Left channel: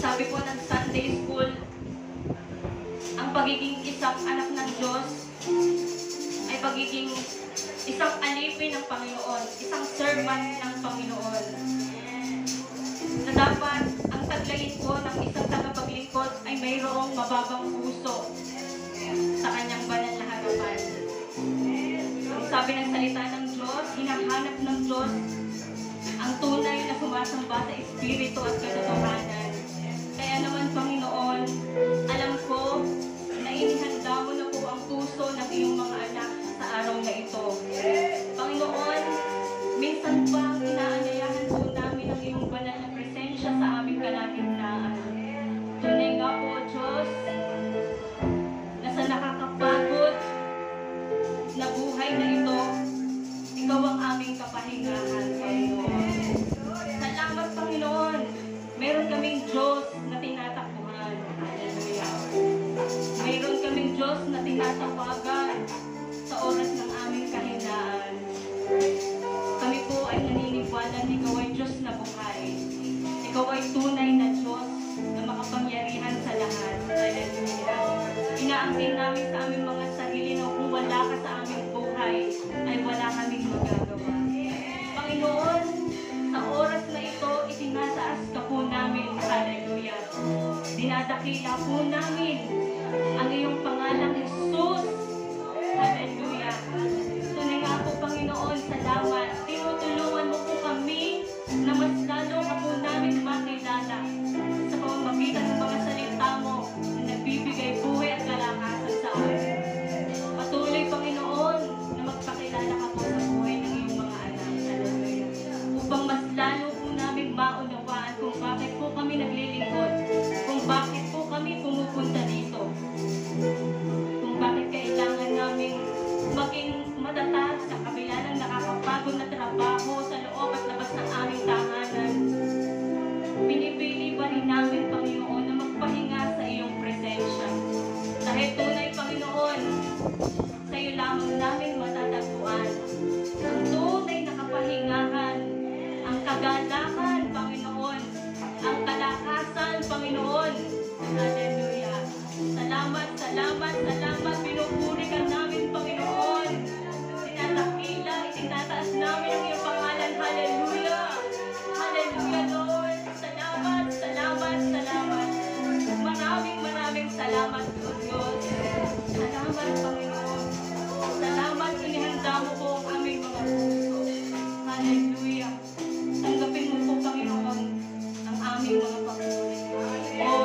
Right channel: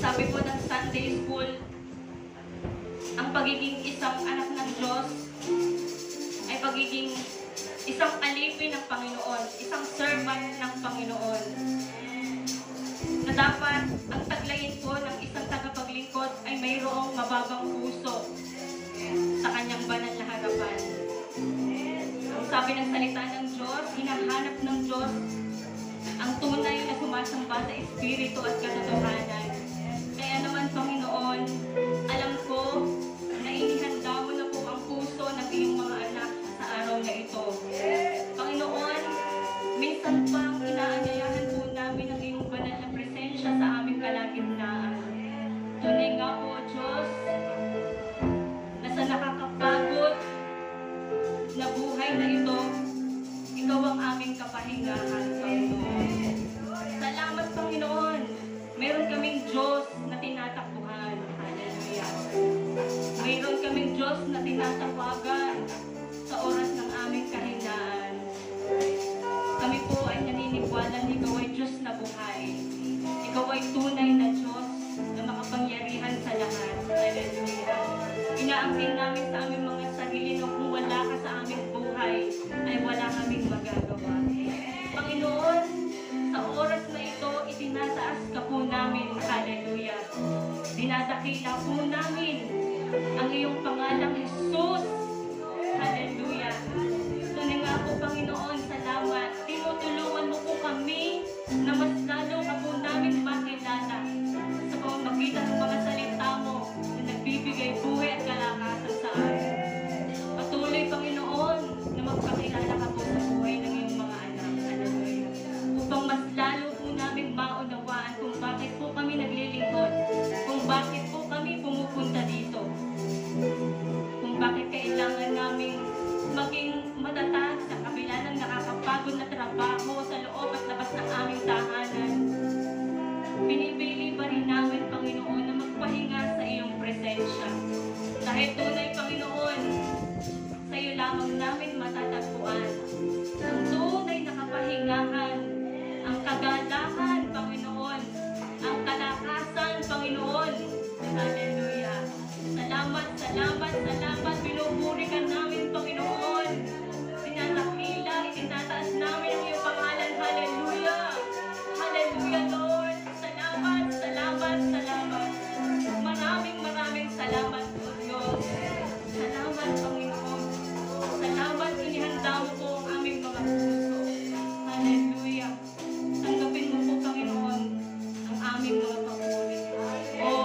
Sabi po ng Sunday School, ang pagiging isang anak ng Diyos ay pagiging isang alipin ng Panginoon, isang servant ng Panginoon. Na dapat ang taglayin po ng isang tagapaglingkod ay mayroong mababang puso sa kanyang banal na harapan. Ang sabi ng salita ng Diyos, hinahanap ng Diyos ang tunay na sumasamba sa Espiritu at katotohanan. Kaya naman, Panginoon, alam ko na inihanda mo na po ang puso ng iyong mga anak sa araw na ito. Panginoon, minsan pang inaanyayahan po namin ang iyong banal na presensya sa aming kalagitnaan. Tunay nga po, Diyos, na sa nakakapagod na buhay na ito, ikaw ang aming kapahingahan, Panginoon. Salamat, Panginoon. Meron kaming Diyos na tinatakbuhan. Hallelujah. Meron kaming Diyos na tinatawagan sa oras ng aming kahinaan. Kami po ay naniniwala na ikaw ay Diyos na buhay. Ikaw ay tunay na Diyos na makapangyarihan sa lahat. Hallelujah. Inaangkin namin sa aming mga sarili na kung wala ka sa aming buhay, ay wala kaming magagawa. Panginoon, sa oras na ito, itinataas ka po namin. Hallelujah. Dinadakila po namin ang iyong pangalang Jesus. Hallelujah. So na nga po, Panginoon, salamat. Tinutulungan mo po kami na mas lalo ka po namin makilala sa pamamagitan ng mga salita mo na nagbibigay buhay at kalakasan sa amin. Patuloy, Panginoon, na magpakilala ka po sa buhay ng iyong mga anak. Hallelujah. Upang mas lalo po namin maunawaan kung bakit po kami naglilingkod, kung bakit po kami pumupunta dito, kung bakit kailangan namin maging matatag sa kabila ng nakakapagod na trabaho sa loob at labas ng aming tahanan. Pinipili pa rin namin, Panginoon, na magpahinga sa iyong presensya. Dahil tunay, Panginoon, sa iyo lamang namin matatagpuan ang tunay na kapahingahan, ang kagalakan, Panginoon, ang kalakasan, Panginoon. Hallelujah. Salamat, salamat, salamat. Pinupuri ka namin, Panginoon. Tinatapila, itinataas namin ang iyong pangalan. Hallelujah. Hallelujah, Lord. Salamat, salamat, salamat. Maraming salamat, O Diyos. Salamat, Panginoon. Salamat, inihanda mo po ang aming mga puso. Hallelujah. Tanggapin mo po, Panginoon, ang aming mga papuri. O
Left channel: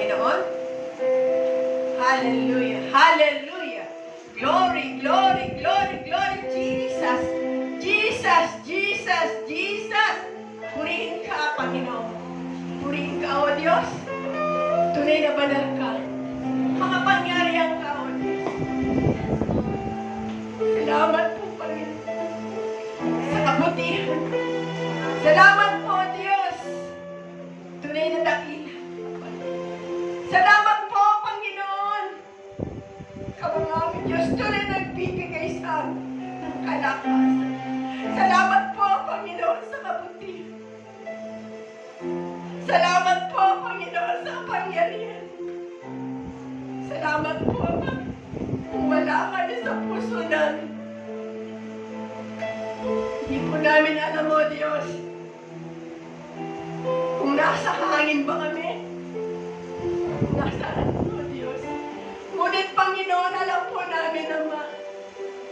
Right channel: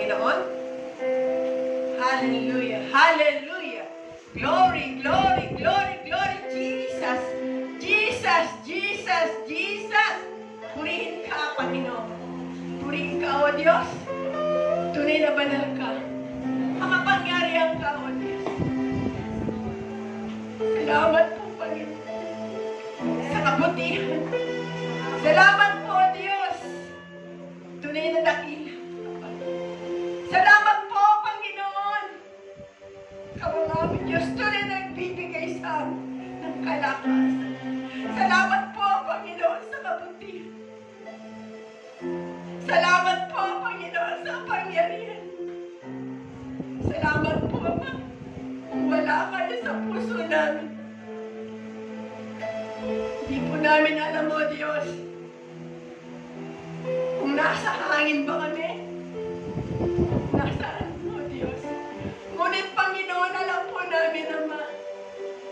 Panginoon? Hallelujah! Hallelujah! Glory, glory, glory, glory, Jesus! Jesus, Jesus, Jesus! Purihin ka, Panginoon. Purihin ka, O Diyos. Tunay na banal ka. Makapangyarihan ka, O Diyos. Salamat po, Panginoon, sa kabutihan. Salamat po, Diyos. Tunay na dakila. Salamat po, Panginoon. Ikaw ang aming Diyos, tunay na nagbibigay sa amin ng kalakasan. Salamat po, Panginoon, sa kabutihan. Salamat po, Panginoon, sa kapangyarihan. Salamat po, Panginoon. Kung wala kayo sa puso namin, hindi po namin alam, O Diyos, kung nasa hangin ba kami, nasaan, O Diyos. Ngunit, Panginoon, alam po namin, Ama,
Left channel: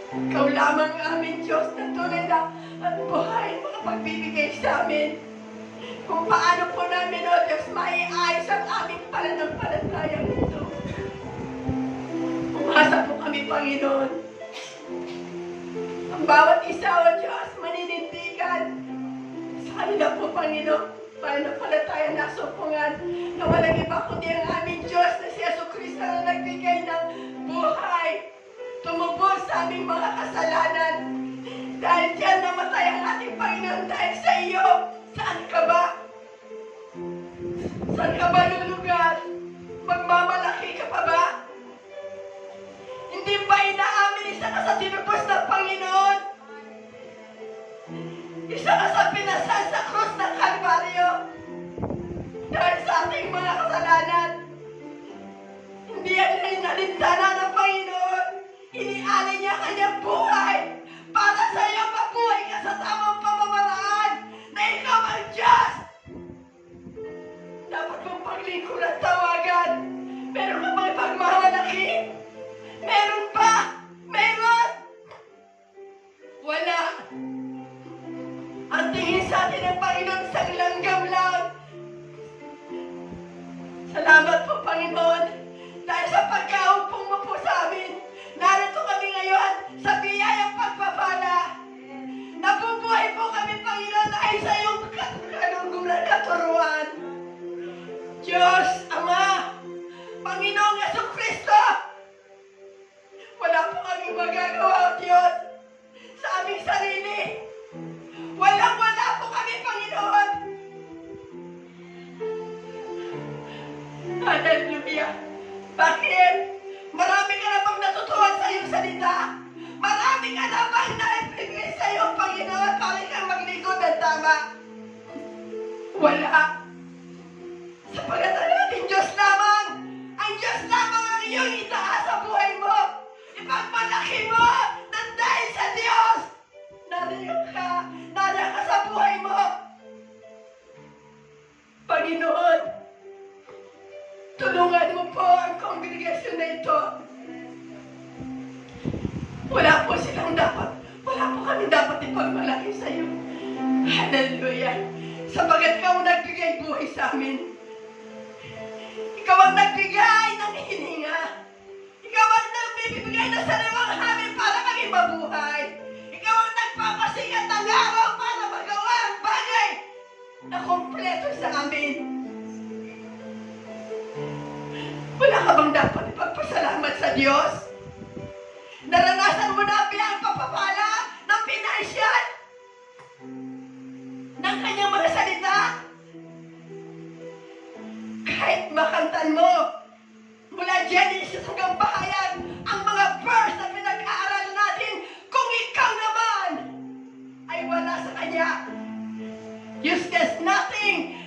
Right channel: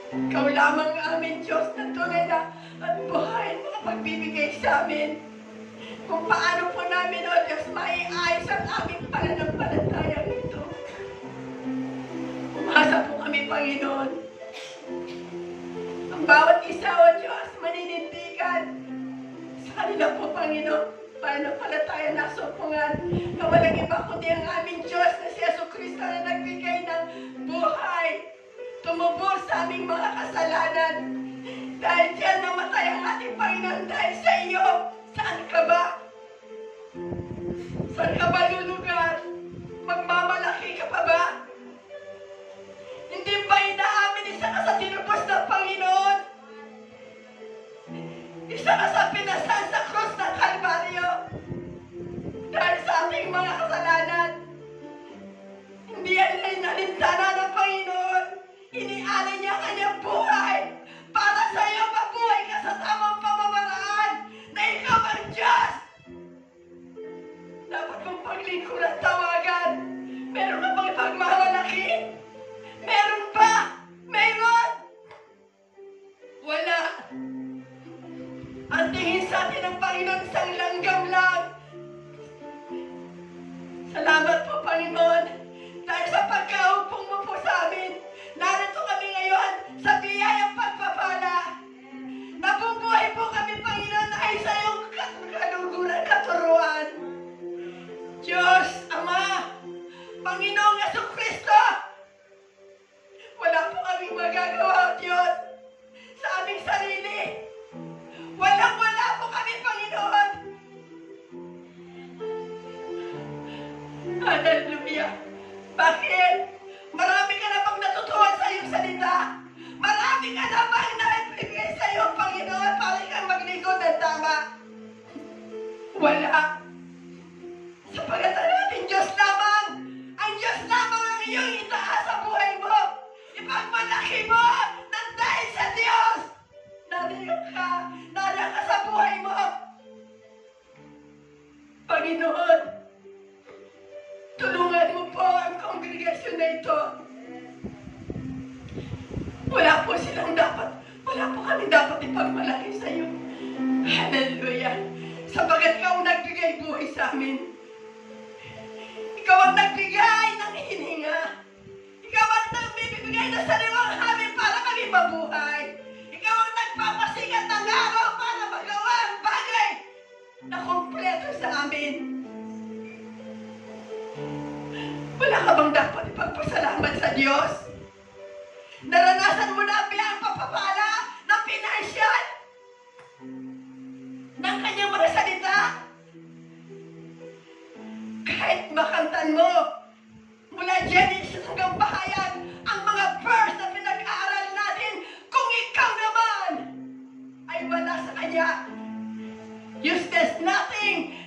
Ikaw lamang aming Diyos na tunay na at buhay makapagbibigay sa amin. Kung paano po namin, O Diyos, maiayos ang aming pananampalataya nito. Umasa po kami, Panginoon. Ang bawat isa, O Diyos, maninindigan sa kanila po, Panginoon, pananampalataya na sumpungan na walang iba kundi ang aming Diyos na si Jesucristo na nagbigay ng buhay, tumubos sa aming mga kasalanan. Dahil diyan namatay ang ating Panginoon dahil sa iyo. Saan ka ba? Saan ka ba lulugar? Magmamalaki ka pa ba? Hindi ba inaamin isa ka sa tinubos ng Panginoon? Isa ka sa pinasal sa krus ng Kalbaryo dahil sa ating mga kasalanan. Hindi yan inalintana ng Panginoon. Inialay niya kanyang buhay para sa iyo mabuhay ka sa tamang pamamaraan na ikaw ang Diyos. Dapat mong paglingkod at tawagan. Meron ka bang pagmamalaki? Meron pa? Meron? Wala. Ang tingin sa atin ng Panginoon isang langgam lang. Salamat po, Panginoon, dahil sa pagkaumpong mo po sa amin. Narito kami ngayon sa biyayang pagpapala. Nabubuhay po kami, Panginoon, ay sa iyong kaluguran at turuan. Diyos, Ama, Panginoong Jesucristo, wala po kaming magagawa, Diyos, sa aming sarili. Walang-wala po kami, Panginoon. Hallelujah. Bakit? Marami ka na bang natutuhan sa iyong salita? Marami ka na bang naibigay sa iyong Panginoon para kang maglingkod ng tama? Wala. Sapagat ang ating Diyos lamang, ang Diyos lamang ang iyong itaas sa buhay mo. Ipagmalaki mo nang dahil sa Diyos. Nariyan ka sa buhay mo. Panginoon, tulungan mo po ang kongregasyon na ito. Wala po kami dapat ipagmalaki sa iyo. Hallelujah. Sapagat ikaw ang nagbigay buhay sa amin. Ikaw ang nagbigay ng hininga. Ikaw ang nagbibigay ng sariwang hamin para kami mabuhay. Ikaw ang nagpapasigat ng araw para magawa ang bagay na kompleto sa amin. Wala ka bang dapat ipagpasalamat sa Diyos? Naranasan mo na ang biyang papapala ng pinansyal ng kanyang mga salita? Kahit makantan mo mula Genesis hanggang Bahayag ang mga verse na pinag-aaral natin, kung ikaw naman ay wala sa kanya, useless, nothing.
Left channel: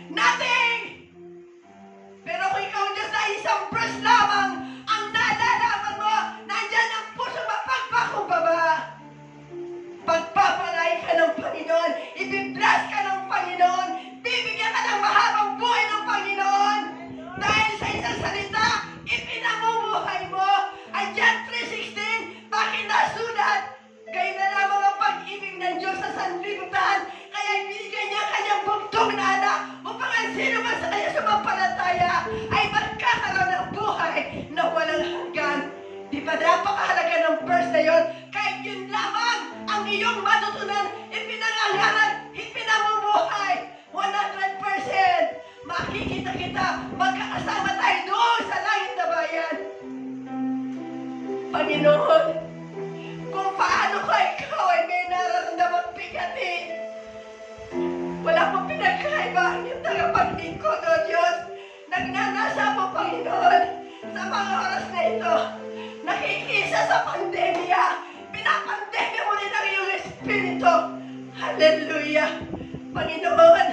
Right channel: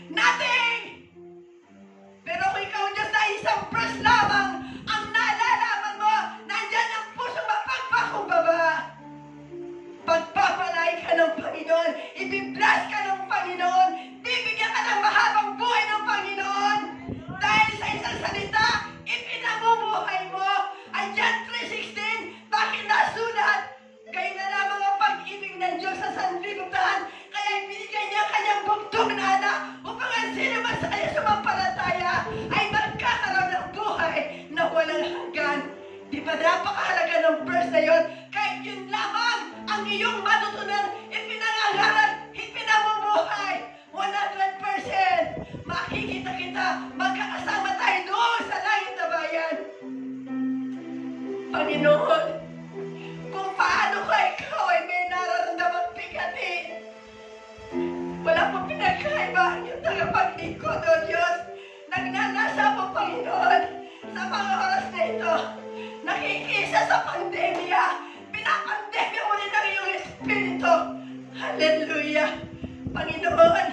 Pero kung ikaw Diyos ay isang verse lamang ang nalalaman mo, nandyan ang puso mapagpakumbaba. Pagpapalay ka ng Panginoon, ibibless ka ng Panginoon, bibigyan ka ng mahabang buhay ng Panginoon. Dahil sa isang salita, ipinamumuhay mo. Ang John 3:16, bakit nasulat? Kayo na lamang ang pag-ibig ng Diyos sa sanlibutan, kaya binigyan niya kanyang bugtong na anak upang ang sino man sa kanya sumampalataya ay magkakaroon napakahalaga ng verse na yun. Kahit yun lamang ang iyong matutunan, ipinangangaral, ipinamumuhay. 100%. Makikita kita, magkakasama tayo doon sa langit na bayan. Panginoon, kung paano ka ikaw ay may nararamdamang bigati, wala pong pinagkaiba ang iyong tagapaglingkod, O Diyos. Nagnanasa po, Panginoon, sa mga oras na ito, nakikisa sa pandemya, pinapandemya mo rin ang iyong Espiritu. Hallelujah! Panginoon,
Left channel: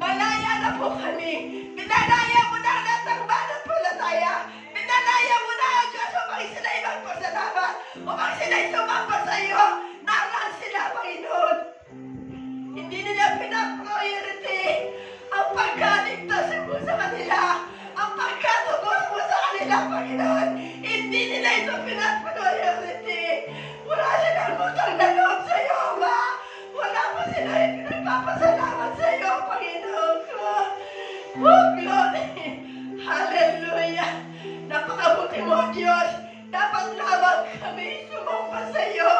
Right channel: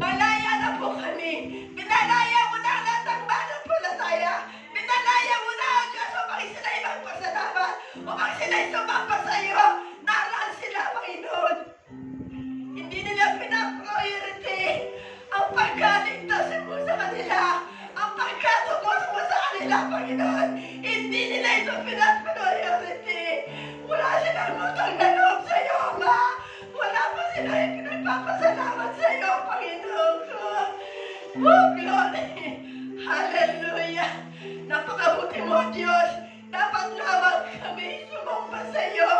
malaya na po kami. Pinalaya mo na ang lahat ng mananampalataya. Pinalaya mo na ang Diyos upang sila'y magpasalamat, upang sila'y sumamba sa iyo. Naraan sila, Panginoon. Hindi nila pinapriority ang pagkaligtas mo sa kanila, ang pagkatubos mo sa kanila, Panginoon. Hindi nila ito pinapriority. Wala silang utang na loob sa iyo, Ama. Wala pa sila ipinagpapasalamat sa iyo, Panginoon ko. Oh, glory! Hallelujah! Napakabuti mo, Diyos. Dapat lamang kami sumumpa sa iyo.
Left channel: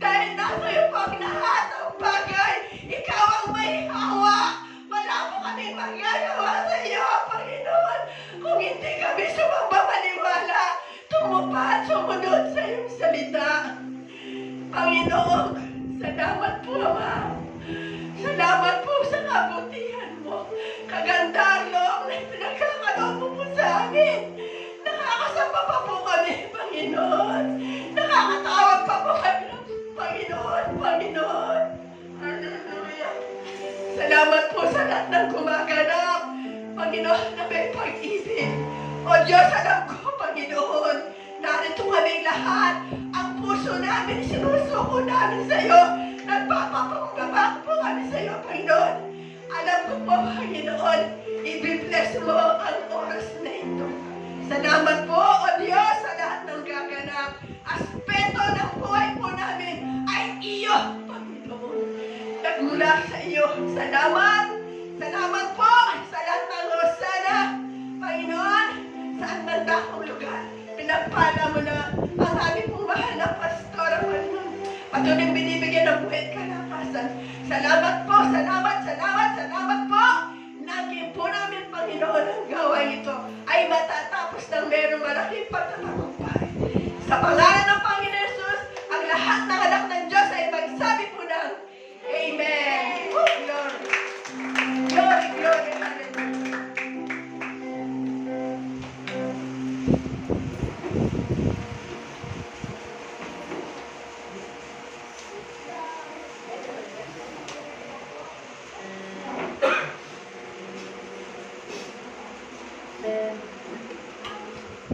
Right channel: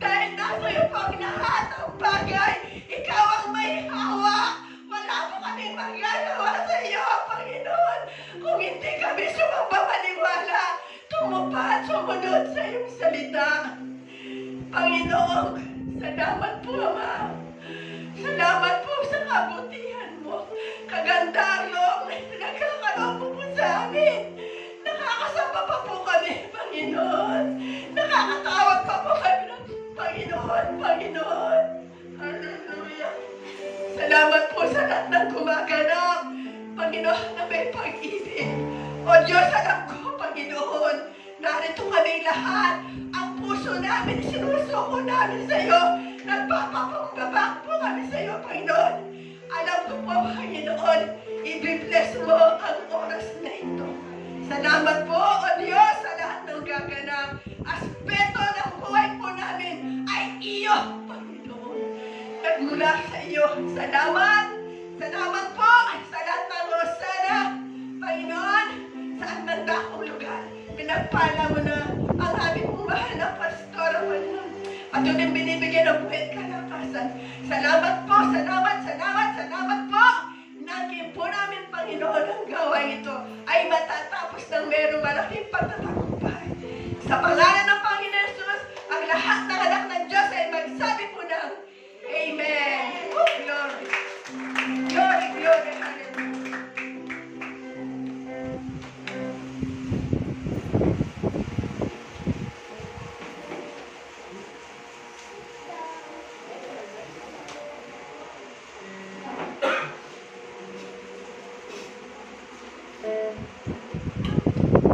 Dahil nasa iyo pang lahat ng bagay. Ikaw ang may hawa. Wala po kami magagawa sa iyo, Panginoon. Kung hindi kami sumamba maniwala, tumupad at sumunod sa iyong salita. Panginoon, salamat po, Ama. Salamat po sa kabutihan mo. Kagandang loob na pinagkakaloob mo po sa amin. Nakakasama pa po kami, Panginoon. Nakakatawag pa po kami ng Panginoon, Panginoon. Hallelujah. Salamat po sa lahat ng gumaganap, Panginoon, na may pag-ibig. O Diyos, alam ko, Panginoon, narito kami lahat. Ang puso namin, sinusuko namin sa iyo. Nagpapakumbaba po kami sa iyo, Panginoon. Alam ko po, Panginoon, i-bless mo ang oras na ito. Salamat po, O Diyos, sa lahat ng gaganap. Aspeto ng buhay po namin ay iyo, Panginoon. Nagmula sa iyo. Salamat. Salamat po sa lahat ng Rosana. Panginoon, saan man dakong lugar, pinagpala mo na ang aming pong mahal na pastor, Panginoon. Patuloy binibigyan ng buhay at kalakasan. Salamat po, salamat, salamat, salamat po. Naging po namin, Panginoon, ang gawain ito ay matatapos ng merong malaking pagtatagumpay. Sa pangalan ng Panginoon Jesus, ang lahat ng anak ng Diyos ay magsabi po ng Amen. Oh, glory. Glory, glory, hallelujah.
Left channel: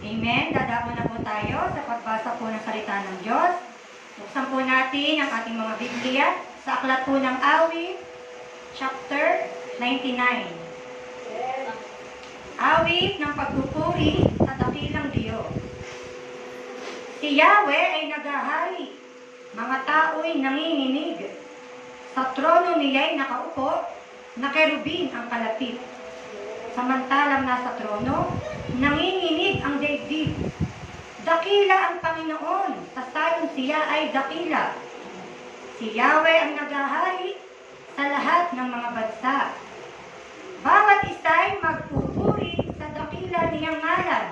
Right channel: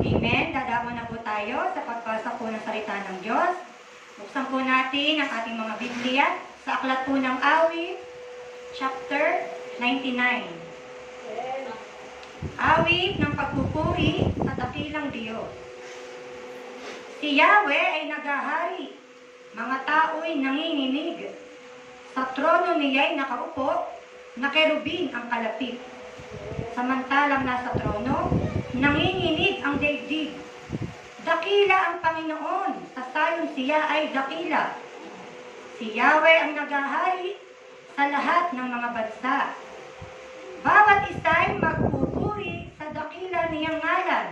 Amen. Dadako na po tayo sa pagbasa po ng salita ng Diyos. Buksan po natin ang ating mga Biblia sa aklat po ng Awit, chapter 99. Awit ng pagpupuri sa dakilang Diyos. Si Yahweh ay naghahari, mga tao'y nanginginig. Sa trono niya'y nakaupo, na kerubin ang kalapit. Samantalang nasa trono, nanginginig ang daigdig. Dakila ang Panginoon, tasayon siya ay dakila. Si Yahweh ang naghahari sa lahat ng mga bansa. Bawat isa'y magpupuri sa dakila niyang ngalan.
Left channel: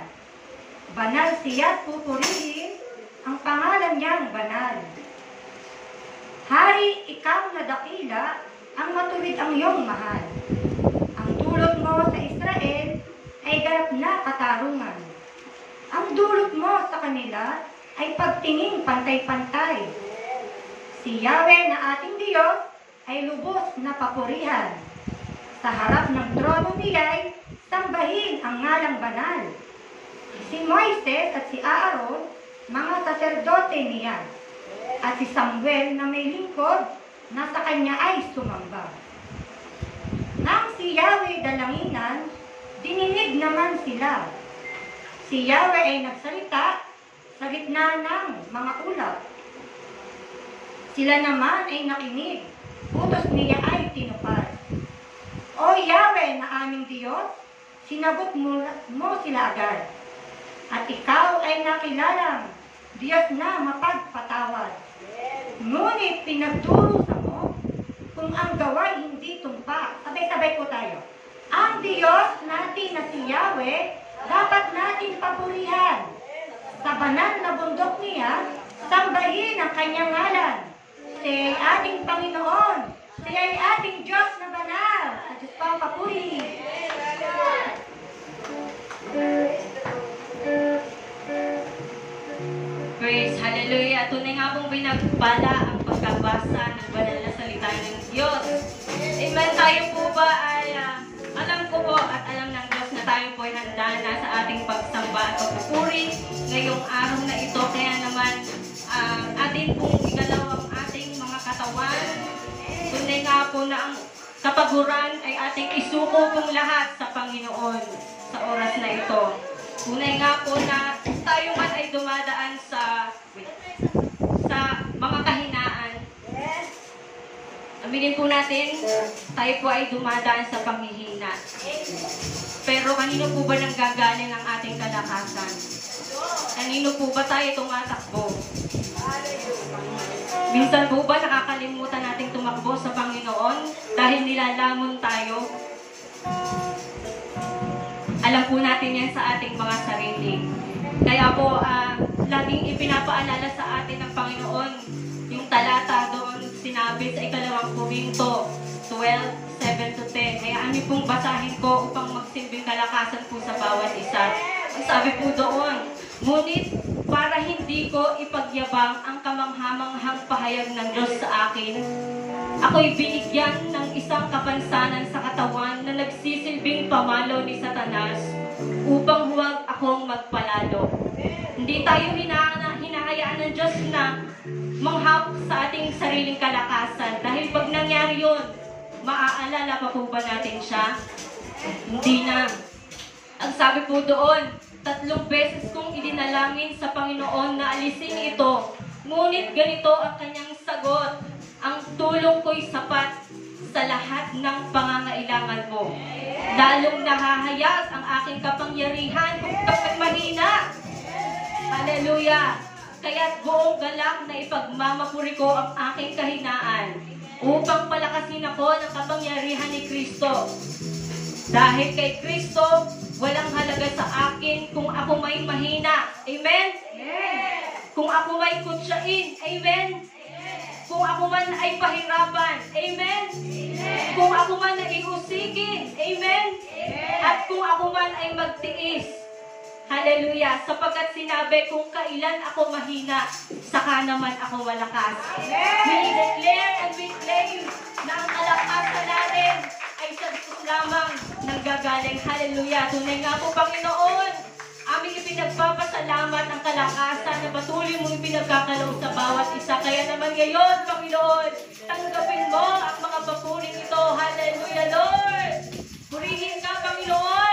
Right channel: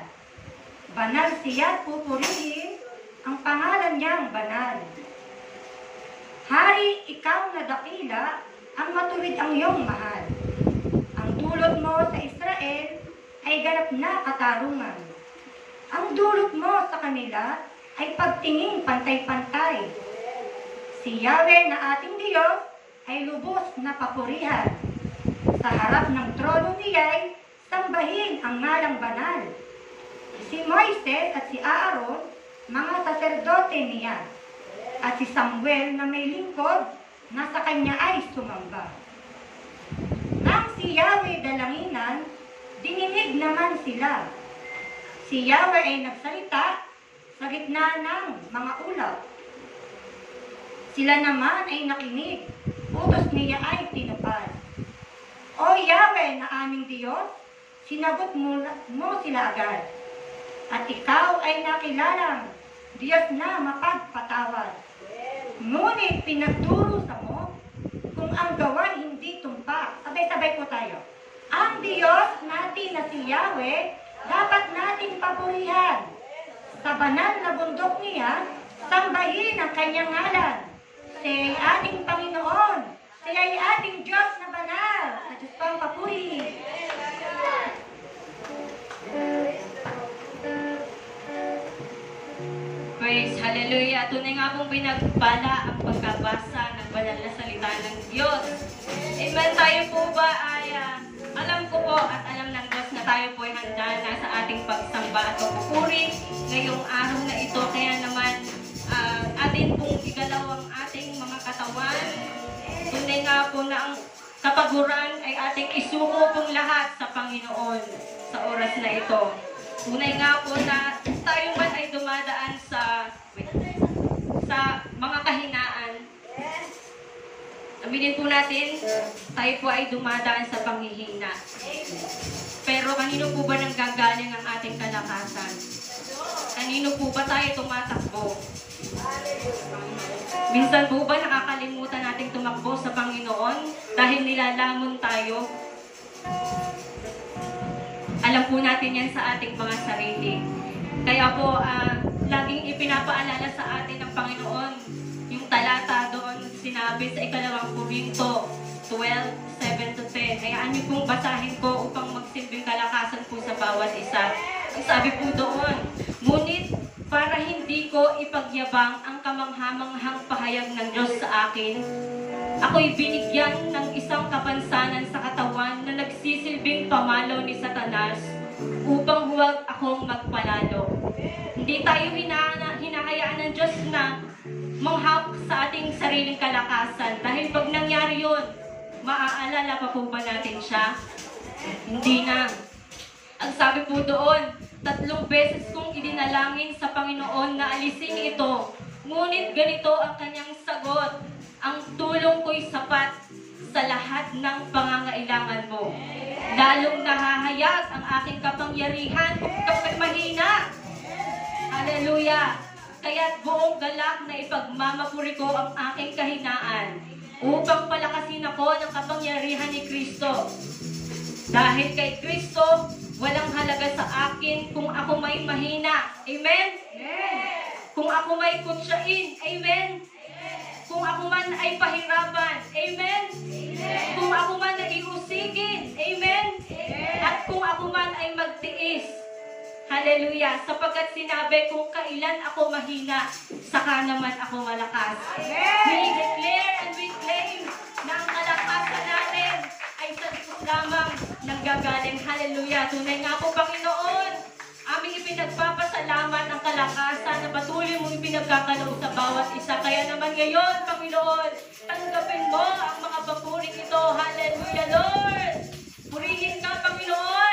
Banal siya't pupurihin ang pangalan niyang banal. Hari, ikaw na dakila, ang matuwid ang iyong mahal. Ang dulot mo sa Israel ay ganap na katarungan. Ang dulot mo sa kanila ay pagtingin pantay-pantay. Si Yahweh na ating Diyos ay lubos na papurihan. Sa harap ng trono niya'y sambahin ang ngalang banal. Si Moises at si Aaron, mga saserdote niya. At si Samuel na may lingkod, na sa kanya ay sumamba. Nang si Yahweh dalanginan, dininig naman sila. Si Yahweh ay nagsalita sa gitna ng mga ulap. Sila naman ay nakinig, utos niya ay tinupad. O Yahweh na aming Diyos, sinagot mo sila agad. At ikaw ay nakilalang Diyos na mapagpatawad. Ngunit pinagdurusa mo kung ang gaway hindi tumpak. Sabay-sabay po tayo. Ang Diyos natin na si Yahweh, dapat nating papurihan. Sa banal na bundok niya, sambahin ang kanyang ngalan. Siya ay ating Panginoon. Siya ay ating Diyos na banal. Sa Diyos po ang papuri. Praise, hallelujah. Tunay nga pong pinagpala ang pagkabasa ng banal na salita ng Diyos. Amen. Tayo po ba ay alam ko po at alam ng Diyos na tayo po ay handa na sa ating pagsamba at pagpupuri ngayong araw na ito. Kaya naman atin pong igalaw ang ating mga katawan. Tunay nga po na ang kapaguran ay ating isuko pong lahat sa Panginoon sa oras na ito. Tunay nga po na tayo man ay dumadaan sa mga kahinaan. Aminin po natin, tayo po ay dumadaan sa panghihina. Pero kanino po ba nanggagaling ang ating kalakasan? Kanino po ba tayo tumatakbo? Minsan po ba nakakalimutan nating tumakbo sa Panginoon dahil nilalamon tayo? Alam po natin yan sa ating mga sarili. Kaya po, laging ipinapaalala sa atin ng Panginoon yung talata doon sinabi sa ikalawang Korinto 12:7-10. Hayaan niyo pong basahin ko upang magsilbing kalakasan po sa bawat isa. Ang sabi po doon, ngunit para hindi ko ipagyabang ang kamanghamanghang pahayag ng Diyos sa akin, ako'y binigyan ng isang kapansanan sa katawan na nagsisilbing pamalo ni Satanas upang huwag akong magpalalo. Hindi tayo hinahayaan ng Diyos na manghap sa ating sariling kalakasan. Dahil pag nangyari yun, maaalala pa po ba natin siya? Hindi na. Ang sabi po doon, 3 beses kong idinalangin sa Panginoon na alisin ito. Ngunit ganito ang kanyang sagot, ang tulong ko'y sapat sa lahat ng pangangailangan mo. Lalong nahahayag ang aking kapangyarihan kung kapag mahina. Hallelujah! Kaya't buong galak na ipagmamapuri ko ang aking kahinaan upang palakasin ako ng kapangyarihan ni Kristo. Dahil kay Kristo, walang halaga sa akin kung ako may mahina. Amen? Amen. Kung ako may kutsain. Amen? Kung ako man ay pahirapan. Amen? Amen. Kung ako man ay usigin. Amen? Amen. At kung ako man ay magtiis. Hallelujah. Sapagkat sinabi kung kailan ako mahina, saka naman ako malakas. Amen. We declare and we claim na ang kalakasan natin ay sa Diyos lamang nanggagaling. Hallelujah. Tunay nga po, Panginoon, aming ipinagpapasalamat ang kalakasan na patuloy mong pinagkakalaw sa bawat isa. Kaya naman ngayon, Panginoon, tanggapin mo ang mga papuring ito. Hallelujah, Lord. Purihin ka, Panginoon.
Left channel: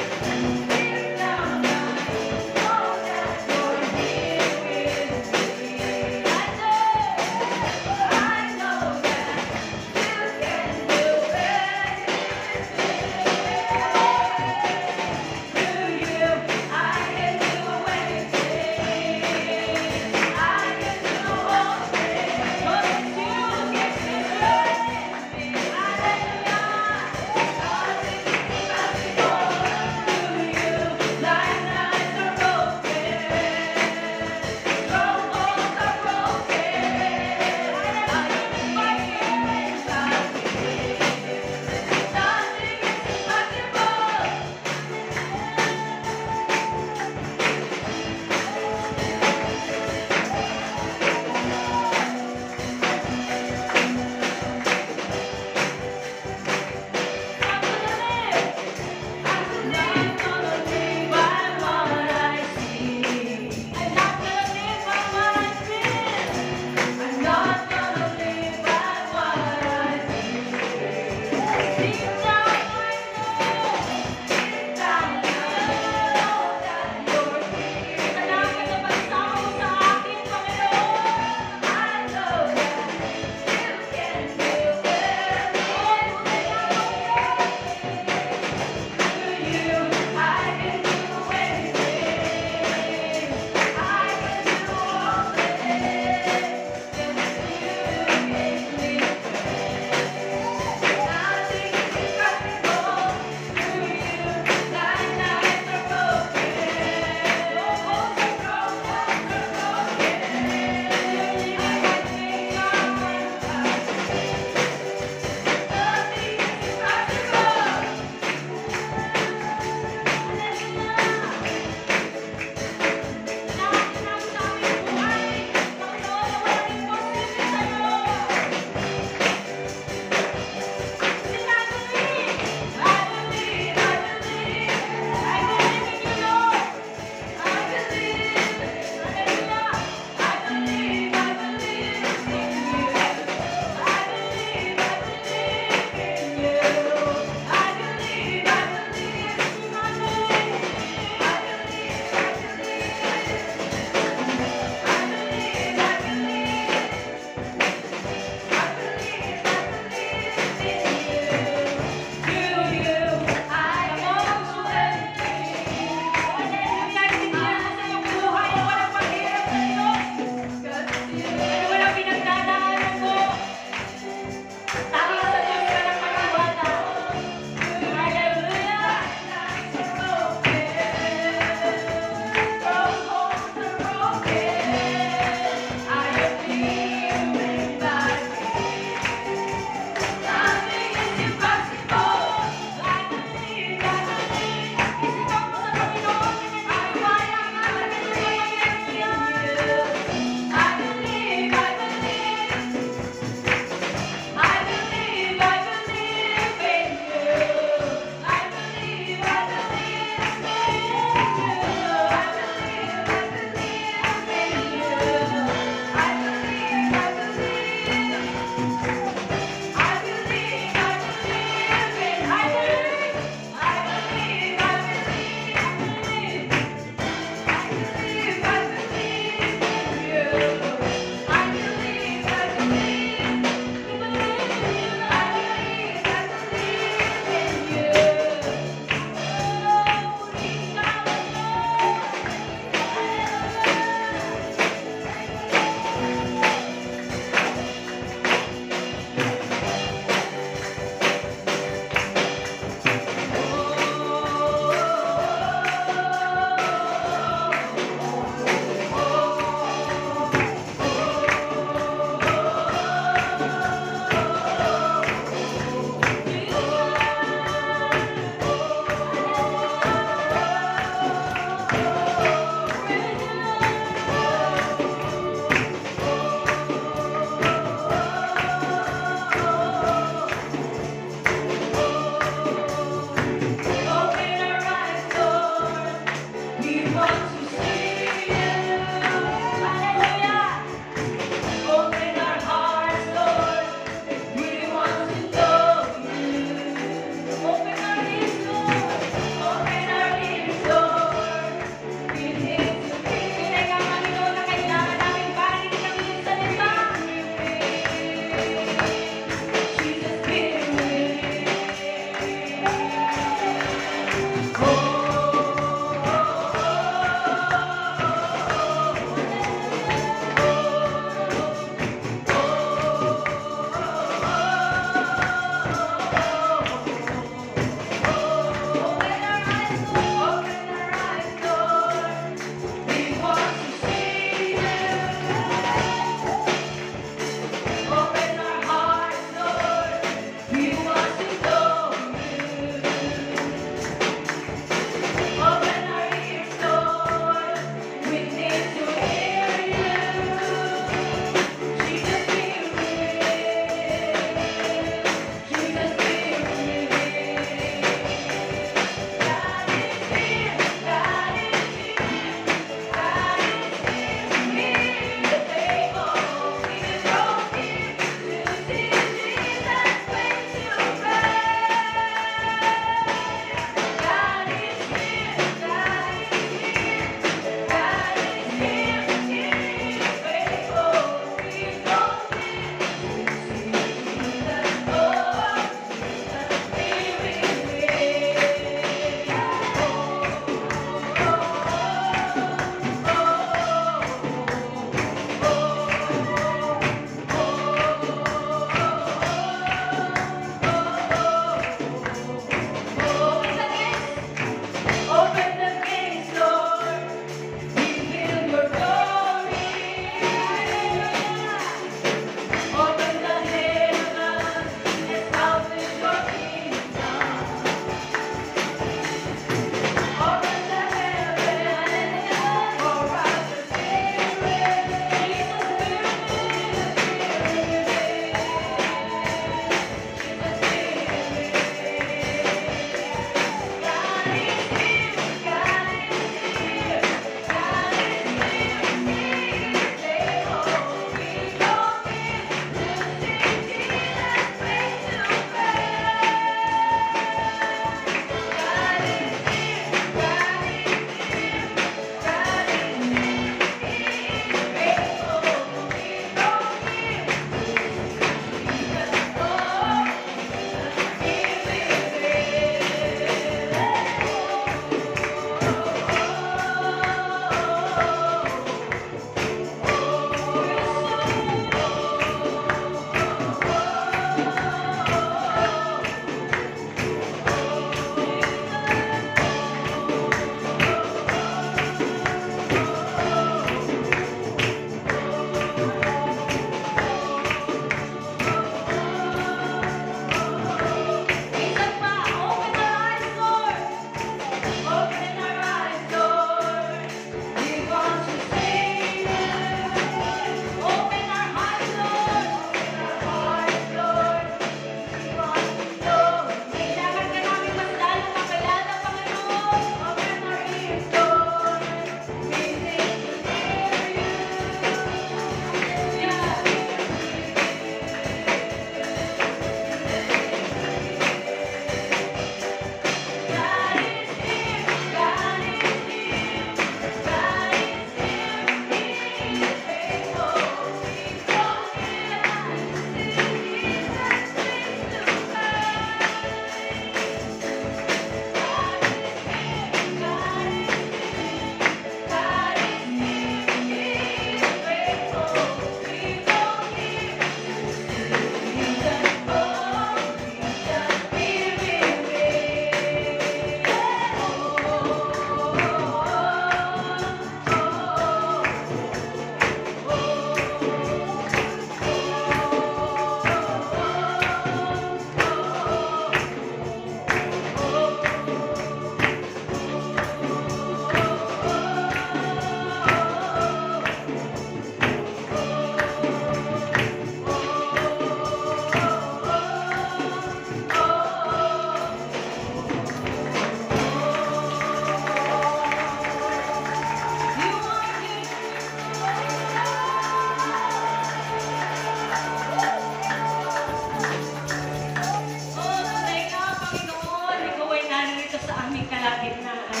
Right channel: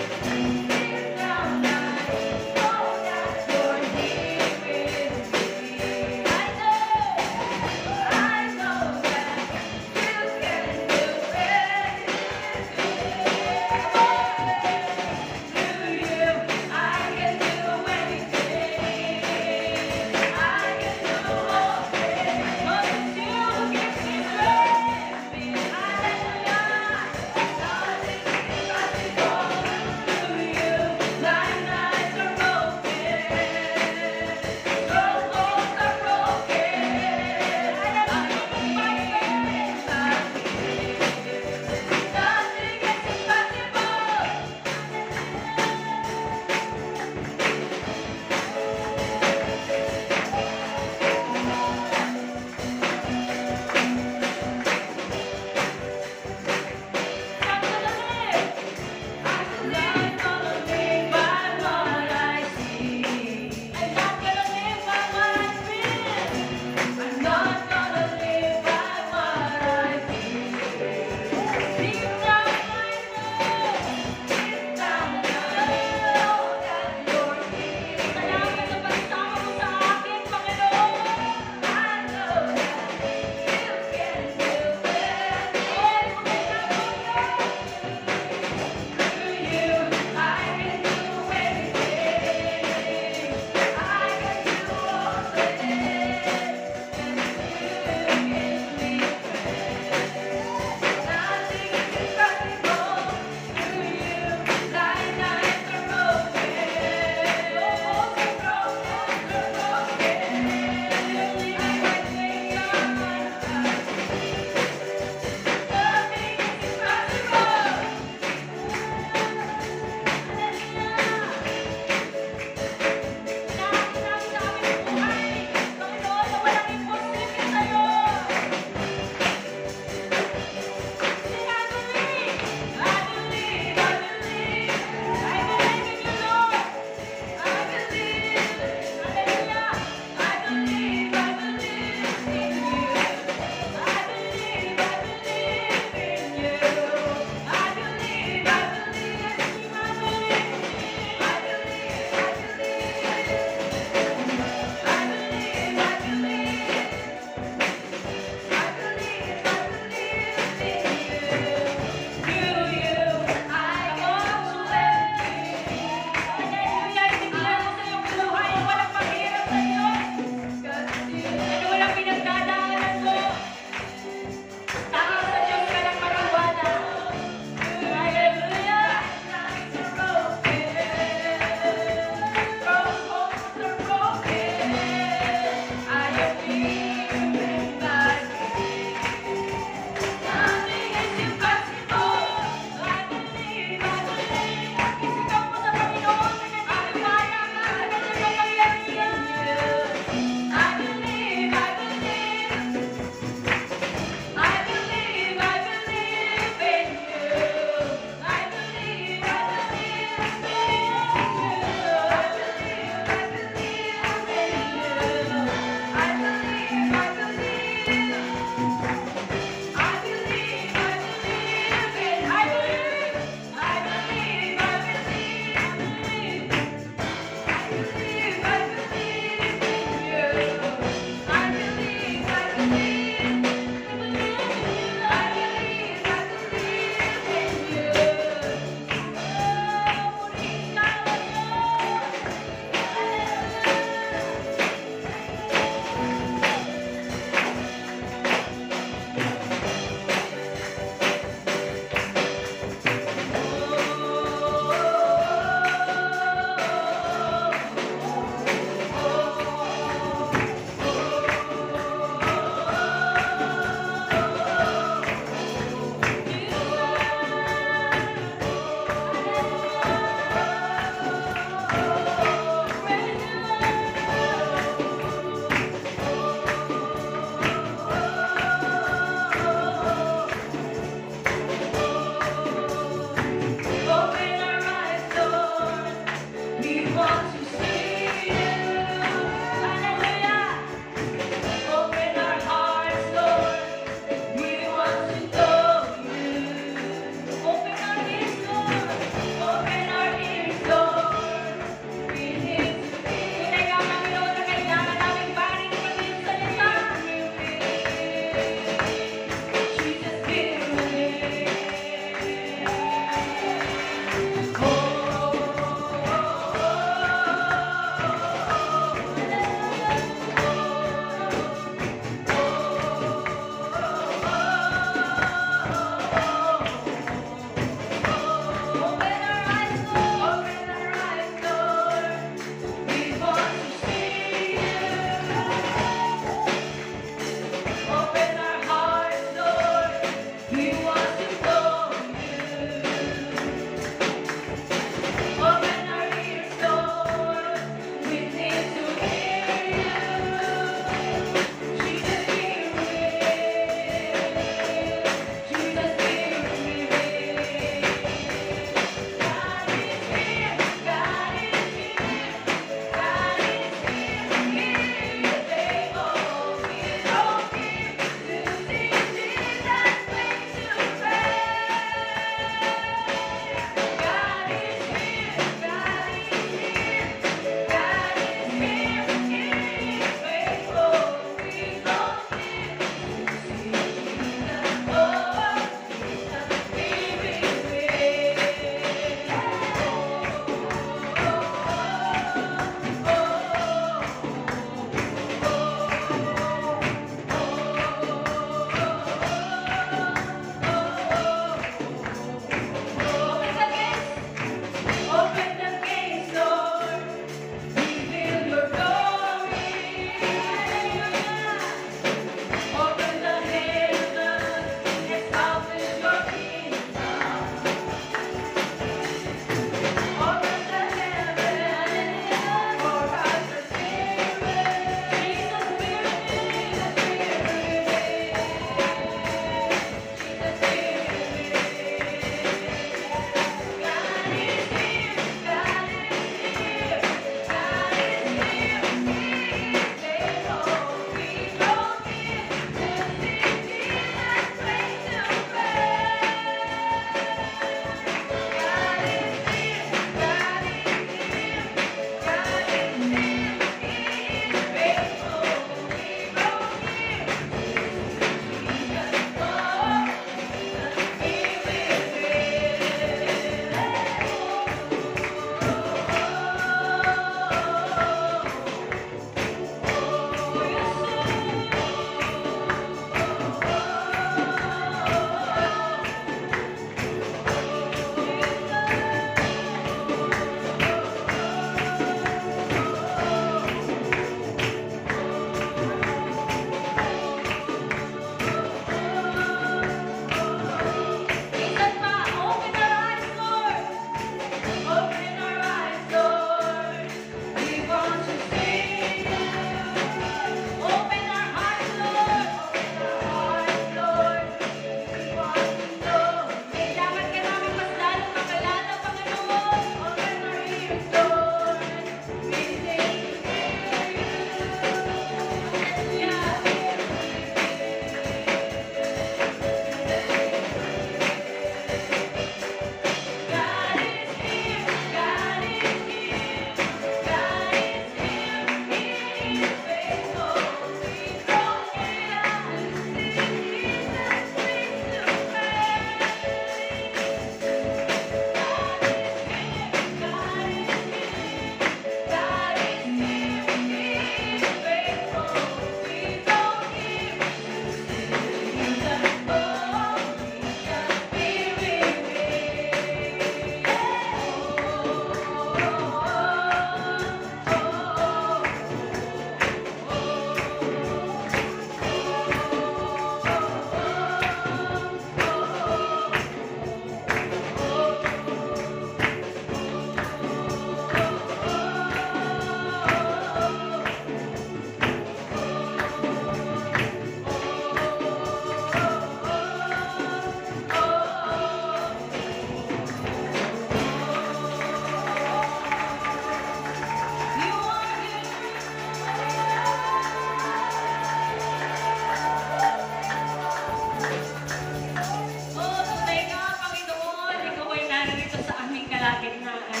aming kalagitnaan.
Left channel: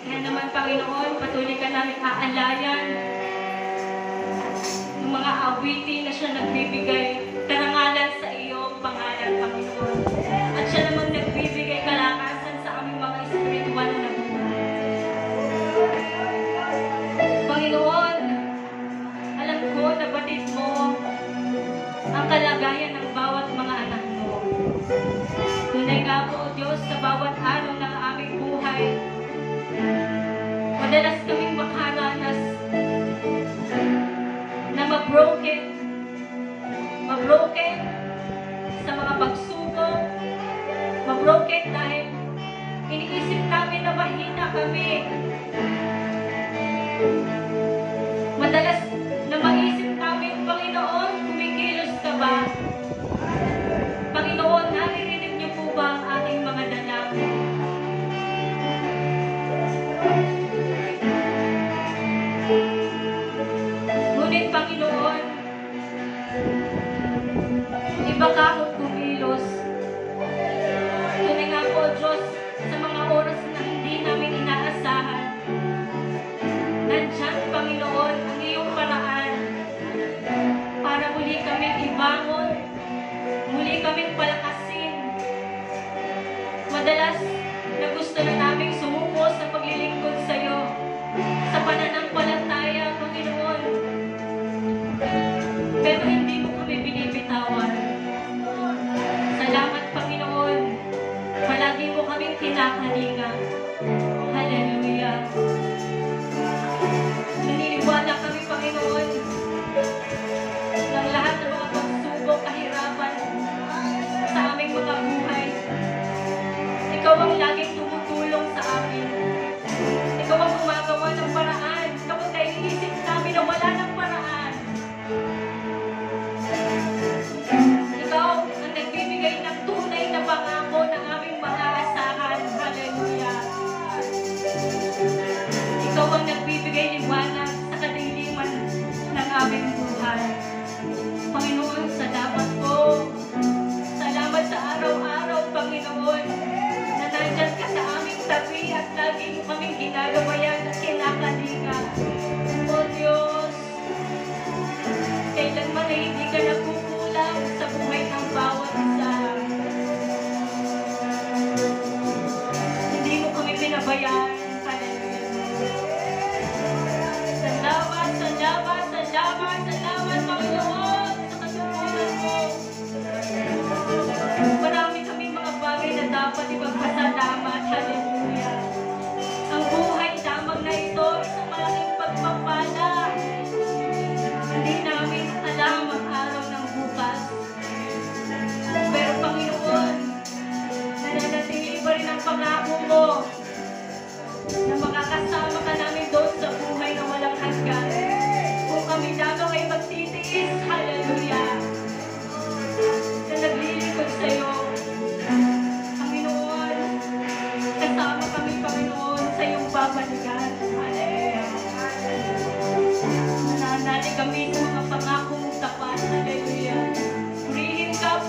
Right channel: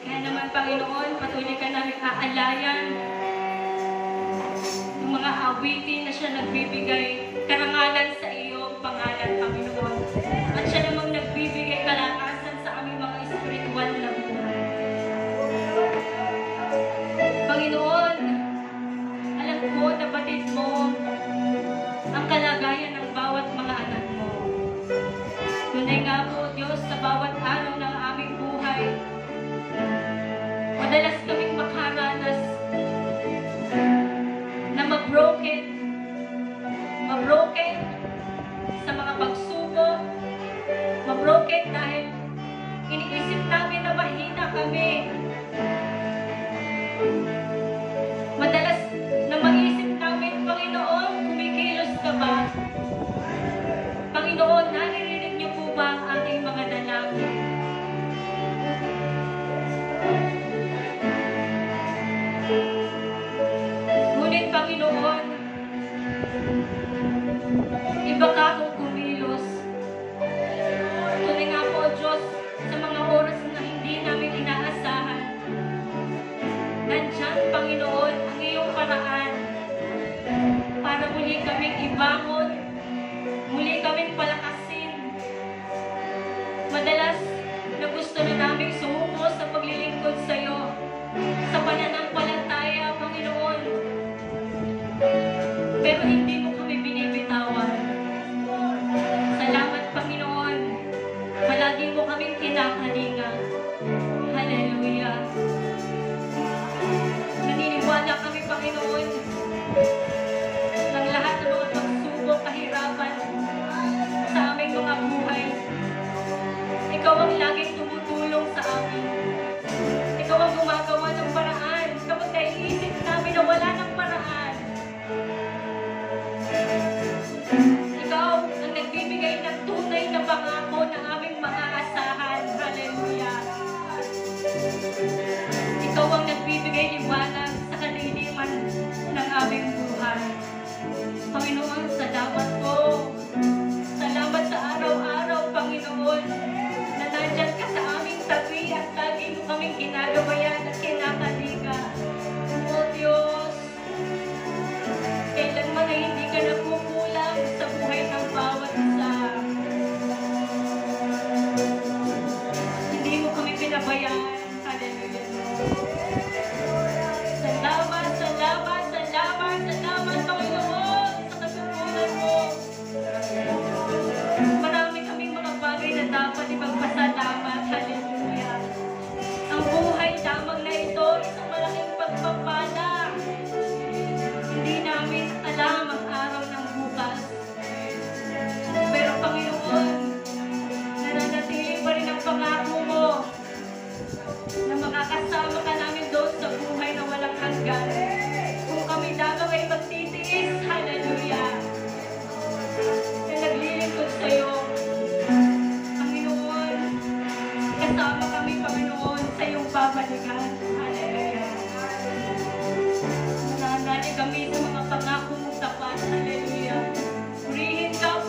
Kaya naman, Panginoon, patuloy ka namin aalayan ng mga awitin na siya nagbibigay karangalan sa iyong pangalan, Panginoon. At siya namang nagbibigay kalakasan sa aming mga espiritual na buhay. Panginoon, alam ko na batid mo ang kalagayan ng bawat mga anak mo. Tunay nga po, Diyos, sa bawat araw ng aming buhay, madalas kaming makaranas na mabroken sa mga pagsubok, mabroken dahil iniisip namin na mahina kami. Madalas na maisip namin, Panginoon, kumikilos ka ba? Panginoon, naririnig niyo po ba ang ating mga dalangin? Ngunit, Panginoon, iba ka kung kumilos. Tunay nga po, Diyos, sa mga oras na hindi namin inaasahan, nandiyan, Panginoon, ang iyong paraan para muli kaming ibangon, muli kaming palakasin. Madalas na gusto na namin sumuko sa paglilingkod sa iyo, sa pananampalataya, Panginoon. Pero hindi mo kami binibitawan. Salamat, Panginoon. Palagi mo kaming kinakalinga. Hallelujah. Naniniwala kami, Panginoon, ng lahat ng mga pagsubok, kahirapan sa aming mga buhay. Ikaw ang laging tumutulong sa amin. Ikaw ang gumagawa ng paraan kapag naiisip namin na wala ng paraan. Ikaw ang nagbibigay ng tunay na pangako ng aming maaasahan. Hallelujah. Ikaw ang nagbibigay liwanag sa kadiliman ng aming buhay. Panginoon, salamat po. Salamat sa araw-araw, Panginoon, na nandyan ka sa aming tabi at lagi mo kaming ginagabayan at kinakalinga. O Diyos, kailanman ay hindi ka nagkukulang sa buhay ng bawat isa. Hindi mo kami pinabayaan. Hallelujah. Salamat, salamat, salamat, salamat, Panginoon, sa kasupunan mo. Marami kaming mga bagay na dapat ipagpasalamat. Hallelujah. Ang buhay lamang na ito, isang malaking pagpapala. Hindi namin alam ang araw ng bukas. Pero Panginoon, nananatili pa rin ang pangako mo na makakasama ka namin doon sa buhay na walang hanggan. Kung kami lamang ay magtitiis, hallelujah, na naglilingkod sa iyo. Panginoon, kasama kami, Panginoon, sa iyong babalikan. Hallelujah. Nananalig kami sa mga pangako mong tapat. Hallelujah. Purihin ka,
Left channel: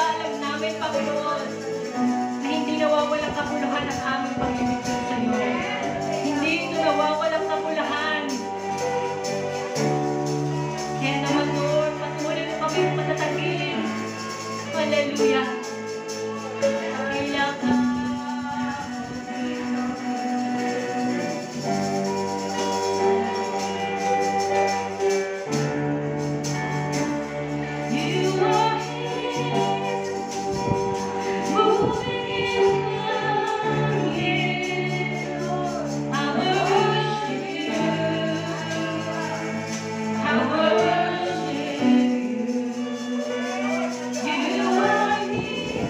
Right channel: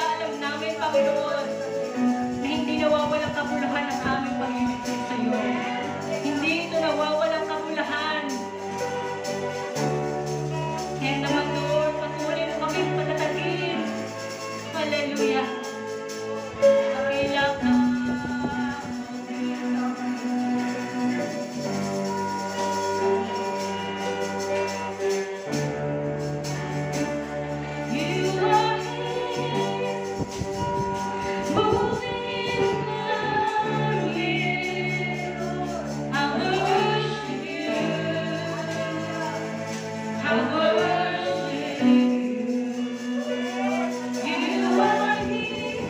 alam namin, Panginoon, na hindi nawawalang kabuluhan ang aming paglilingkod sa iyo. Hindi ito nawawalang kabuluhan. Kaya naman, Lord, patuloy mo kami patatagin. Hallelujah. Dakila ka. You are here, moving in the air. I worship you. I worship you. You are here,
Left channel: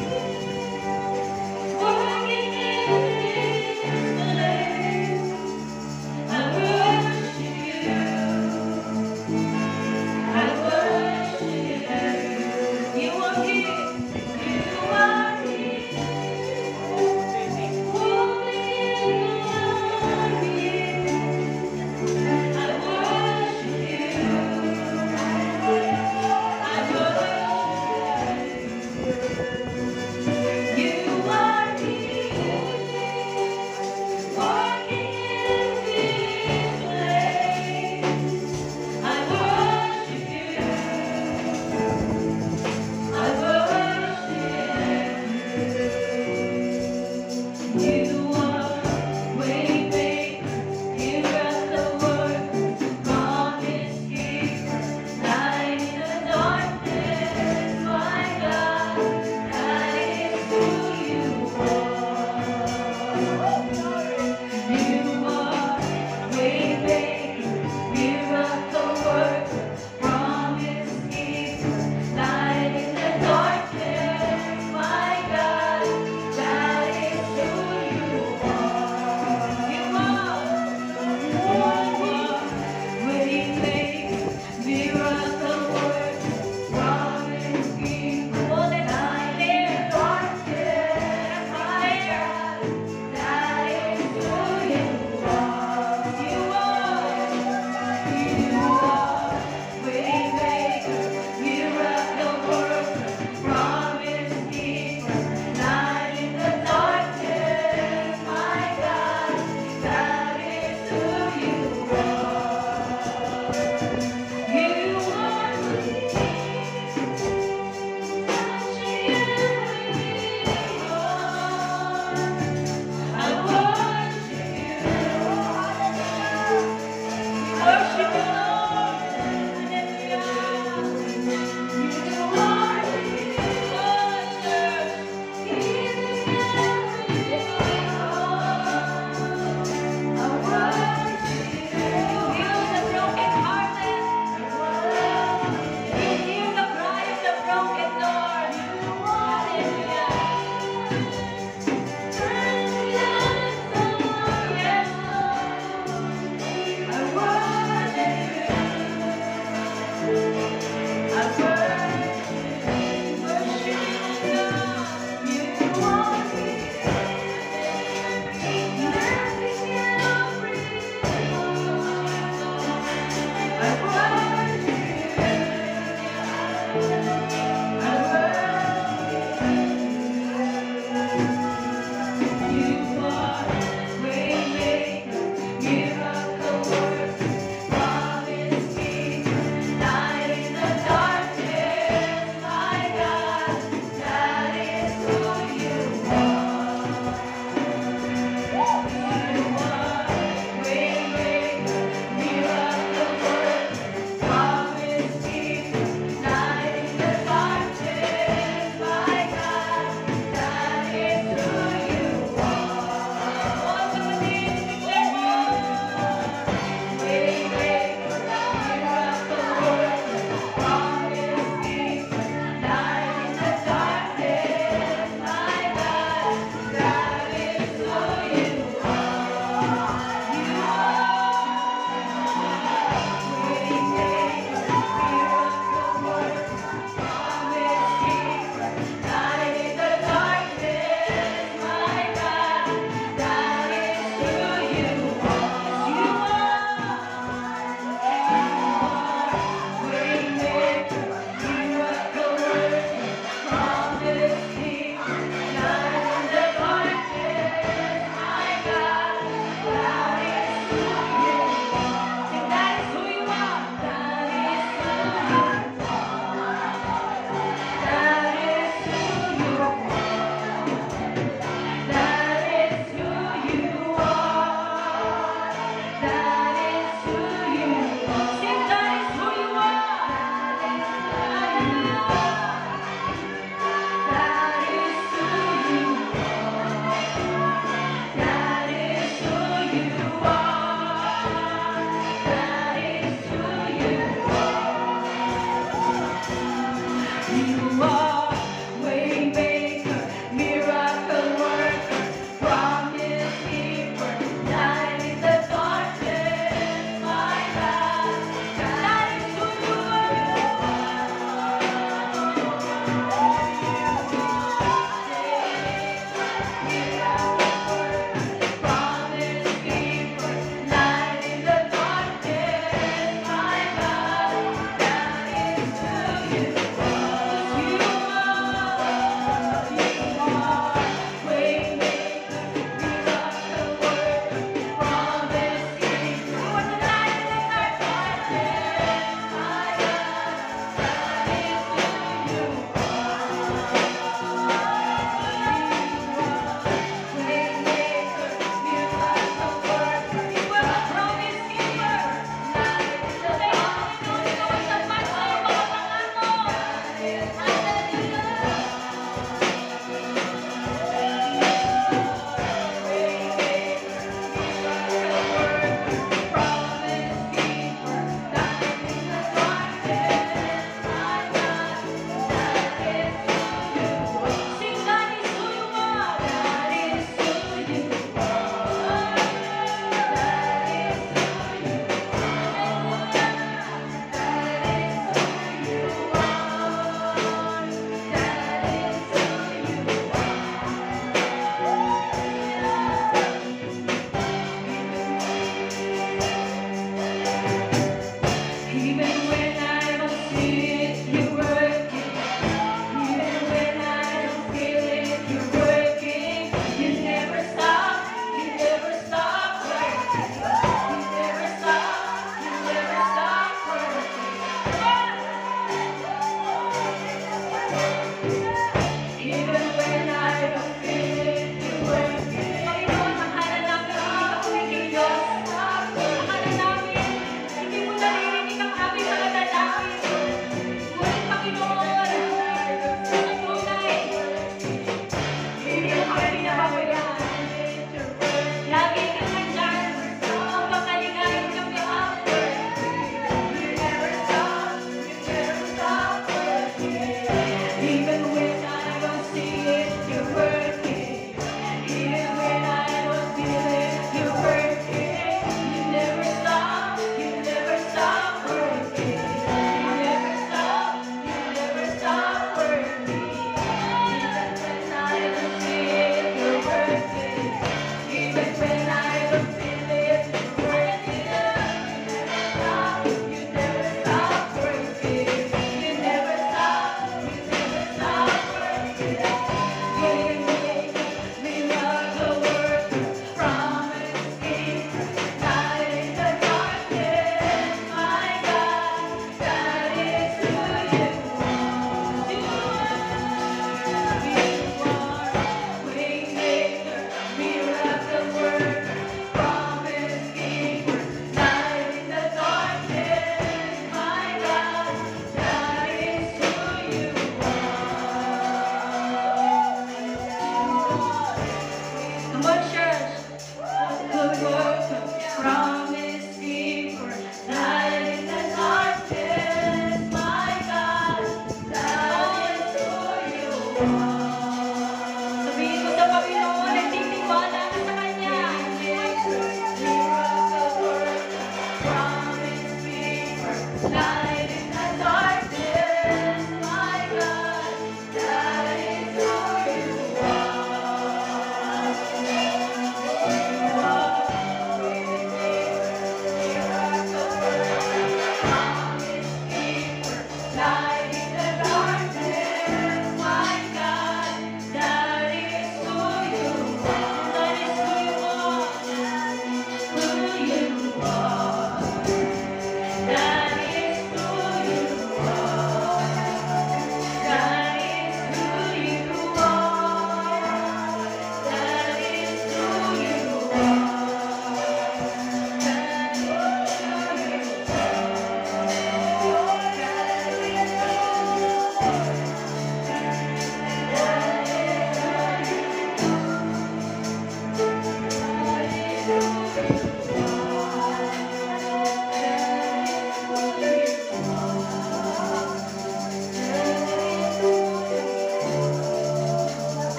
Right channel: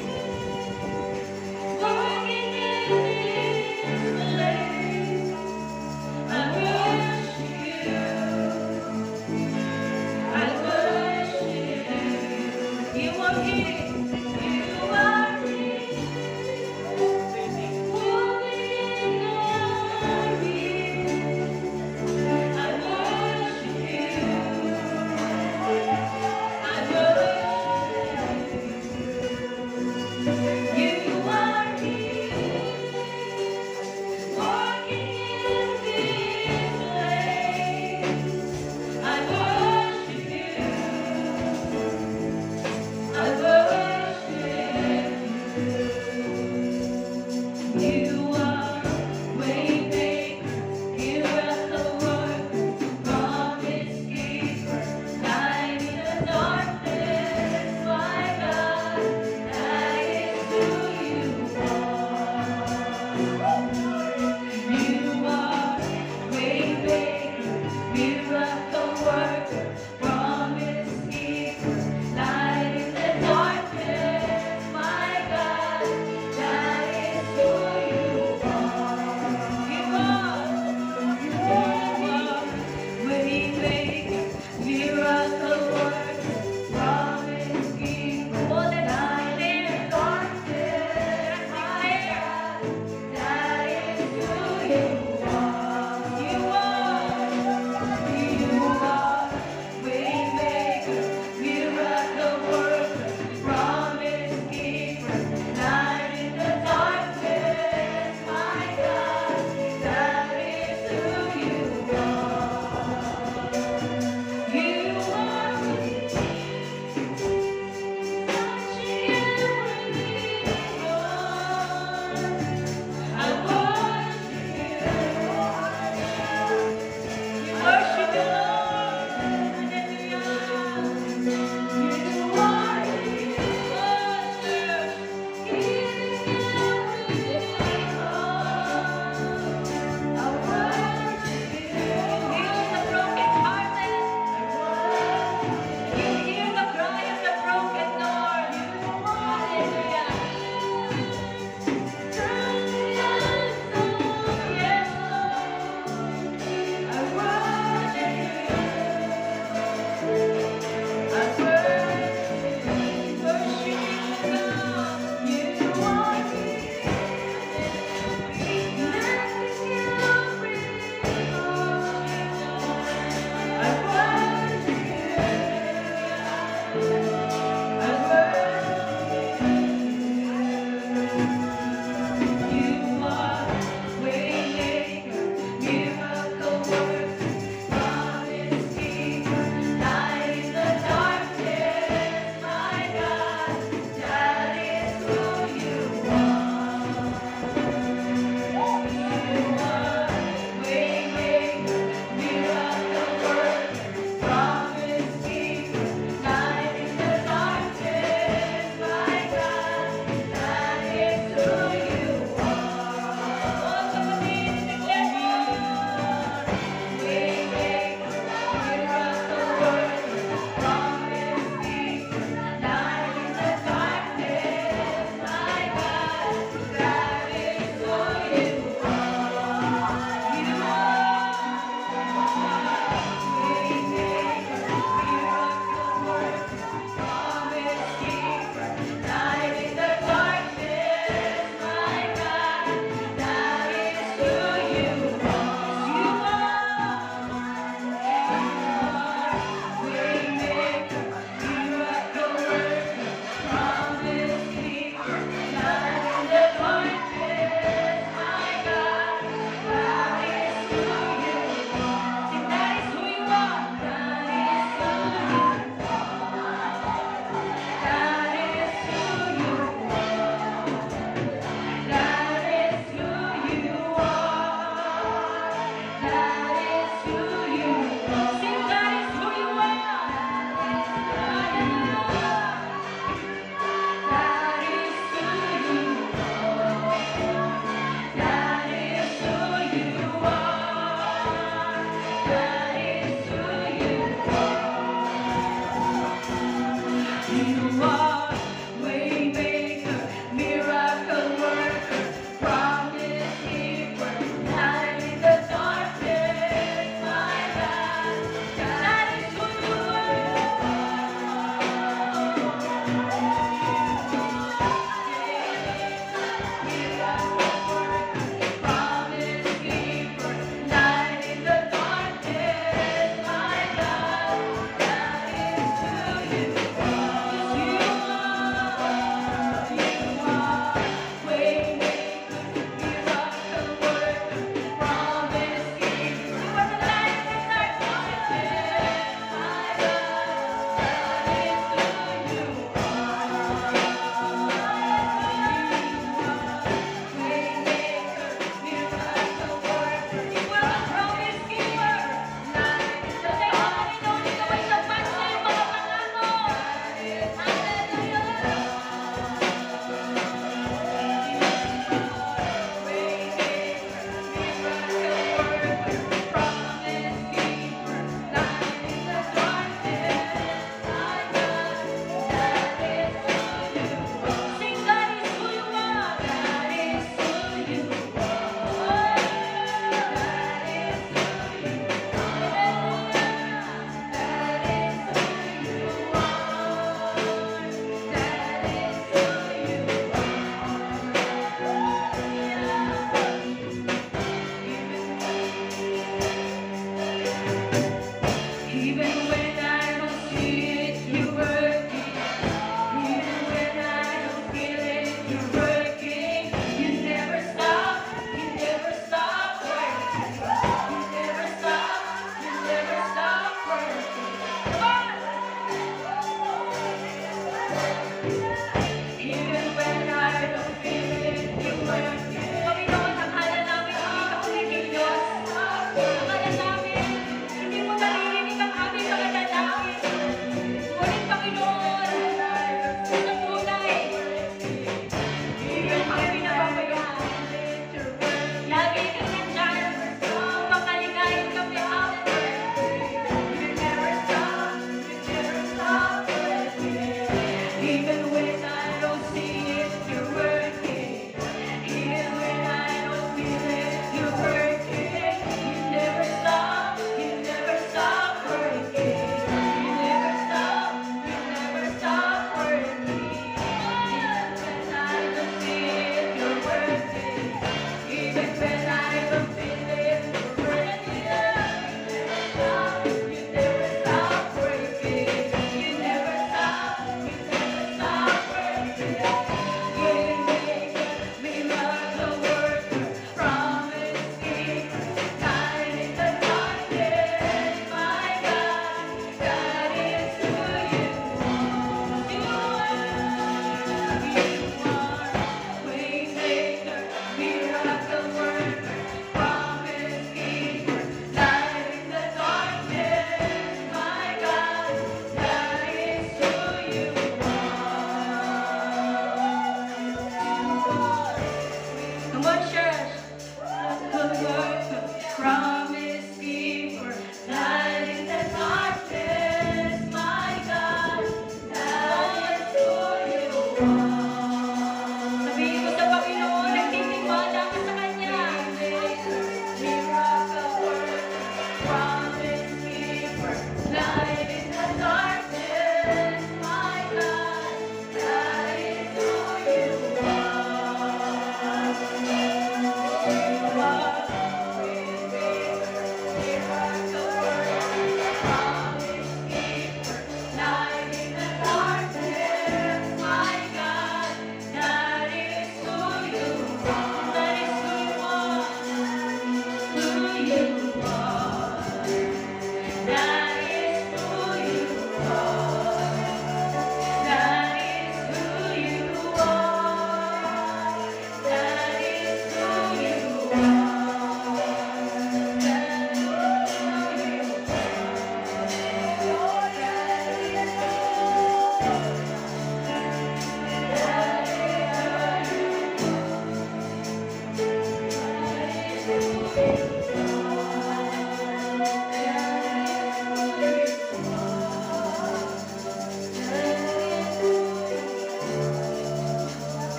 working in this place. I worship you. I worship you. You are here. You are here. Moving in the air. I worship you. I worship you. You are here. You are waymaker, miracle worker, promise keeper, light in the darkness, my God, that is who you are. You are waymaker, miracle worker, promise keeper, light in the darkness, my God, that is who you are.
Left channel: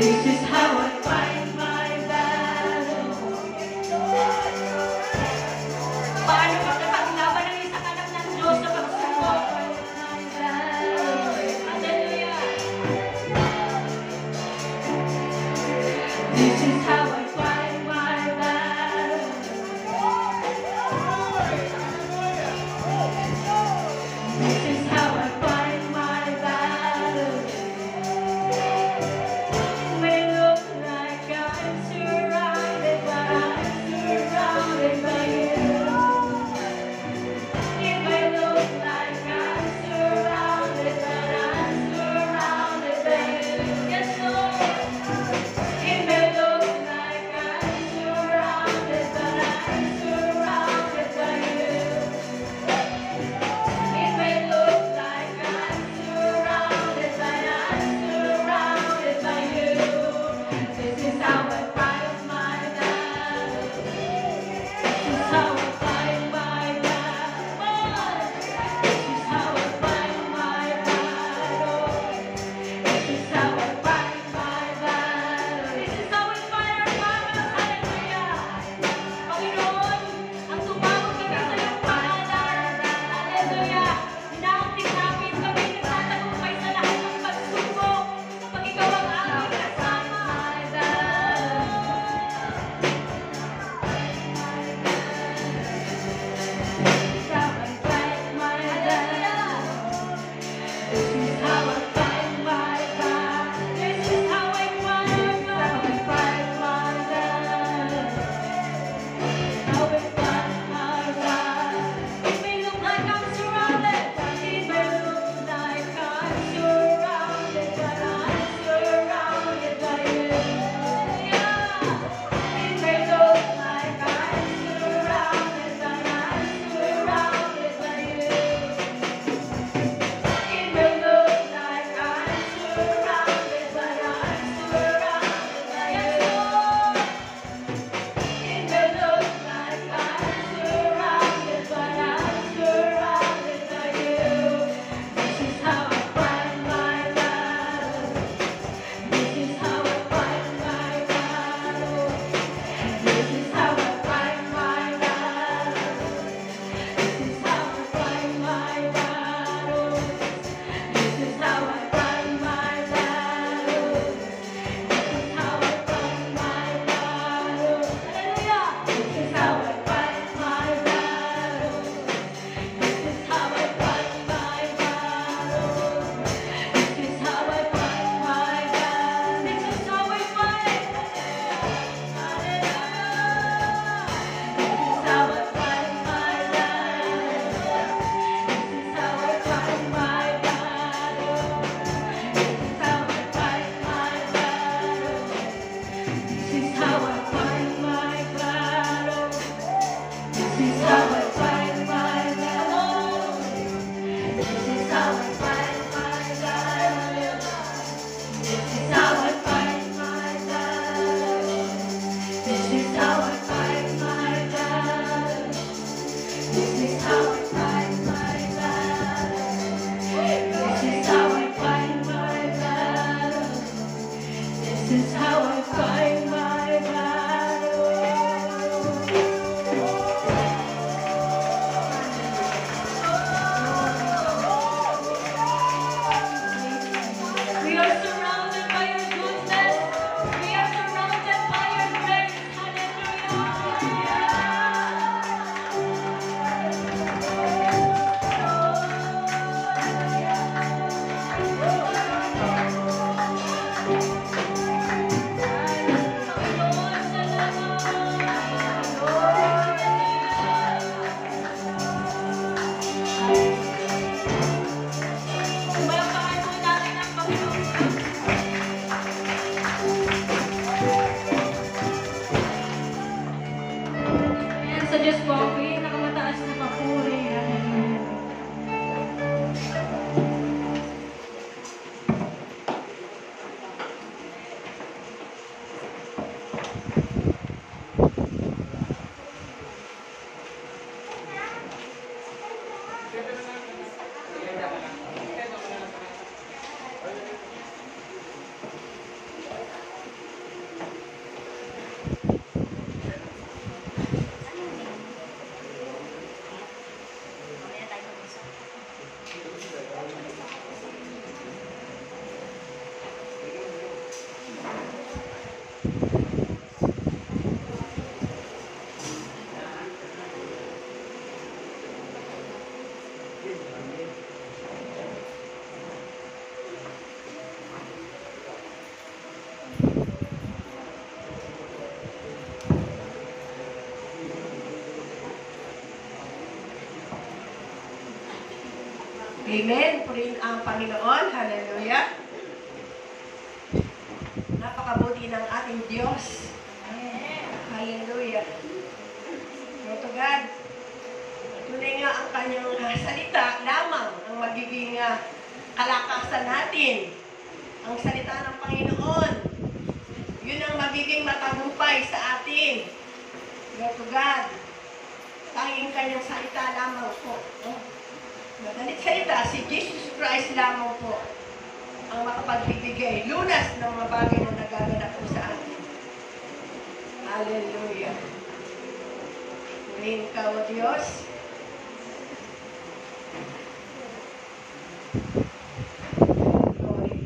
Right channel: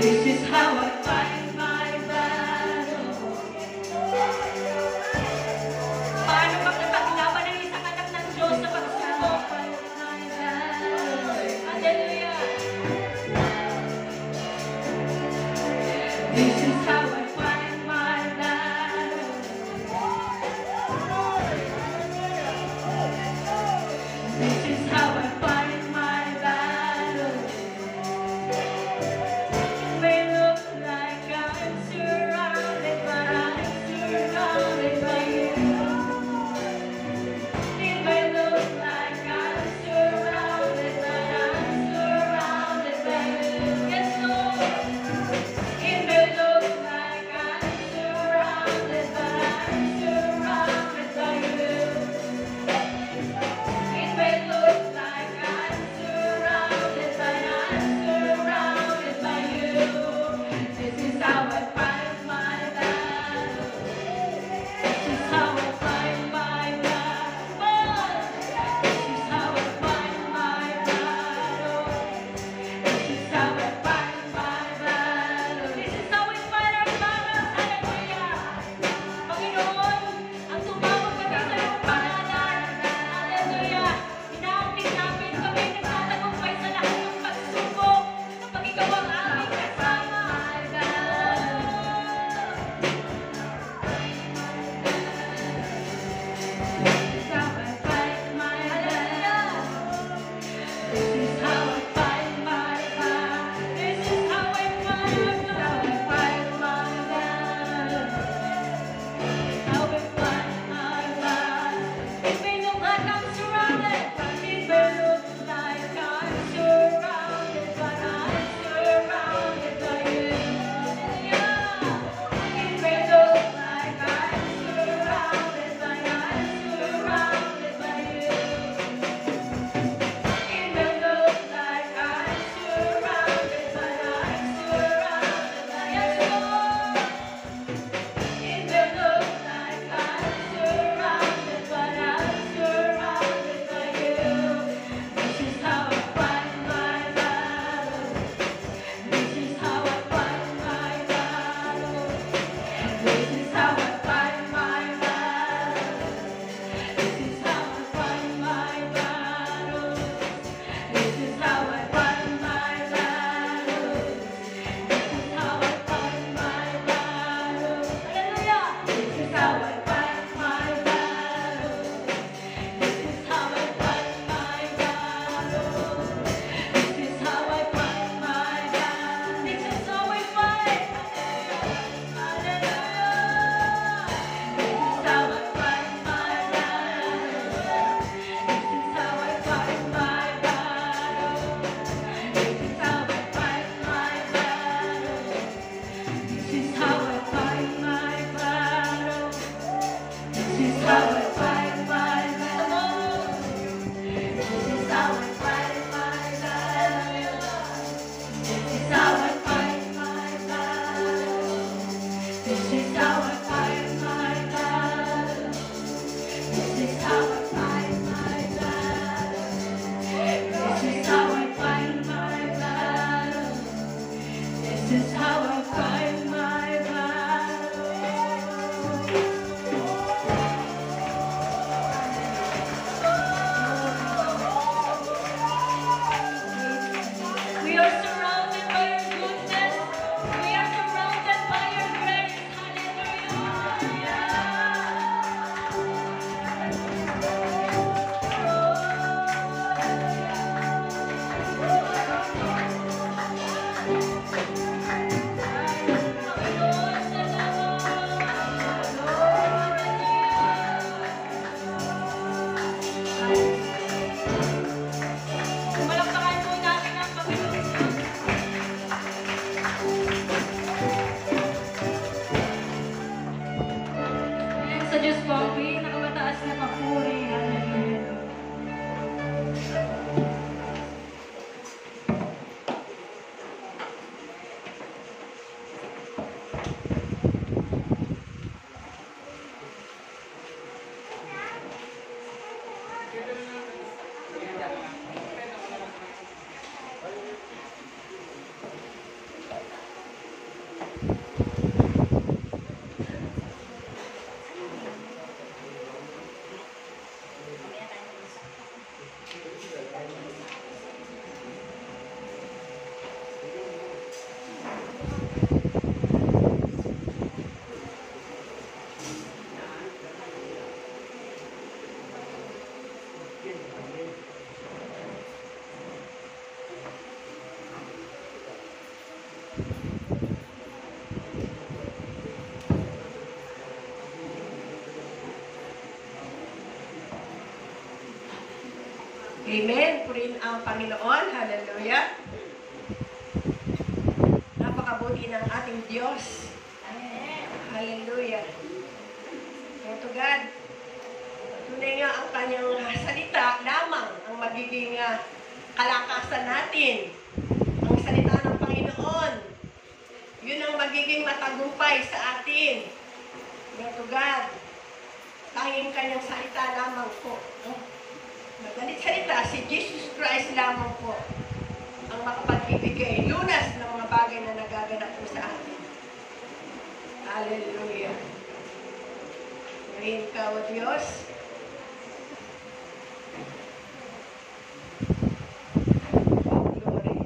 This is how I fight my battle. Paano makipaglaban ng isang anak ng Diyos sa pagsubok? Hallelujah. This is how I fight my battle. This is how I fight my battle. It may look like I'm surrounded, but I'm surrounded by you. It may look like I'm surrounded, but I'm surrounded by you. Yes, Lord. It may look like I'm surrounded, but I'm surrounded by you. It may look like I'm surrounded, but I'm surrounded by you. This is how I fight my battle. This is how I fight my battle. This is how I fight my battle. This is how I fight my battle. This is how we fight our battles. Hallelujah. Panginoon, ang tumawag kami sa iyong pangalan. Hallelujah. Inaunting namin kami nagtatagumpay sa lahat ng pagsubok kapag ikaw ang aming kasama. This is how I fight my battle. This is how I fight my battle. How I fight my battle. It may look like I'm surrounded, it may look like I'm surrounded, but I'm surrounded by you. It may look like I'm surrounded, but I'm surrounded by you. It may look like I'm surrounded, but I'm surrounded by you. It may look like I'm surrounded, but I'm surrounded by you. This is how I fight my battle. This is how I fight my battle. This is how I fight my battle. This is how I fight my battle. This is how I fight my battle. This is how I fight my battle. Hallelujah. This is how I fight my battle. This is how I fight my battle. This is how I fight my battle. This is how I fight. Hallelujah. This is how I fight my battle. This is how I fight my battle. This is how I fight my battle. This is how I fight my battle. This is how I fight my battle. This is how I fight my battle. This is how I fight my battle. This is how I fight my battle. This is how I fight my battle. This is how I fight my battle. This is how I fight my battle. We are surrounded by your goodness. We are surrounded by your grace. Malakpakan po natin ang Panginoon. Ayan, sa Diyos po, pinakamataas na papuri. Hallelujah. Amen. Purihin ang Panginoon. Hallelujah. Napakabuti ng ating Diyos. Hallelujah. Glory to God. Tunay nga ang kanyang salita lamang ang magiging kalakasan natin. Ang salita ng Panginoon. Yun ang magiging matagumpay sa atin. Glory to God. Tanging kanyang salita lamang po. Madalit salita, si Jesus Christ lamang po ang makapagbibigay lunas ng mga bagay na nagaganap po sa atin. Hallelujah. Purihin ka, O Diyos. Glory.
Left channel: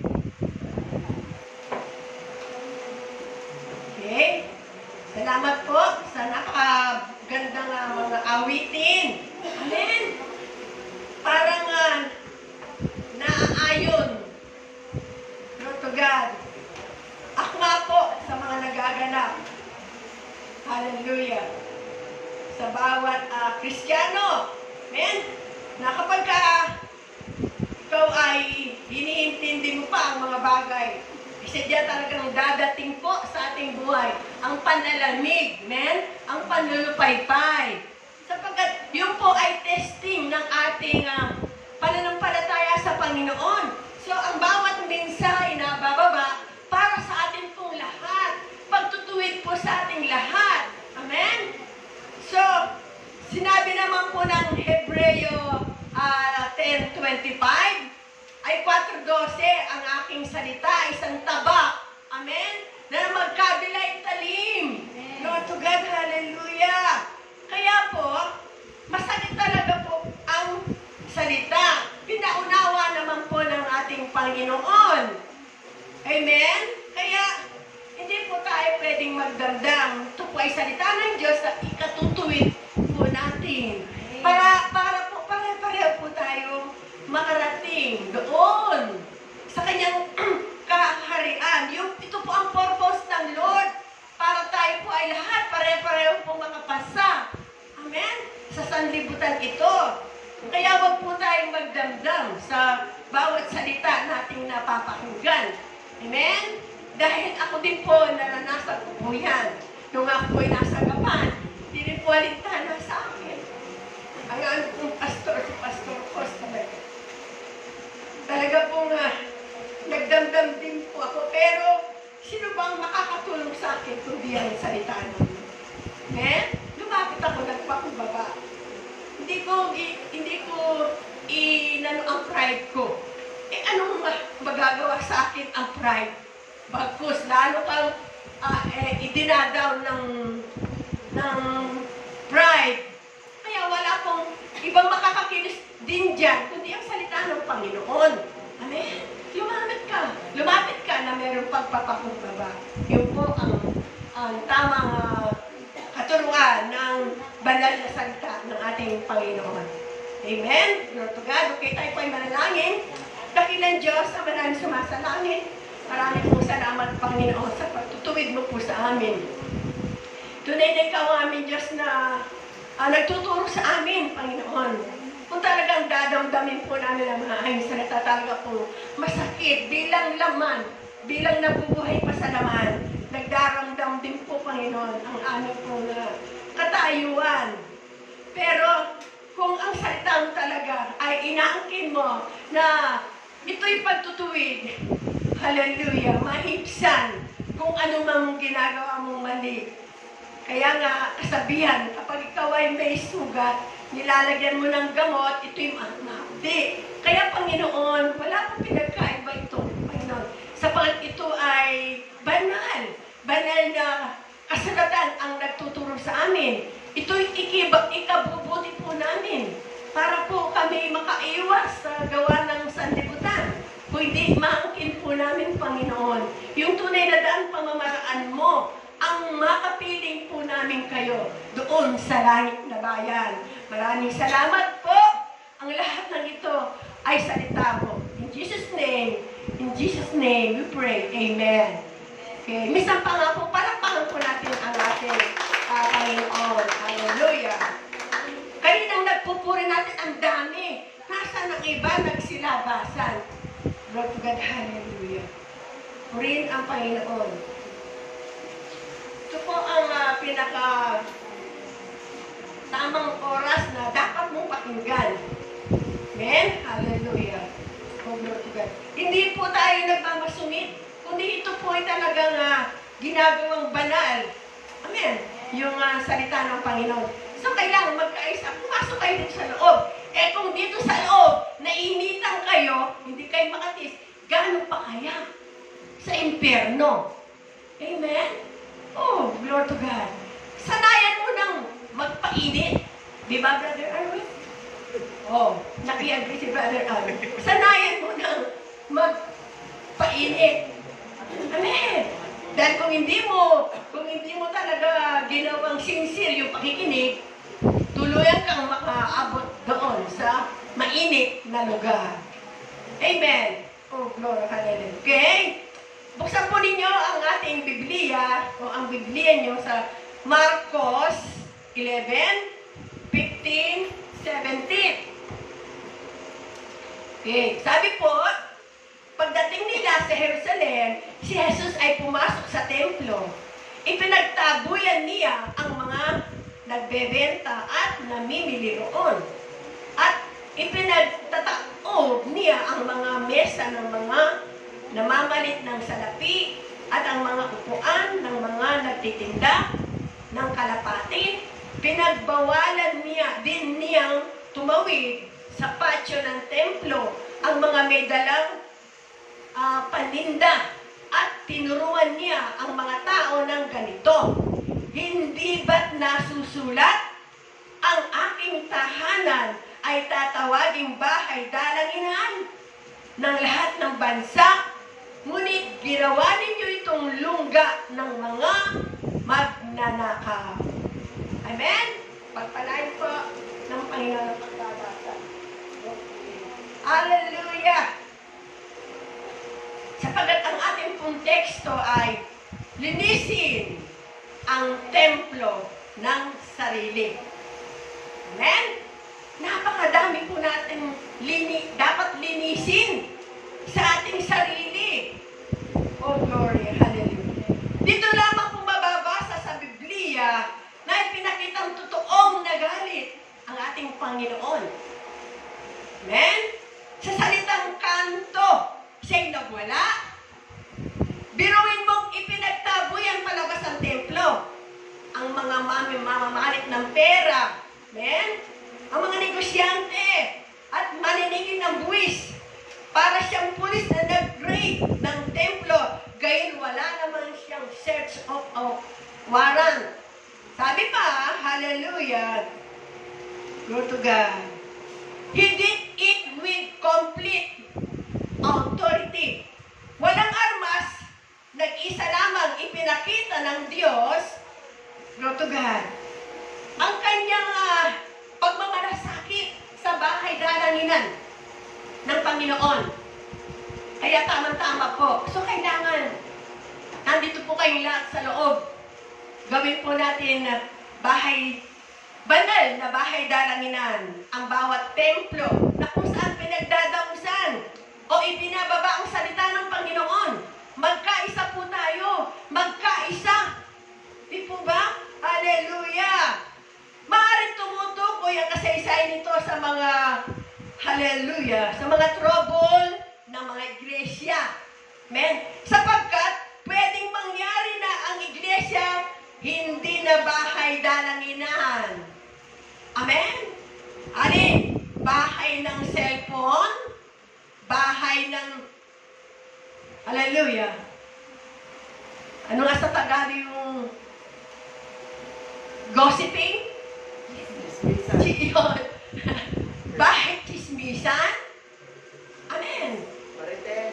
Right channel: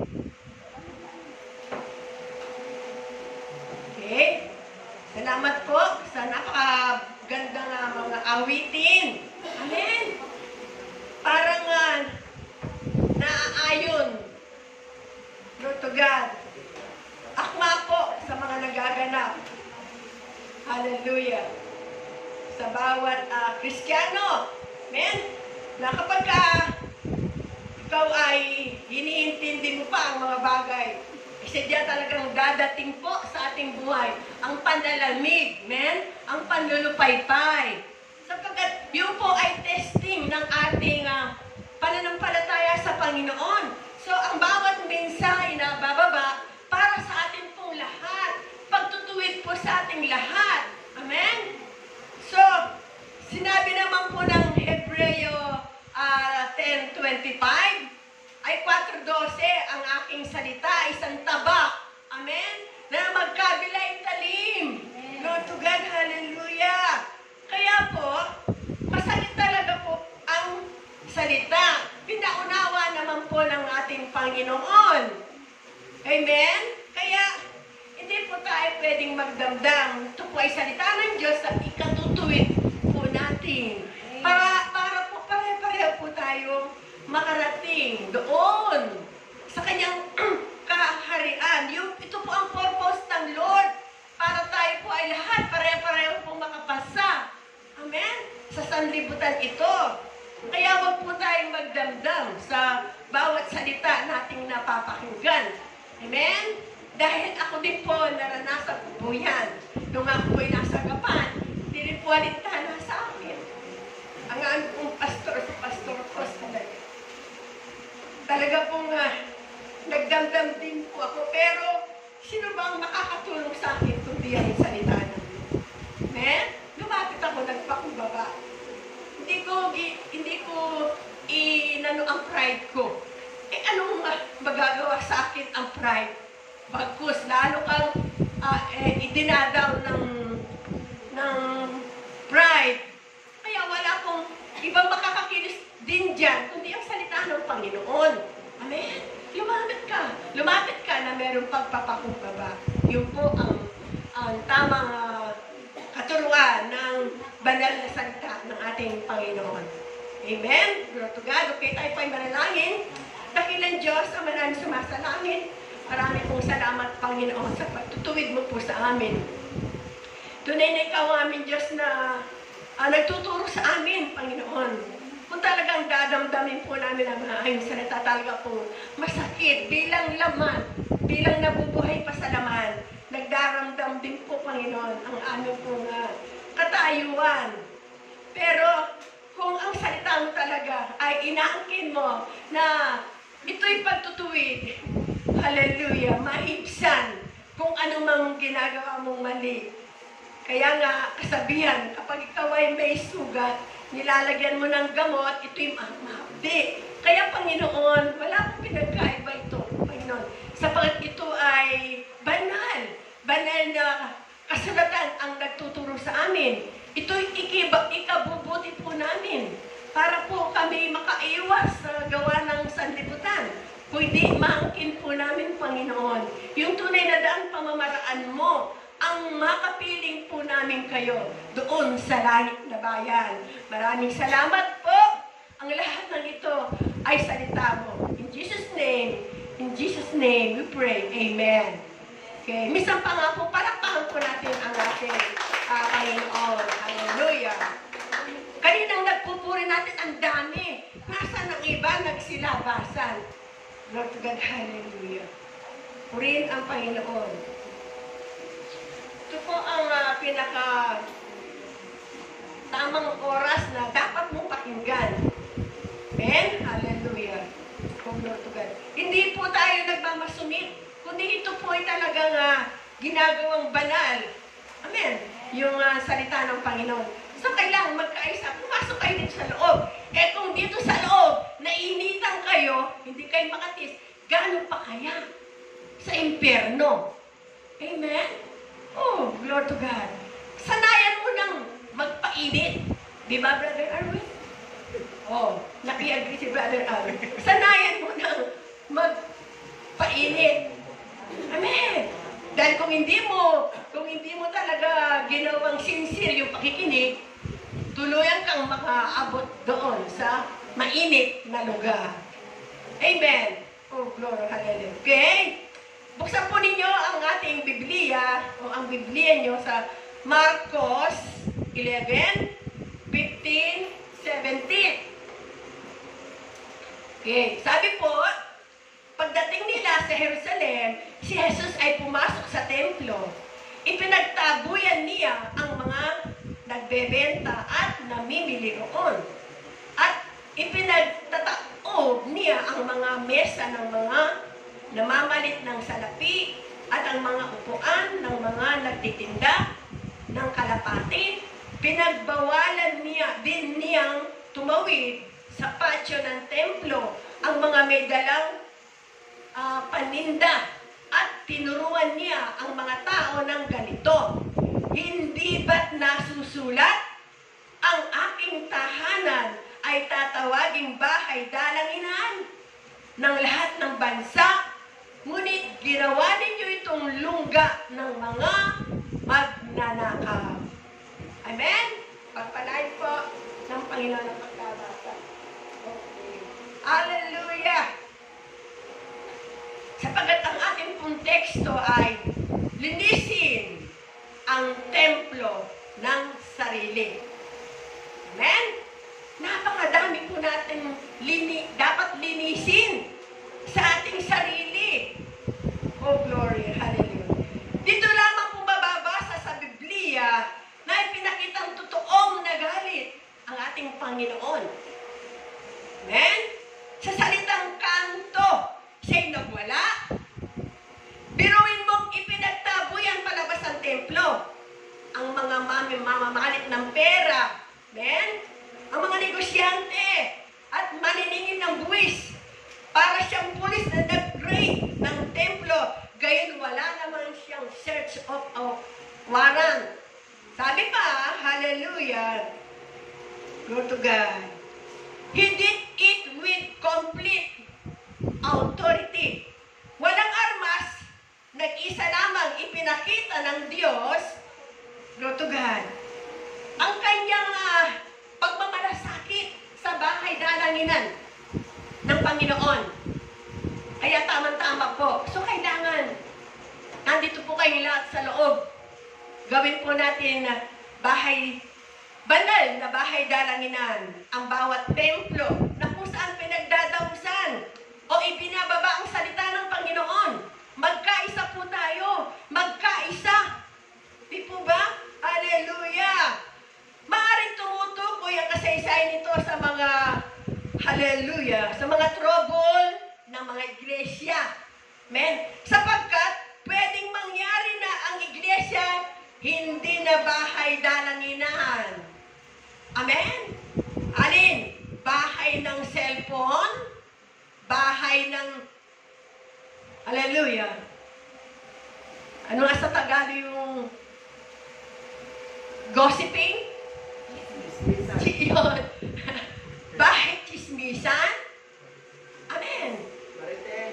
Okay. Salamat po sa napakagandang mga awitin. Amen. Parang naaayon. Glory to God. Akma po sa mga nagaganap. Hallelujah. Sa bawat Kristiyano. Amen. Na kapag ikaw ay hiniintindi mo pa ang mga bagay, kasi diyan talagang dadating po sa ating buhay ang panlalamig, amen? Ang panlulupaypay. Sapagkat yun po ay testing ng ating pananampalataya sa Panginoon. So, ang bawat mensahe na bababa para sa atin pong lahat. Pagtutuwid po sa ating lahat. Amen? So, sinabi naman po ng Hebreo 10:25, ay 4:12 ang aking salita, isang tabak. Amen? Na magkabilay talim. Lord to God, hallelujah. Kaya po, masakit talaga po ang salita. Pinaunawa naman po ng ating Panginoon. Amen? Kaya, hindi po tayo pwedeng magdamdam. Ito po ay salita ng Diyos at ikatutuwid po natin. Para po, pare-pareho po tayo makarating doon sa kanyang kaharian. Ito po ang purpose ng Lord. Para tayo po ay lahat pare-pareho po makapasa. Amen? Sa sanlibutan ito. Kaya wag po tayong magdamdam sa bawat salita nating napapakinggan. Amen? Dahil ako din po naranasan ko po yan. Nung ako po'y nasa Gapan, hindi rin po alintana sa akin. Ang ano pong pastor, si Pastor Costa. Talaga pong nagdamdam din po ako. Pero sino bang makakatulong sa akin kundi ang salita ng Diyos? Amen? Lumapit ako, nagpakumbaba. Hindi ko inano ang pride ko. Anong magagawa sa akin ang pride? Bagkus, lalo kang idinadaw ng pride. Kaya wala akong ibang makakakilos din dyan, kundi ang salita ng Panginoon. Amen? Lumapit ka na mayroong pagpapakumbaba. Yun po ang tamang katuruan ng banal na salita ng ating Panginoon. Amen? Glory to God. Okay, tayo po ay manalangin. Dakilang Diyos, ang maraming sumasalangin. Maraming pong salamat, Panginoon, sa pagtutuwid mo po sa amin. Tunay na ikaw ang aming Diyos na nagtuturo sa amin, Panginoon. Kung talagang dadamdamin po namin ang mga ayong salita, talaga po masakit bilang laman, bilang nabubuhay pa sa laman. Nagdaramdam din po, Panginoon, ang aming pong katayuan. Pero kung ang salita mo talaga ay inaangkin mo na ito'y pagtutuwid, hallelujah, mahibsan kung ano mang ginagawa mong mali. Kaya nga, kasabihan, kapag ikaw ay may sugat, nilalagyan mo ng gamot, ito'y mahapdi. Kaya, Panginoon, wala pang pinagkaiba ito, Panginoon. Sapagat ito ay banal. Banal na kasulatan ang nagtuturo sa amin. Ito'y ikabubuti po namin para po kami makaiwas sa gawa ng sanlibutan. Kung hindi, maangkin po namin, Panginoon, yung tunay na daang pamamaraan mo, ang makapiling po namin kayo doon sa langit na bayan. Maraming salamat po. Ang lahat ng ito ay salita mo. In Jesus' name we pray. Amen. Okay, minsan pa nga po, palakpakan po natin ang ating Panginoon. Hallelujah. Kaninang nagpupuri natin ang dami. Nasaan ang iba nagsilabasan. Lord God, hallelujah. Purihin ang Panginoon. Ito po ang pinaka tamang oras na dapat mong pakinggan. Amen? Hallelujah. Oh, Lord God. Hindi po tayo nagmamasungit, kundi ito po ay talagang ginagawang banal. Amen? Yung salita ng Panginoon. So, kailangan magkaisa. Pumasok kayo dito sa loob. Eh, kung dito sa loob, nainitan kayo, hindi kayo makatis, gano'n pa kaya sa impyerno? Amen? Oh, glory to God. Sanayan mo nang magpainit. Di ba, Brother Arwin? Oh, naki-agree si Brother Arwin. Sanayan mo nang magpainit. Amen. Dahil kung hindi mo talaga ginawang sincere yung pakikinig, tuluyan kang makaabot doon sa mainit na lugar. Amen. Oh, glory, hallelujah. Okay? Buksan po ninyo ang ating Biblia o ang Biblia nyo sa Marcos 11, 15, 17. Okay. Sabi po, pagdating nila sa Jerusalem, si Jesus ay pumasok sa templo. Ipinagtabuyan niya ang mga nagbebenta at namimili roon. At ipinagtataob niya ang mga mesa ng mga namamalit ng salapi at ang mga upuan ng mga nagtitinda ng kalapati. Pinagbawalan niya din niyang tumawid sa patio ng templo ang mga may dalang paninda at tinuruan niya ang mga tao ng ganito. Hindi ba't nasusulat? Ang aking tahanan ay tatawaging bahay dalanginan ng lahat ng bansa, ngunit ginawa ninyo itong lungga ng mga magnanakaw. Amen? Pagpalain po ng Panginoon ang pagkabasa. Okay. Hallelujah! Sapagat ang ating pong teksto ay linisin ang templo ng sarili. Amen? Napakadami po natin dapat linisin sa ating sarili. Oh, glory, hallelujah. Dito lamang po mababasa sa Biblia na ipinakitang totoong nagalit ang ating Panginoon. Amen? Sa salitang kanto, siya'y nagwala. Biruin mong ipinagtaboy ang palabas ng templo. Ang mga mamamalit ng pera. Amen? Ang mga negosyante at maniningil ng buwis. Para siyang pulis na nag-raid ng templo. Gayon wala naman siyang search of warrant. Sabi pa, hallelujah, go to God. He did it with complete authority. Walang armas, nag-isa lamang ipinakita ng Diyos, go to God, ang kanyang pagmamalasakit sa bahay dalanginan ng Panginoon. Kaya tamang-tama po. So kailangan, nandito po kayong lahat sa loob. Gawin po natin bahay, banal na bahay dalanginan ang bawat templo na kung saan pinagdadamusan o ipinababa ang salita ng Panginoon. Magkaisa po tayo. Magkaisa. Di po ba? Hallelujah! Maaaring tumutukoy ang kasaysayan nito sa mga, hallelujah, sa mga trouble ng mga iglesia. Amen? Sapagkat pwedeng mangyari na ang iglesia hindi na bahay dalanginan. Amen? Alin? Bahay ng cellphone? Bahay ng, hallelujah. Ano nga sa Tagalog yung gossiping? Yun. Bahay chismisan? Amen. Marites.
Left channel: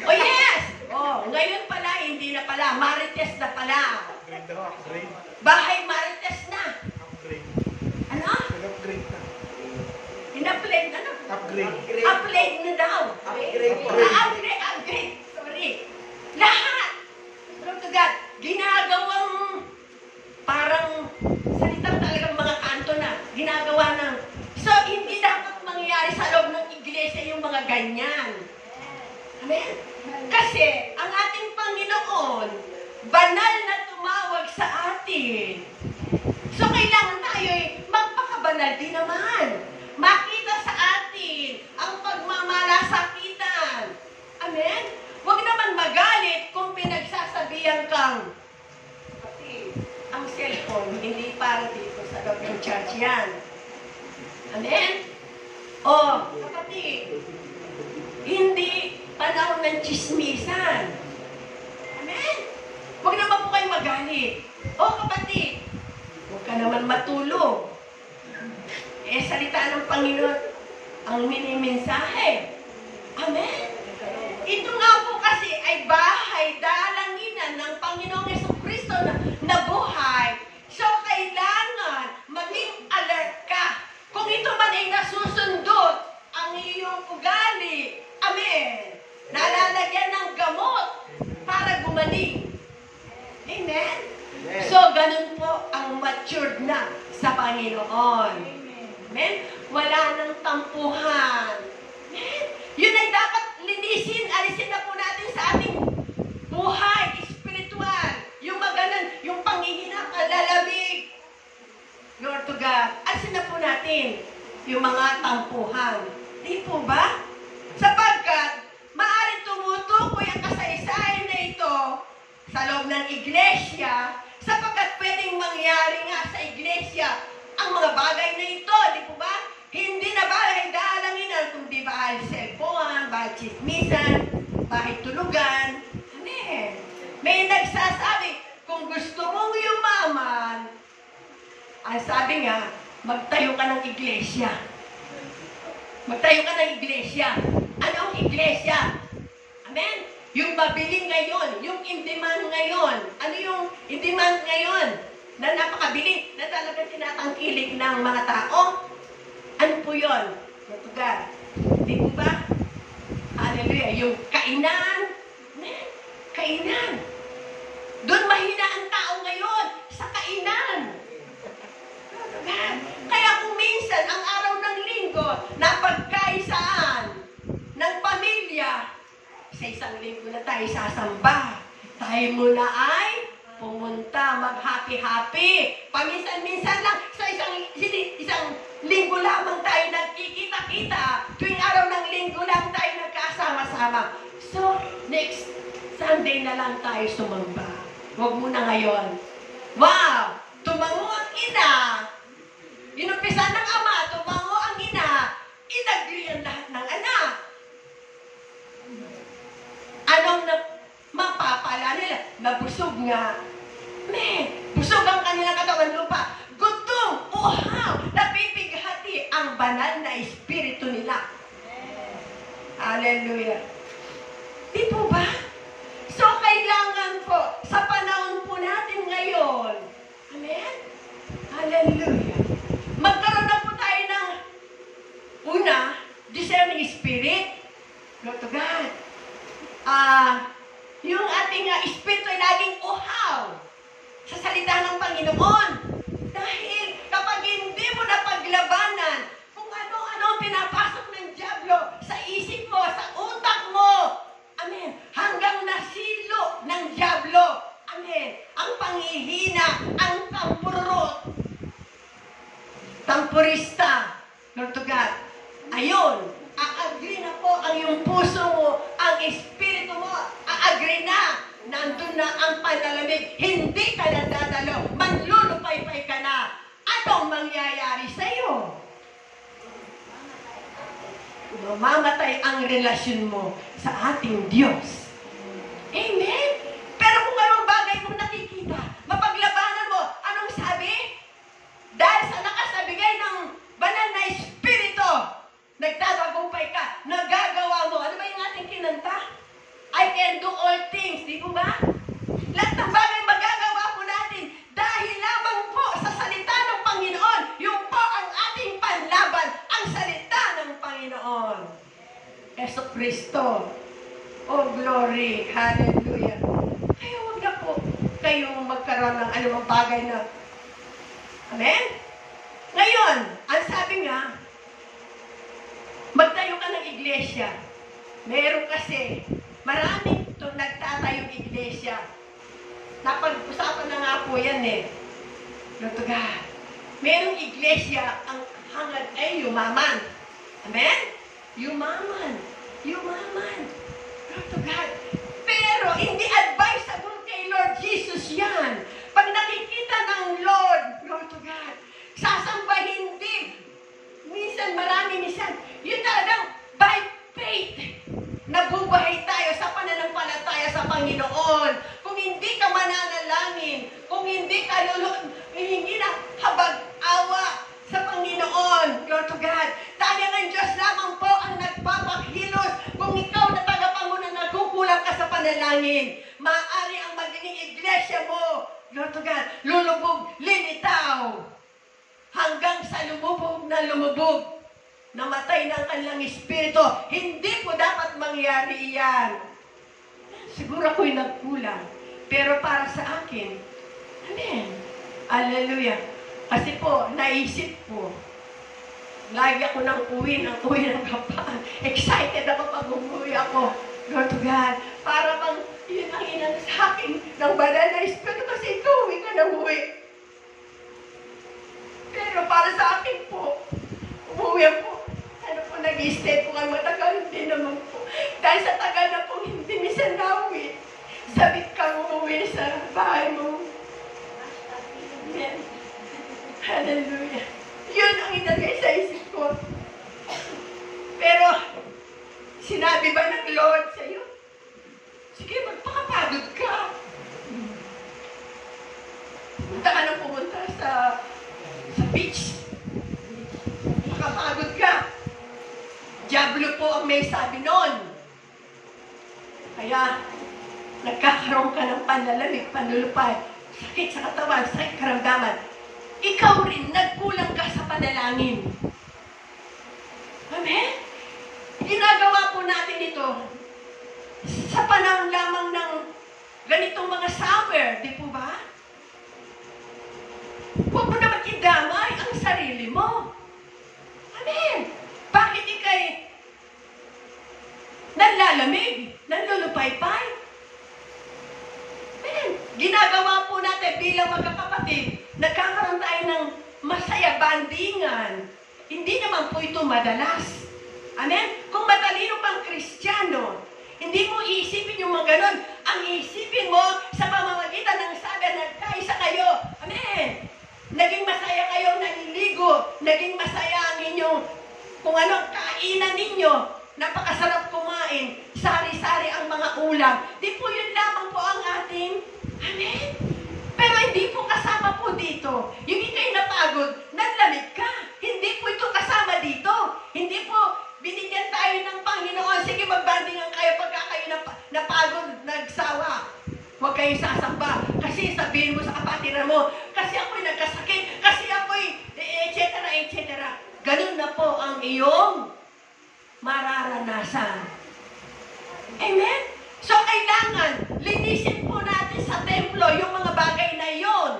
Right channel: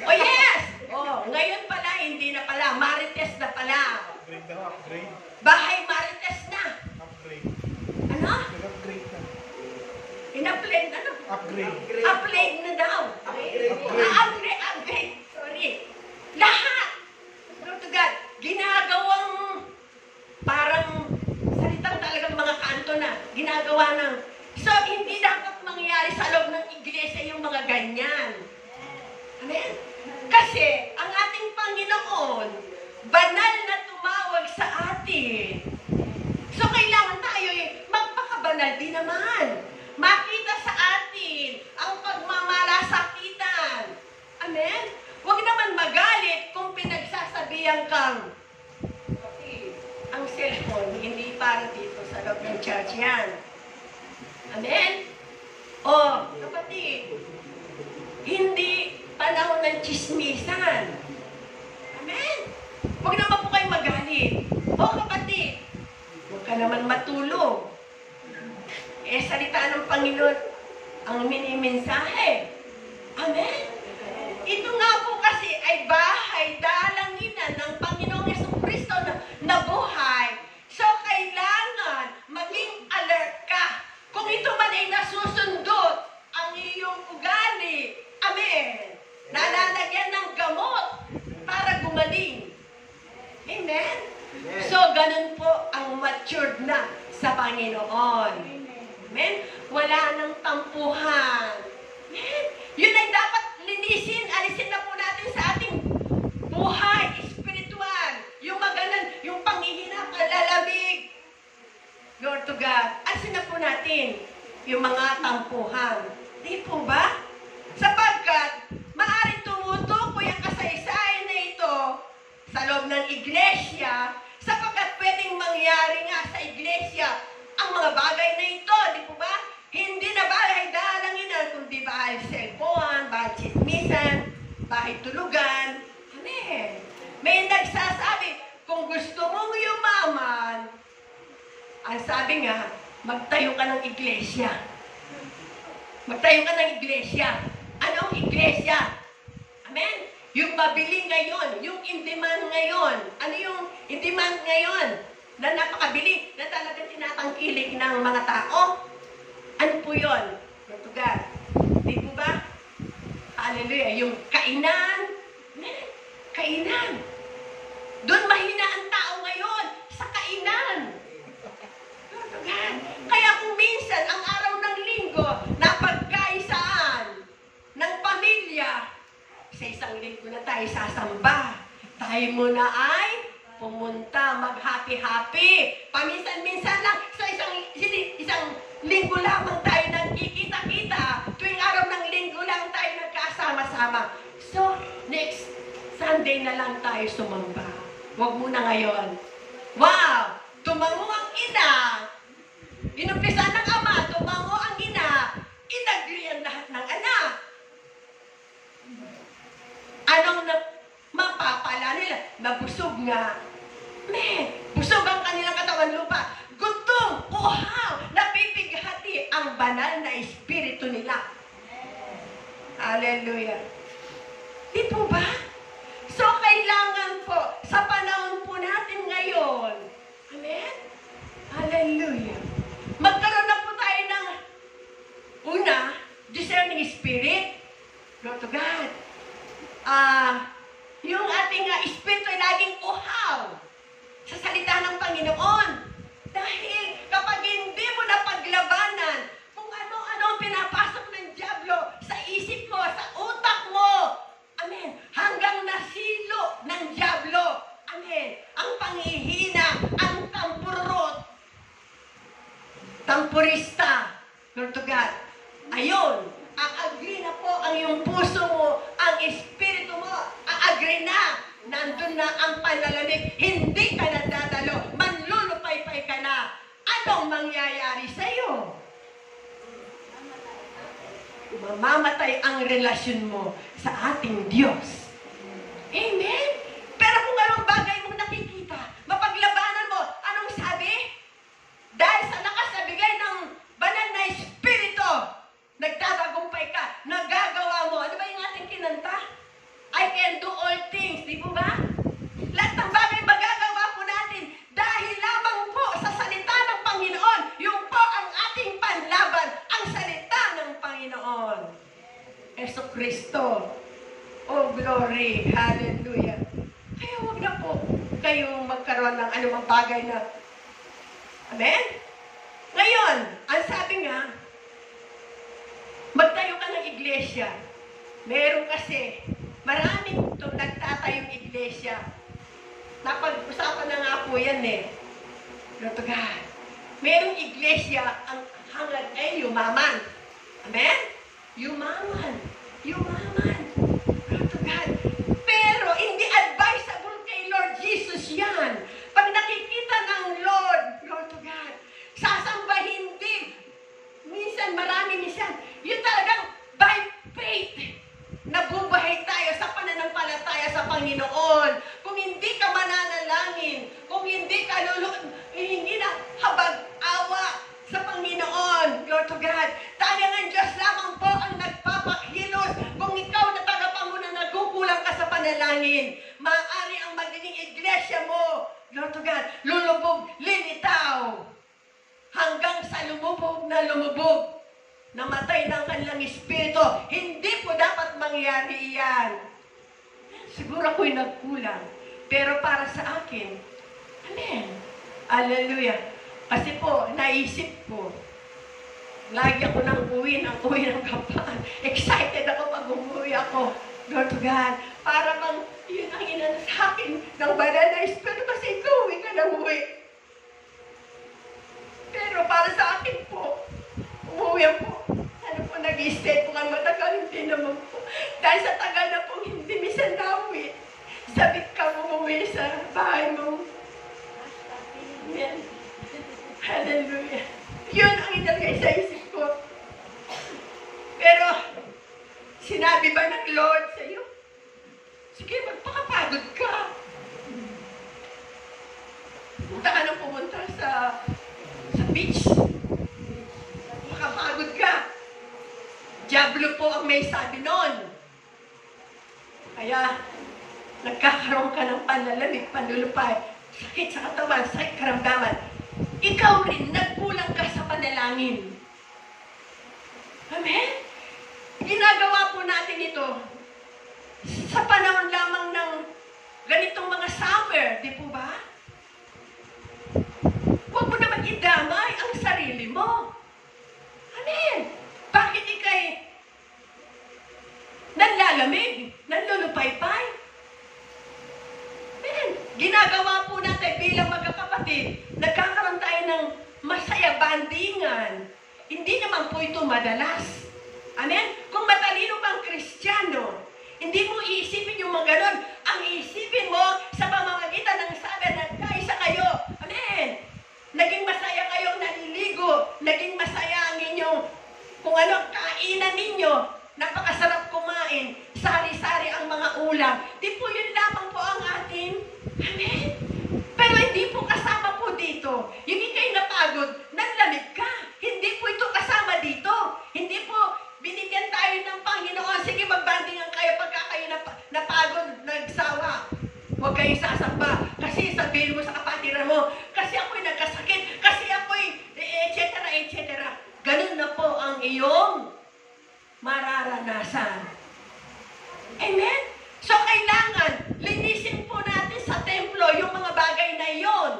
Oh yes! Oh, ngayon pala, hindi na pala. Marites na pala. Upgrade daw, upgrade. Bahay marites na. Upgrade. Ano? Nag-upgrade na. In-upgrade na. Upgrade. Upgrade na daw. Upgrade. Upgrade. Sorry. Lahat. Lord to God, ginagawang parang salitang talagang mga kanto na. Ginagawa ng, so hindi dapat mangyayari sa loob ng iglesia. ganyan. Amen? Kasi ang ating Panginoon, banal na tumawag sa atin. So kailangan tayo magpakabanal din naman. Makita sa atin ang pagmamalasakitan. Amen? Huwag naman magalit kung pinagsasabihan kang kasi ang cellphone, hindi para dito sa loob ng church yan. Amen? O, kapatid, hindi panahon ng chismisan. Amen? Huwag naman po kayo magalit. O kapatid, huwag ka naman matulog. Salita ng Panginoon ang minimensahe. Amen? Ito nga po kasi ay bahay, dalanginan ng Panginoong Jesucristo na buhay. So, kailangan maging alert ka. Kung ito man ay nasusundot ang iyong ugali. Amen? Nalalagyan ng gamot para gumaling. Amen? So, ganun po ang matured na sa Panginoon. Amen? Wala nang tampuhan. Amen? Yun ay dapat linisin, alisin na po natin sa ating buhay, spiritual. Yung maganan, yung panghihina, palalamig. Lord to God. Alisin na po natin yung mga tampuhan. Di po ba? Sapagkat, maaaring tumutukoy ang kasaysayan na ito sa loob ng iglesia, sapagkat pwedeng mangyari nga sa iglesia ang mga bagay na ito, di po ba? Hindi na bahay dalanginan, kundi bahay cellphone, bahay chismisan, bahay tulugan. Amen. May nagsasabi, kung gusto mong yumaman, ang sabi nga, magtayo ka ng iglesia. Magtayo ka ng iglesia. Anong iglesia? Amen? Yung mabili ngayon, yung in-demand ngayon. Ano yung in-demand ngayon? Na napakabili, na talagang tinatangkilik ng mga tao. Ano po yun? Ito God. Di po ba? Hallelujah. Yung kainan. Amen? Kainan. Doon mahina ang tao ngayon sa kainan. Ito God. Kaya kung minsan, ang araw ng linggo, napagkaisaan ng pamilya, sa isang linggo na tayo sasamba. Tayo muna ay pumunta, mag-happy-happy. Paminsan-minsan lang, sa isang linggo lamang tayo nagkikita-kita. Tuwing araw ng linggo lang tayo nagkasama-sama. So, next Sunday na lang tayo sumamba. Huwag muna ngayon. Wow! Tumango ang ina. Inumpisa ng ama, tumango ang ina. Inagri ang lahat ng anak. Anong mapapala nila? Nabusog nga. Busog ang kanilang katawan lupa. Gutom, uhaw, napipighati ang banal na espiritu nila. Hallelujah. Di po ba? So, kailangan po, sa panahon po natin ngayon, amen? Hallelujah. Magkaroon na po tayo ng una, discerning spirit. Lord to God. Yung ating espiritu ay laging uhaw sa salita ng Panginoon. Dahil kapag hindi mo napaglabanan kung ano-ano ang pinapasok ng dyablo sa isip mo, sa utak mo, amen, hanggang nasilo ng dyablo, amen, ang panghihina, ang tampurot, tampurista, Lord to God, ayun, a-agree na po ang iyong puso mo, ang espiritu mo, a-agree na, nandun na ang panalamig, hindi ka na dadalo, manlulupay-pay ka na. Anong mangyayari sa'yo? Mamamatay ang relasyon mo sa ating Diyos. Amen? Pero kung anong bagay mong nakikita, mapaglabanan mo, anong sabi? Dahil sa nakasabigay ng banal na espiritu, nagtatagumpay ka, nagagawa mo. Ano ba yung ating kinanta? I can do all things. Di po ba? Lahat ng bagay magagawa po natin dahil lamang po sa salita ng Panginoon. Yung po ang ating panlaban, ang salita ng Panginoon. Jesucristo. Oh, glory. Hallelujah. Kaya huwag na po kayong magkaroon ng anumang bagay na, amen? Ngayon, ang sabi nga, Magtayo ka ng iglesia. Meron kasi, maraming nagtatayong iglesia. Napag-usapan na nga po yan eh. Lord to God. Merong iglesia, ang hangad ay yumaman. Amen? Yumaman. Yumaman. Lord to God. Pero hindi advisable kay Lord Jesus yan. Pag nakikita ng Lord to God, sasambahin din. Minsan, marami minsan. Yun talagang by faith. Nabubuhay tayo sa pananampalataya sa Panginoon. Kung hindi ka mananalangin, kung hindi ka hindi na habag-awa sa Panginoon, Lord to God, talagang ang Diyos lamang po ang nagpapakilos. Kung ikaw na tagapangunan, nagkukulang ka sa panalangin, maaari ang magiging iglesia mo, Lord to God, lulubog, lilitaw, hanggang sa lumubog na lumubog. Namatay ng kanilang espiritu. Hindi po dapat mangyari iyan. Siguro ako'y nagkulang. Pero para sa akin, amen. Hallelujah. Kasi po, naisip ko, lagi ako nang uwi ng kapaan. Excited ako pag umuwi ako. Lord to God. Para bang yun ang inano sa akin ng banal na espiritu kasi ikaw uwi ka na uwi. Pero para sa akin po, umuwi po. Ano po, nag-stay po kayo matagal, hindi naman po. Dahil sa tagal na po, hindi minsan nauwi. Sabit ka umuwi sa bahay mo. Amen. Hallelujah. Yun ang inagay sa isip ko. Pero, sinabi ba ng Lord sa iyo? Sige, magpakapagod ka. Pumunta ka nang pumunta sa beach. Makapagod ka. Diablo po ang may sabi noon. Kaya, nagkakaroon ka ng panlalamig, panlulupay, sakit sa katawan, sakit karamdaman. Ikaw rin, nagkulang ka sa panalangin. Amen? Ginagawa po natin ito sa panahon lamang ng ganitong mga summer, di po ba? Huwag mo naman idamay ang sarili mo. Amen? Bakit ikay nanlalamig, nanlulupay-pay? Amen? Ginagawa po natin bilang magkakapatid, nagkakaroon tayo ng masaya bandingan. Hindi naman po ito madalas. Amen? Kung matalino pang Kristiyano, hindi mo iisipin yung mga ganon. Ang iisipin mo sa pamamagitan ng sabi na nagkaisa kayo. Amen? Naging masaya kayong naliligo. Naging masaya ang inyong kung ano kainan ninyo. Napakasarap kumain. Sari-sari ang mga ulam. Di po yun lamang po ang ating. Amen? Pero hindi po kasama po dito. Yung ikay napagod, nanlamig ka. Hindi po ito kasama dito. Hindi po binigyan tayo ng Panginoon. Sige, magbandingan kayo pagka kayo napagod, nagsawa. Huwag kayo sasamba. Kasi sabihin mo sa kapatiran mo, kasi ako'y nagkasakit, kasi ako'y etc. Ganun na po ang iyong mararanasan. Amen? So, kailangan linisin po natin sa templo yung mga bagay na iyon.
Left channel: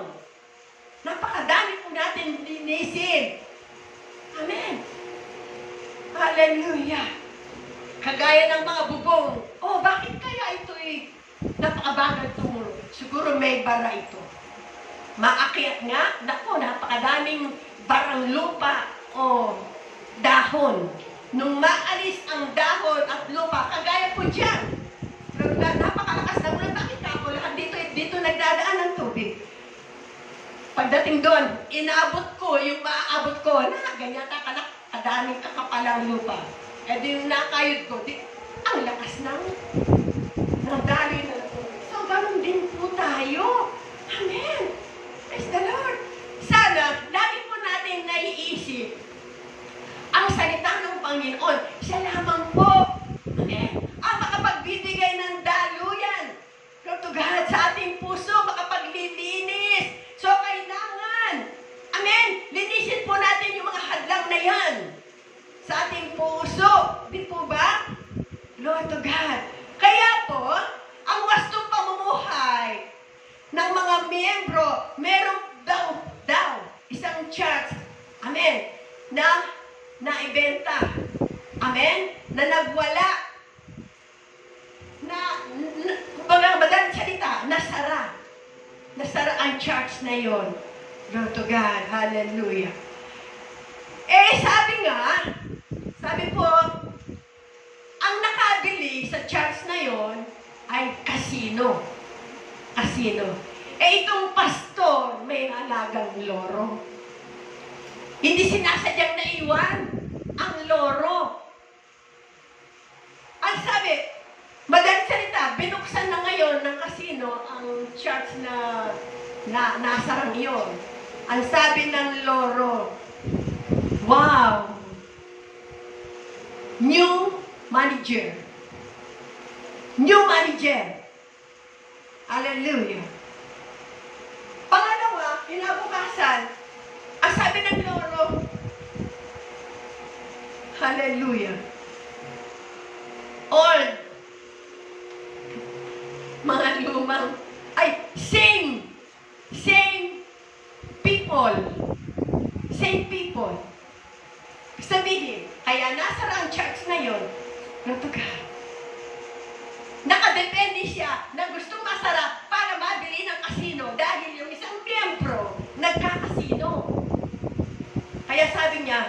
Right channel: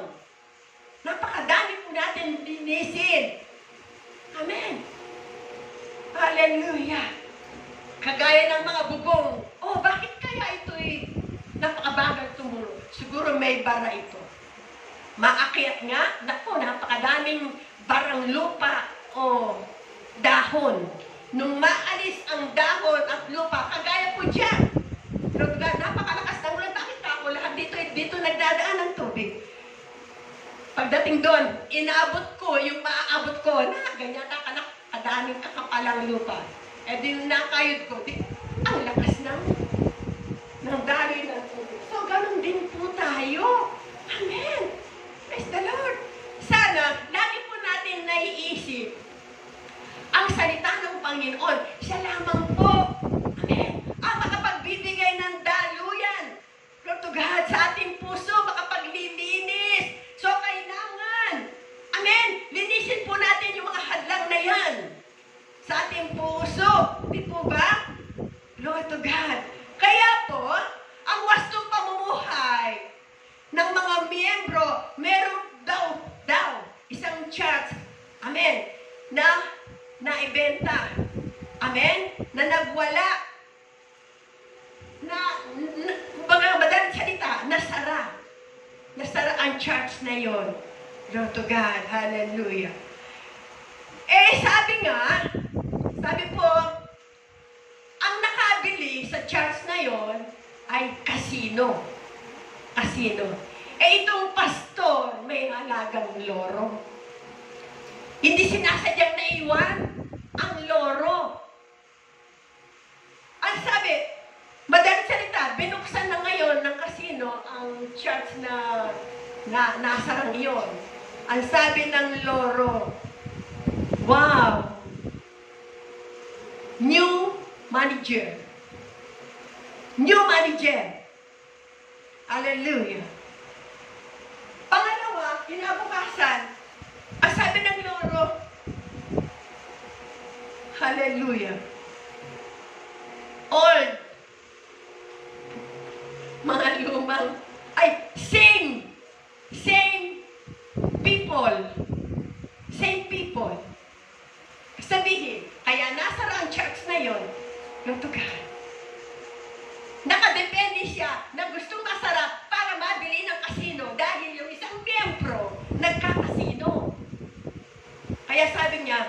Napakadami po natin linisin. Amen? Hallelujah! Kagaya ng mga bubong. Oh, bakit kaya ito'y napakabagal tumulong? Siguro may bara ito. Maakyat nga, naku, napakadaming barang lupa o dahon. Nung maalis ang dahon at lupa, kagaya po dyan. Napakalakas na ulan. Bakit ako lahat dito nagdadaan ng tubig? Pagdating doon, inaabot ko yung maaabot ko. Ganyan kadaming kakapalang lupa. Eh din nakayod ko, ang lakas ng daloy ng tubig. So, ganun din po tayo. Amen. Praise the Lord. Sana, lagi po natin naiisip ang salita ng Panginoon. Siya lamang po. Amen. Ang makapagbibigay ng daluyan. Lord to God, sa ating puso, makapaglilinis. So, kailangan. Amen. Linisin po natin yung mga hadlang na yan. Sa ating puso. Di po ba? Lord to God. Kaya po, ang wastong pamumuhay ng mga miyembro, meron daw, isang church, amen, na ibenta. Amen. Amen? Na nagwala. Kumbaga, madaling salita, nasara. Nasara ang church na yon. Glory to God. Hallelujah. Sabi po, ang nakabili sa church na yon ay casino. Casino. Itong pastor, may alagang loro. Hindi sinasadyang naiwan ang loro. Ang sabi, madaling salita, binuksan na ngayon ng casino ang church na nasarang yun. Ang sabi ng loro, wow! New manager. New manager. Hallelujah. Pangalawa, kinabukasan, ang sabi ng loro, hallelujah. Old, mga lumang, same people. Sabihin, kaya nasara ang church na yon, Lord God. Nakadepende siya na gustong masara para mabili ng kasino dahil yung isang miyembro nagkakasino. Kaya sabi niya,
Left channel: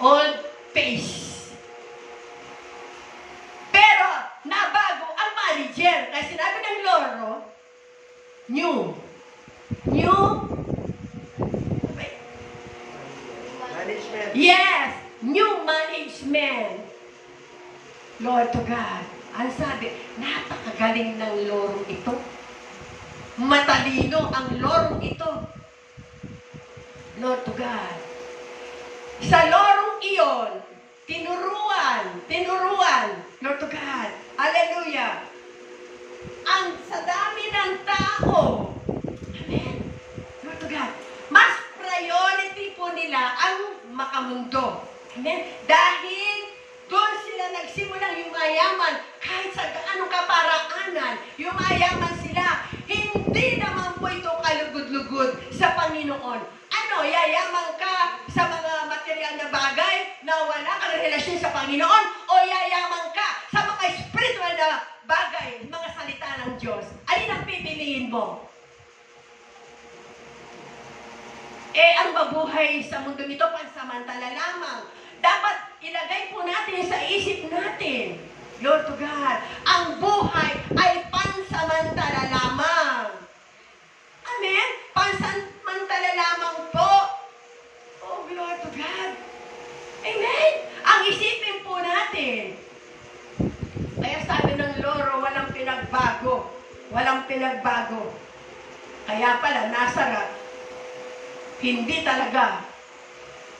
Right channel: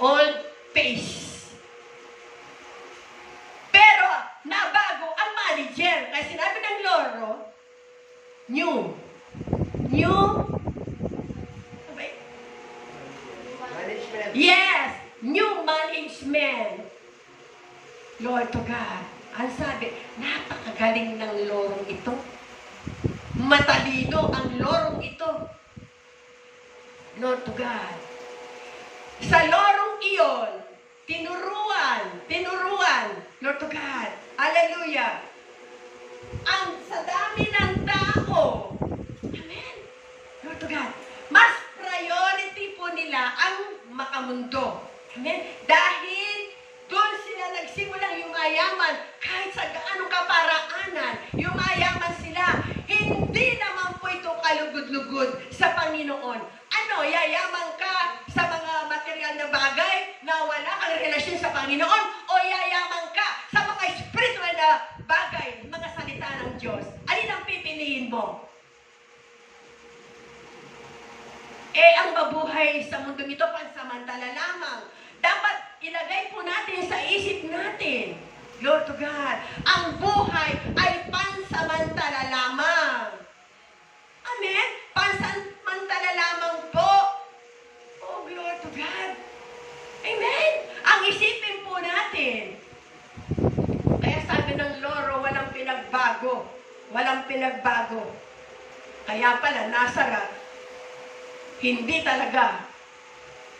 old pace. Pero, nabago ang manager. Kaya sinabi ng loro, new. Management. Yes, new management. Lord to God. Ang sabi, napakagaling ng lorong ito. Matalino ang lorong ito. Lord to God. Sa lorong iyon, tinuruan, Lord to God. Hallelujah. Ang sa dami ng tao, amen, Lord to God, mas priority po nila ang makamundo. Amen? Dahil doon sila nagsimulang yumayaman kahit sa gaano kaparaanan, yumayaman sila. Hindi naman po ito kalugod-lugod sa Panginoon. Ano, yayaman ka sa mga material na bagay na wala kang relasyon sa Panginoon o yayaman ka sa mga spiritual na bagay, mga salita ng Diyos? Alin ang pipiliin mo? Ang mabuhay sa mundo nito, pansamantala lamang. Dapat ilagay po natin sa isip natin, Lord to God, ang buhay ay pansamantala lamang. Amen? Pansamantala lamang po. Oh, glory to God. Amen? Ang isipin po natin. Kaya sabi ng loro, walang pinagbago. Walang pinagbago. Kaya pala, nasara, hindi talaga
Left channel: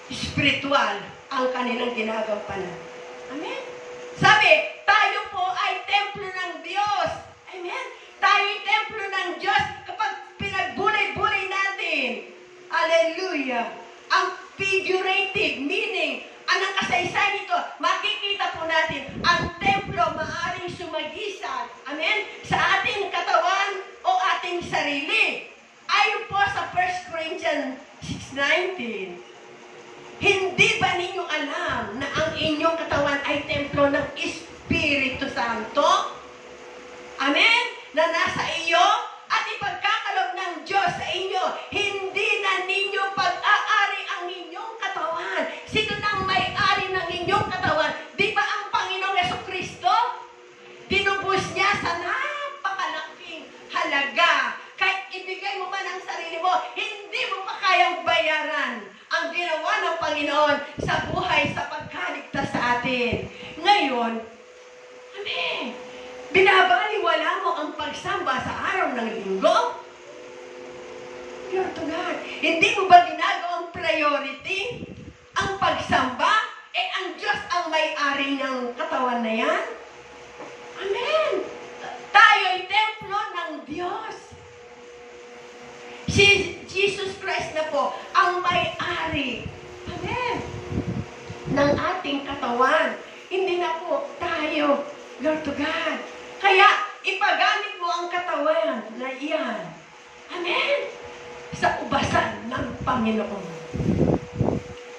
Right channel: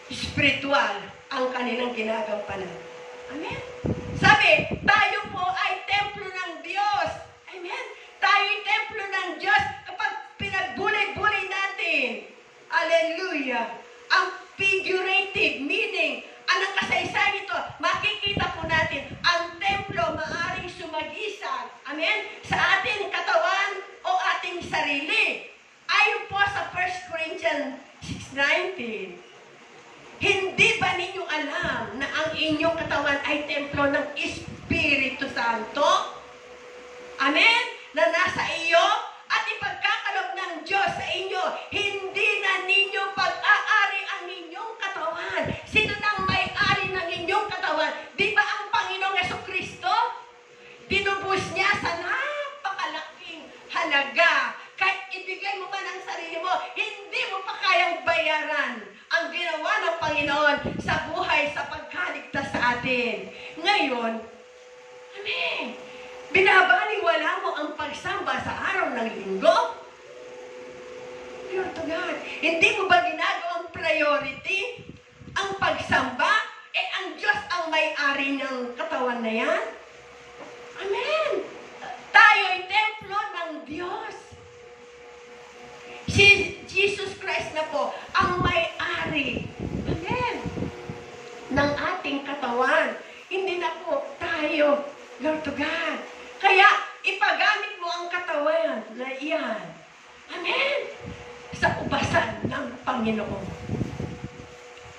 spiritual ang kanilang ginagampanan. Amen? Sabi, tayo po ay templo ng Diyos. Amen? Tayo ay templo ng Diyos kapag pinagbulay-bulay natin. Hallelujah. Ang figurative meaning, anong kasaysayan nito, makikita po natin, ang templo maaring sumagisan. Amen? Sa ating katawan o ating sarili. Ayon po sa 1 Corinthians 6:19, hindi ba ninyo alam na ang inyong katawan ay templo ng Espiritu Santo? Amen? Na nasa iyo at ipagkakalob ng Diyos sa inyo. Hindi na ninyo pag-aari ang inyong katawan. Sino nang may-ari ng inyong katawan? Di ba ang Panginoong Jesucristo? Tinubos niya sa napakalaking halaga. Kahit ibigay mo man ang sarili mo, hindi mo pa kayang bayaran ang ginawa ng Panginoon sa buhay, sa pagkaligtas sa atin. Ngayon, amen, binabaliwala mo ang pagsamba sa araw ng linggo? Lord to God, hindi mo ba ginagawang priority ang pagsamba? Ang Diyos ang may-ari ng katawan na yan? Amen! Tayo ay templo ng Diyos. Si Jesus Christ na po ang may-ari, amen, ng ating katawan. Hindi na po tayo, Lord to God. Kaya, ipagamit mo ang katawan na iyan, amen, sa ubasan ng Panginoon.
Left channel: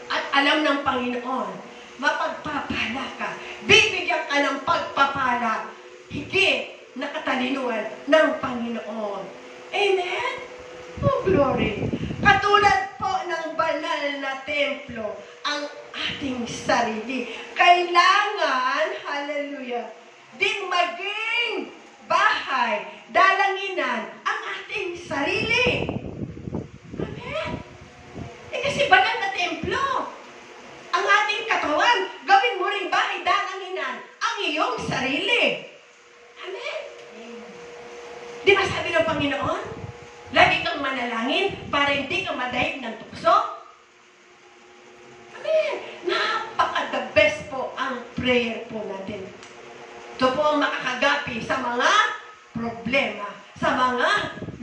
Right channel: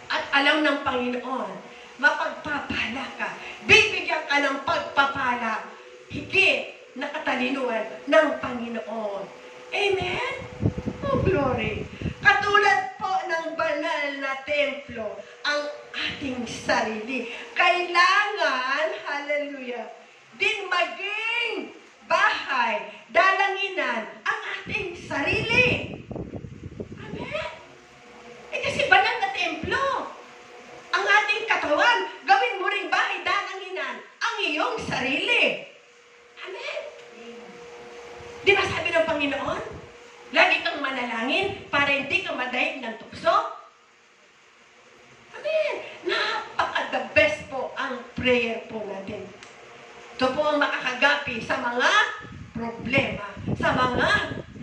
At alam ng Panginoon mapagpapala ka. Bibigyan ka ng pagpapala. Higit na katalinuhan ng Panginoon. Amen? Oh, glory. Katulad po ng banal na templo, ang ating sarili. Kailangan, hallelujah, din maging bahay, dalanginan, ang ating sarili. Amen? Kasi banal na templo. Ang ating katawan, gawin mo ring bahay, dalanginan, ang iyong sarili. Amen? Di ba sabi ng Panginoon? Lagi kang manalangin para hindi ka madahig ng tukso. Amen. Napaka-the best po ang prayer po natin. Ito po ang makakagapi sa mga problema, sa mga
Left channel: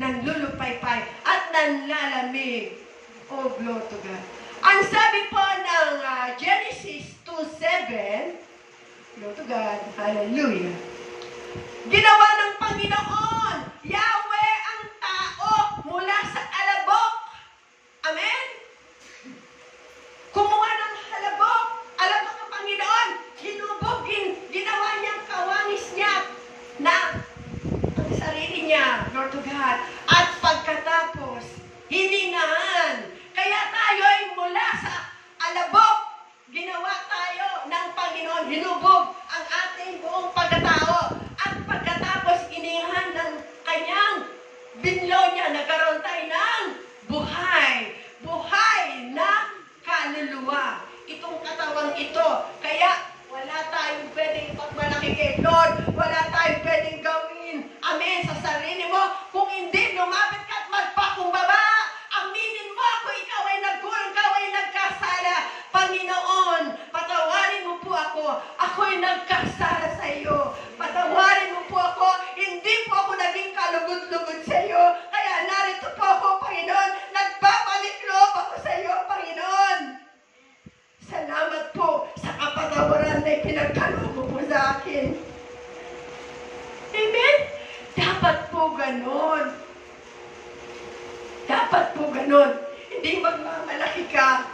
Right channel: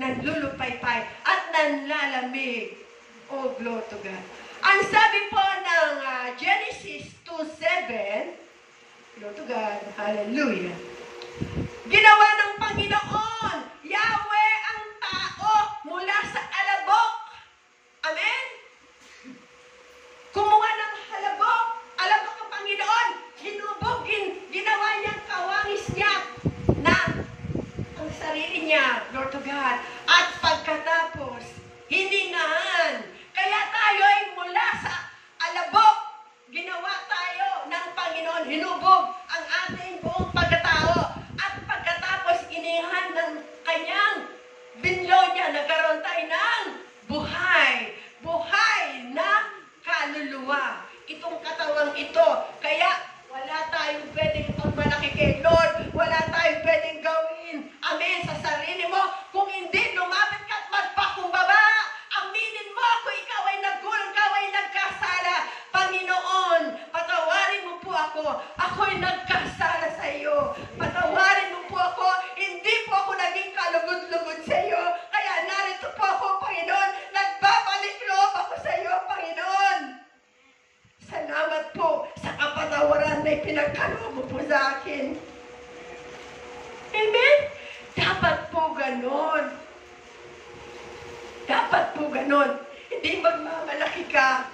nanlulupaypay at nanlalamig. Oh, glory to God. Ang sabi po ng Genesis 2:7, glory to God, hallelujah. Ginawa ng Panginoon, Yahweh ang tao mula sa alabok. Amen? Kumuha ng alabok ng Panginoon, hinubog, ginawa niyang kawangis niya na ang sarili niya, Lord to God. At pagkatapos, hiningahan. Kaya tayo ay mula sa alabok, ginawa tayo ng Panginoon, hinubog ang ating buong pagkatao. At pagkatapos inihan ng kanyang binlo niya, nagkaroon tayo ng buhay. Buhay na kaluluwa. Itong katawang ito. Kaya wala tayong pwedeng pagmalaki kay Lord. Wala tayong pwedeng gawin. Amen. Sa sarili mo. Kung hindi, lumapit ka at magpakumbaba. Aminin mo kung ikaw ay nagkulang, ikaw ay nagkasala. Panginoon, patawarin mo po ako. Ako'y nagkasala sa iyo. Patawarin mo po ako. Hindi po ako naging kalugod-lugod sa iyo. Kaya narito po ako, Panginoon. Nagbabalik loob ako sa iyo, Panginoon. Salamat po sa kapatawaran na ipinagkaloob mo po sa akin. Amen? Dapat po ganon. Dapat po ganon. Hindi magmamalaki ka.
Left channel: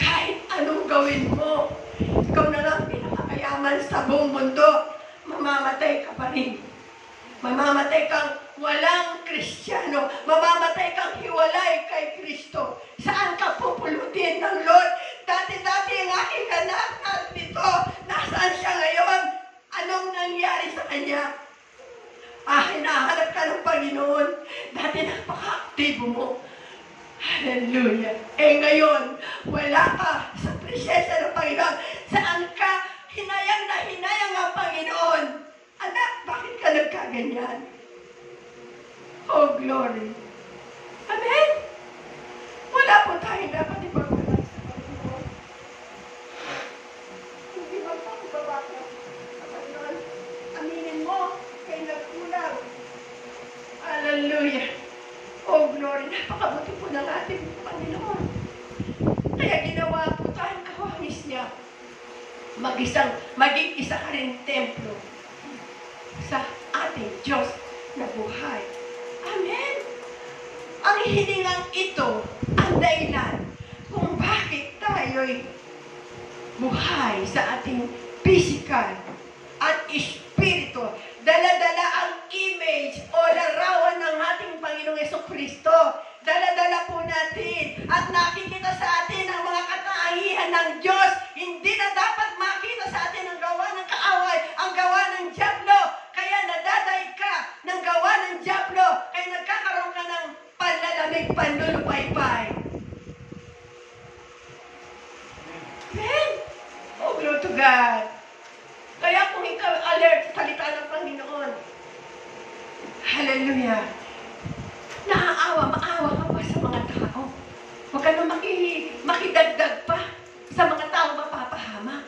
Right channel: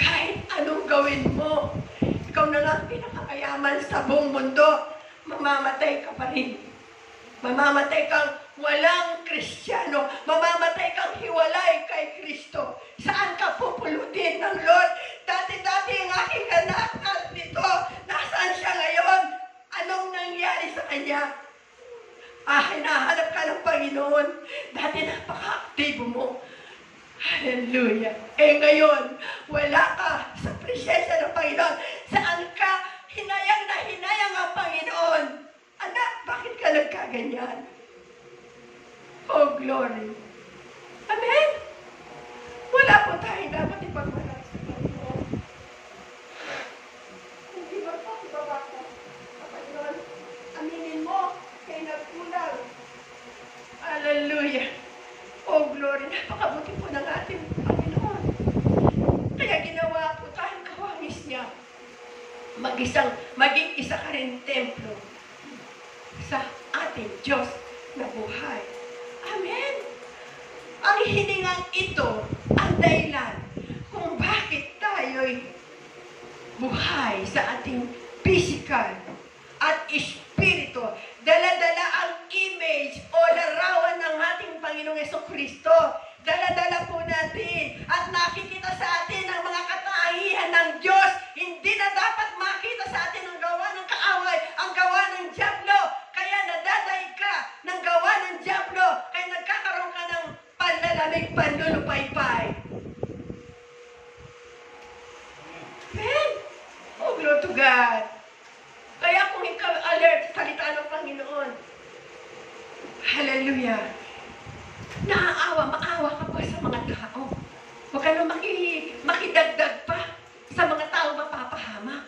Kahit anong gawin mo, ikaw na lang pinakamayaman sa buong mundo, mamamatay ka pa rin. Mamamatay kang walang Kristiyano. Mamamatay kang hiwalay kay Kristo. Saan ka pupulutin ng Lord? Dati-dati ang aking anak at ito, nasaan siya ngayon? Anong nangyari sa kanya? Hinahanap ka ng Panginoon. Dati napaka-aktibo mo. Hallelujah. Ngayon, wala ka sa presensya ng Panginoon. Saan ka? Hinayang na hinayang ang Panginoon. Anak, bakit ka nagkaganyan? Oh, glory. Amen? Wala po tayong dapat ipagwala sa Panginoon. Hindi magpapababa ka sa Panginoon. Aminin mo, kay nagkulang. Hallelujah. Oh, glory. Napakabuti po ng ating Panginoon. Kaya ginawa po tayong kawangis niya. Maging isa ka rin templo sa ating Diyos na buhay. Amen. Ang hiningang ito, ang dahilan kung bakit tayo'y buhay sa ating physical at espiritu. Dala-dala ang image o larawan ng ating Panginoong Jesucristo. Dala-dala po natin at nakikita sa atin ang mga katangian ng Diyos. Hindi na dapat makita sa atin ang gawa ng kaaway, ang gawa ng dyablo. Kaya nadadaig ka ng gawa ng dyablo. Kaya nagkakaroon ka ng panlalamig, panlulupaypay. Amen? Oh, glory to God. Kaya kung ikaw alert sa salita ng Panginoon, hallelujah, maawa ka pa sa mga tao. Huwag ka na makidagdag pa sa mga tao mapapahamak.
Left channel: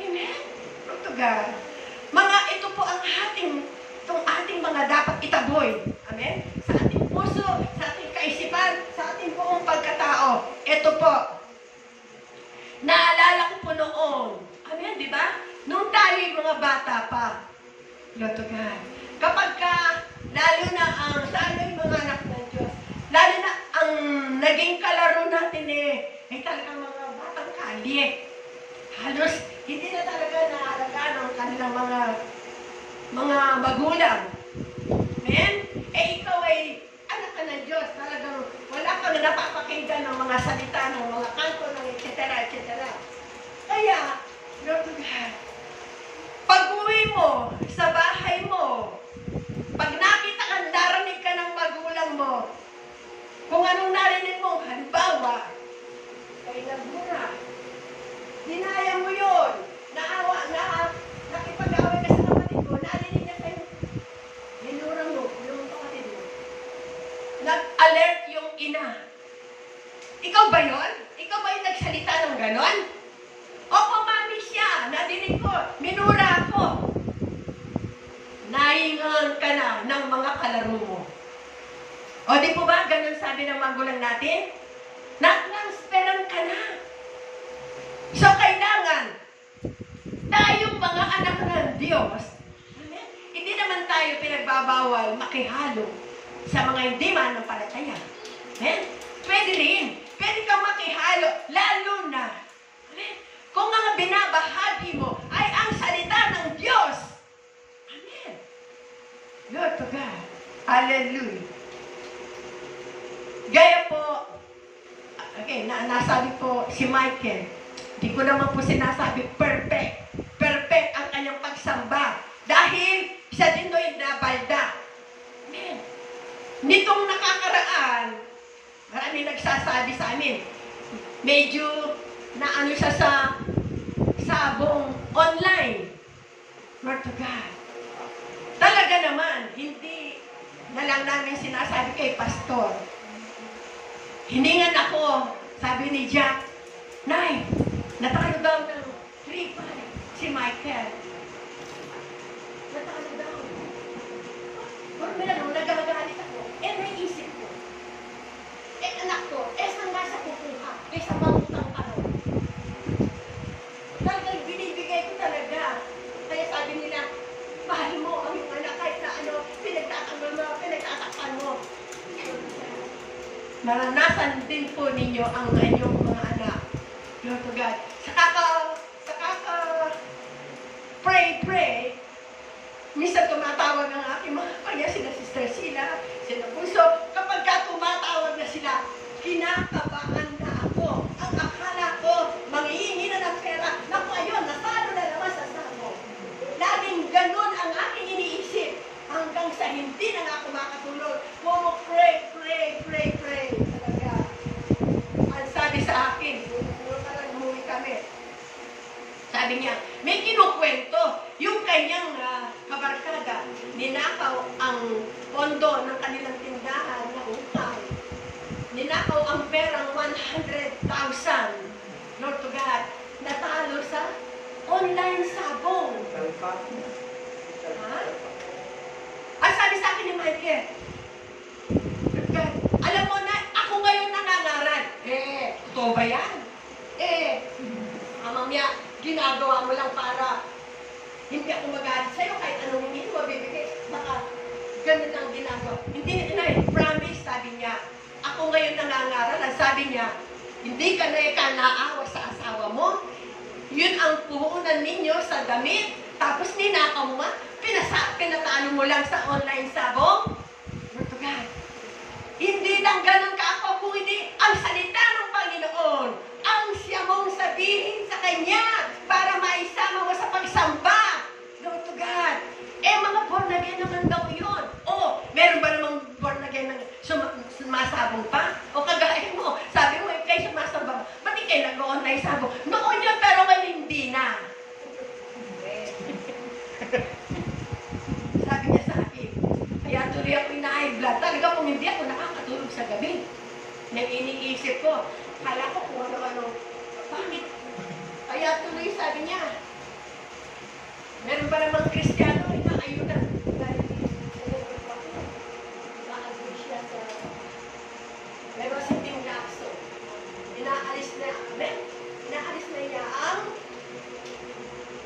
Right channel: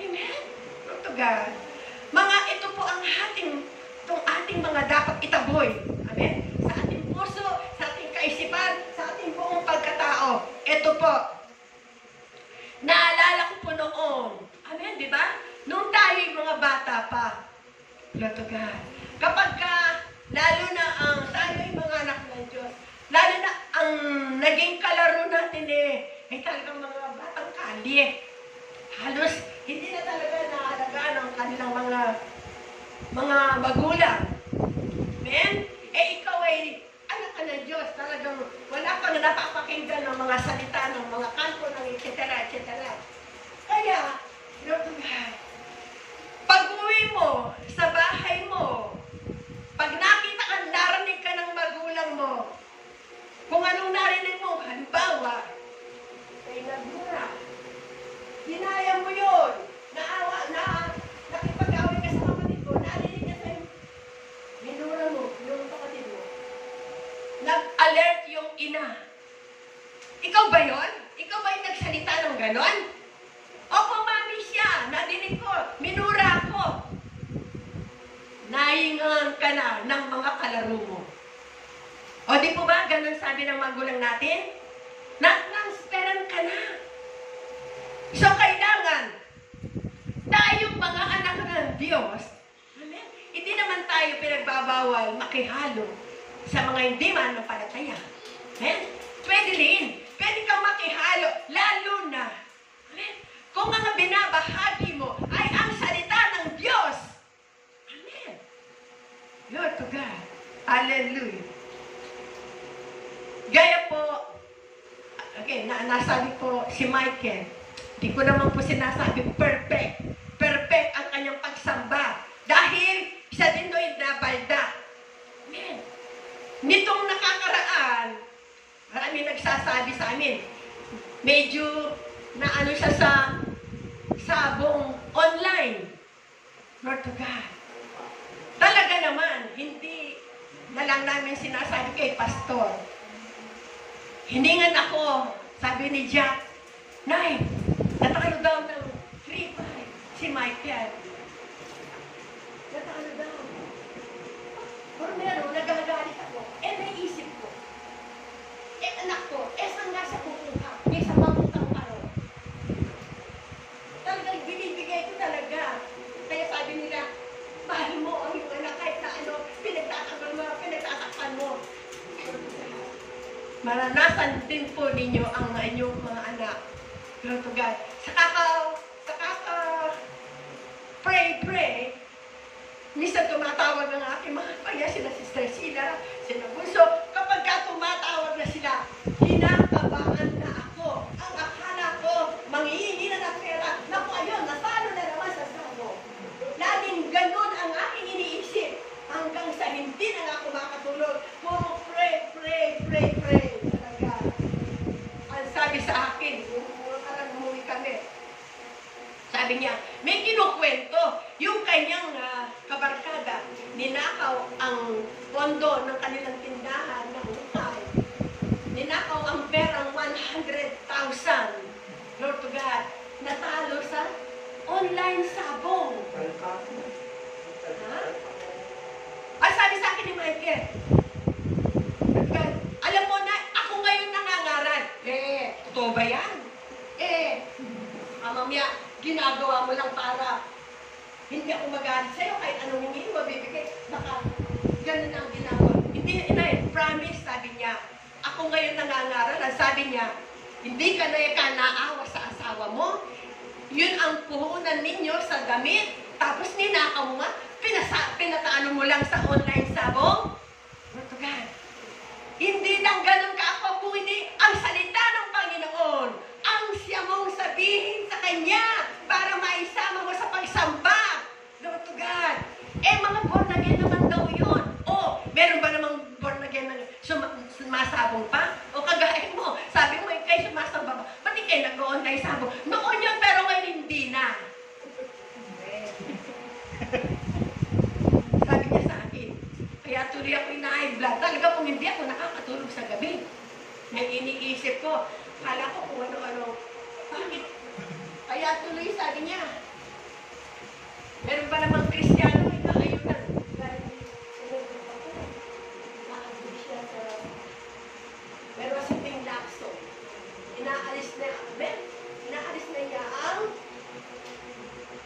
Amen? Glory to God. Ito po ang ating mga dapat itaboy. Amen? Sa ating puso, sa ating kaisipan, sa ating buong pagkatao. Ito po. Naalala ko po noon. Amen, di ba? Nung tayo'y mga bata pa. Glory to God. Kapag lalo na tayo'y mga anak ng Diyos, lalo na ang naging kalaro natin ay talagang mga batang maliit. Halos hindi na talaga naalagaan ang kanilang mga magulang. Amen? Ikaw ay anak ka ng Diyos. Talagang wala kang napapakinggan ng mga salita, ng mga kanto, ng etc. etc. Kaya, Lord God, pag-uwi mo sa bahay mo, pag nakita ka, narinig ka ng magulang mo, kung anong narinig mo, halimbawa, ay nagmura. Hinaya mo yun. Nakipag-away ka sa kapatid mo, narinig niya sa'yo. Hinura mo, yung kapatid mo. Nag-alert yung ina. Ikaw ba yun? Ikaw ba yung nagsalita ng ganon? Opo, mami siya. Nadinig ko. Minura ako. Nahingan ka na ng mga kalaro mo. O di po ba, ganon sabi ng magulang natin? Nang-speran ka na. So, kailangan, tayong mga anak ng Diyos, amen? Hindi naman tayo pinagbabawal makihalo sa mga hindi manampalataya. Amen? Pwede rin. Pwede kang makihalo, lalo na. Amen? Kung ang binabahagi mo ay ang salita ng Diyos. Amen. Lord to God. Hallelujah. Gaya po, okay, nasabi po si Michael, di ko naman po sinasabi perfect. Perfect ang kanyang pagsamba. Dahil siya din do'y nabalda. Amen. Nitong nakakaraan, marami nagsasabi sa amin, medyo naano siya sa sabong online. Lord to God. Talaga naman, hindi na lang namin sinasabi kay pastor. Hiningan ako, sabi ni Jack, Nay, natalo daw ng 3-5 si Michael. Natalo daw. Pero meron, nagagalit ako. May isip ko. Anak ko, saan nga sa kukuha? Sa mangutang ano? Talagang binibigay ko talaga. Kaya sabi nila, mahal mo ang iyong anak kahit na ano, pinagtatakpan mo. Maranasan din po ninyo ang inyong mga anak. Lord to God. Pray. Minsan tumatawag ng aking mga kaya sila Sister Sila, sila Bunso. Kapag tumatawag na sila, kinakabahan na ako. Ang akala ko, manghihingi na ng pera. Naku, ayun, nasalo na naman sa sabo. Laging ganun ang aking iniisip. Hanggang sa hindi na nga ako makatulog. Puro pray. Talaga. Ang sabi sa akin, umuwi kami. Sabi niya, may kinukwento. Yung kanyang kabarkada, ninakaw ang pondo ng kanilang tindahan na utay. Ninakaw ang perang 100,000. Lord to God, natalo sa online sabong. Ha? Ay, sabi sa akin ni Michael, alam mo na, ako ngayon nangangaral. Totoo ba yan? Mamaya, ginagawa mo lang para hindi ako magalit sa'yo kahit anong hindi mo mabibigay. Baka ganun ang ginagawa. Hindi, promise, sabi niya. Ako ngayon nangangaral. Sabi niya, hindi ka na naawa sa asawa mo. Yun ang puhunan ninyo sa damit. Tapos ninakaw mo nga. Pinatalo mo lang sa online sabong. Lord to God. Hindi lang ganun ka ako kung hindi ang salita ng Panginoon. Ang siya mong sabihin sa Kanya para maisama mo sa pagsamba. Lord to God. Mga born again naman daw yun. Meron ba namang born again na sumasabong pa? O kagaya mo, sabi mo, kayo sumasamba ba? Ba't di kayo nag-online sabong? Noon yun, pero ngayon hindi na. Sabi niya sa akin, kaya tuloy ako high blood. Talaga kung hindi ako nakakatulog sa gabi. Nang iniisip ko, kala ko kung ano-ano. Bakit? Kaya tuloy sabi niya, meron ba namang Kristiyano na ayunan? Dahil maagod siya sa meron si Ting Lacson. Inaalis na niya ang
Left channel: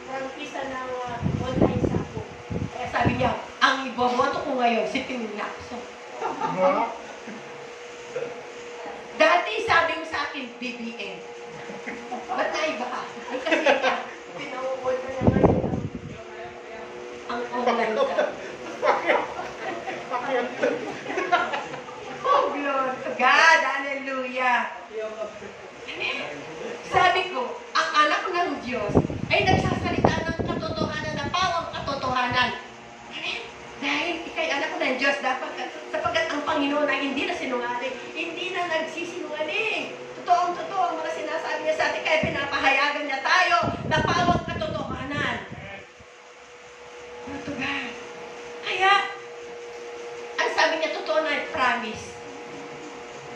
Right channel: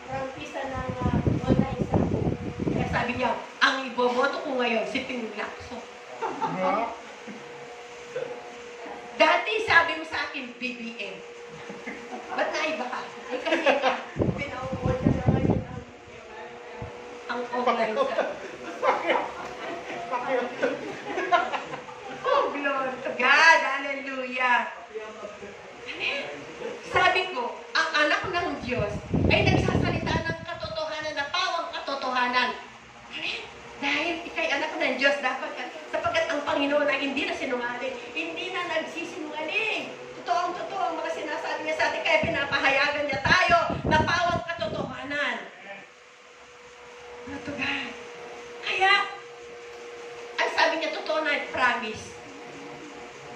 prangkisa ng online sako. Kaya sabi niya, ang iboboto ko ngayon si Ting Lacson. Dati sabi mo sa akin, BBM. Ba't iba ka. Ay kasi ka, pinauwal na lang ngayon ang online ka. Oh, glory to God. Hallelujah. Sabi ko, ang anak ng Diyos ay nagsasalita ng katotohanan na pawang katotohanan. Dahil ikay anak ng Diyos, dapat sapagkat ang Panginoon ay hindi na sinungaling, hindi na nagsisinungaling. Totoo ang mga sinasabi niya sa atin, kaya pinapahayagan niya tayo na pawang katotohanan. Ano ba? Kaya, ang sabi niya, totoo na, promise.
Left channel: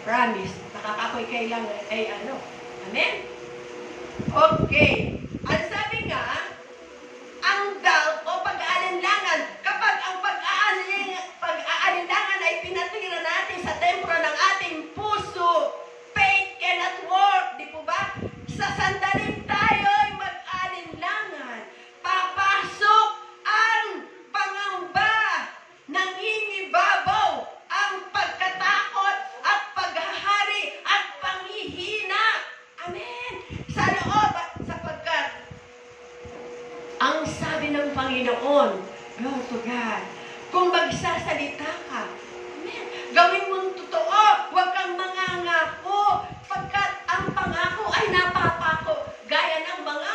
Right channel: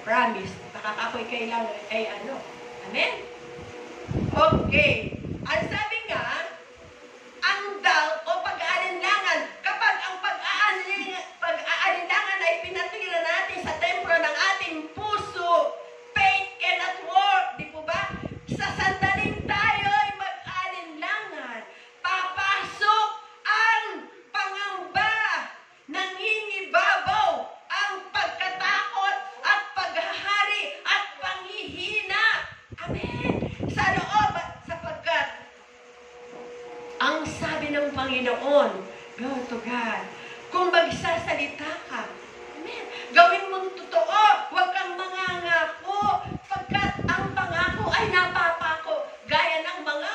Promise. Nakakakoy kailang ay ano. Amen? Okay. Ang sabi nga, ang doubt o pag-aalinlangan, kapag ang pag-aalinlangan ay pinatira natin sa templo ng ating puso, faith cannot work. Di po ba? Sa sandaling tayo ay mag-aalinlangan, papasok ang pangamba, nangingibabaw, ang pagkatakot at paghahari at panghihina. Amen. Sa loob at sapagkat ang sabi ng Panginoon, glory to God, kung magsasalita ka, amen, gawin mong totoo, huwag kang mangangako, pagkat ang pangako ay napapako, gaya ng mga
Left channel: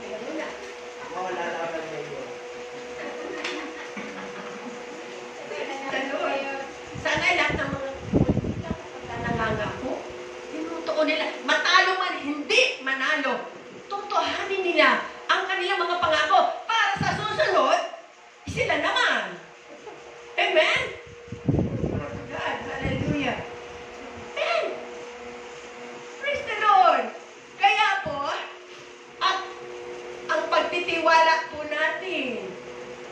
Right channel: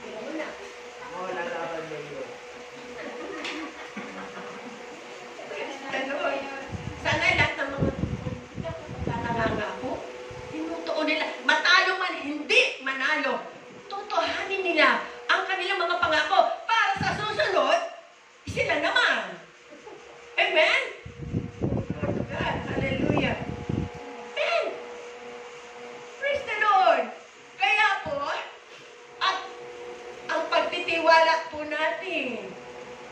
meron na. Wala laban na yun. Sana lahat ng mga nangangako, tinutuon nila, matalo man, hindi manalo, tutuhanin nila ang kanilang mga pangako para sa susunod, sila naman. Amen? God, hallelujah. Amen. Praise the Lord. Kaya po, at ang pagtitiwala po natin,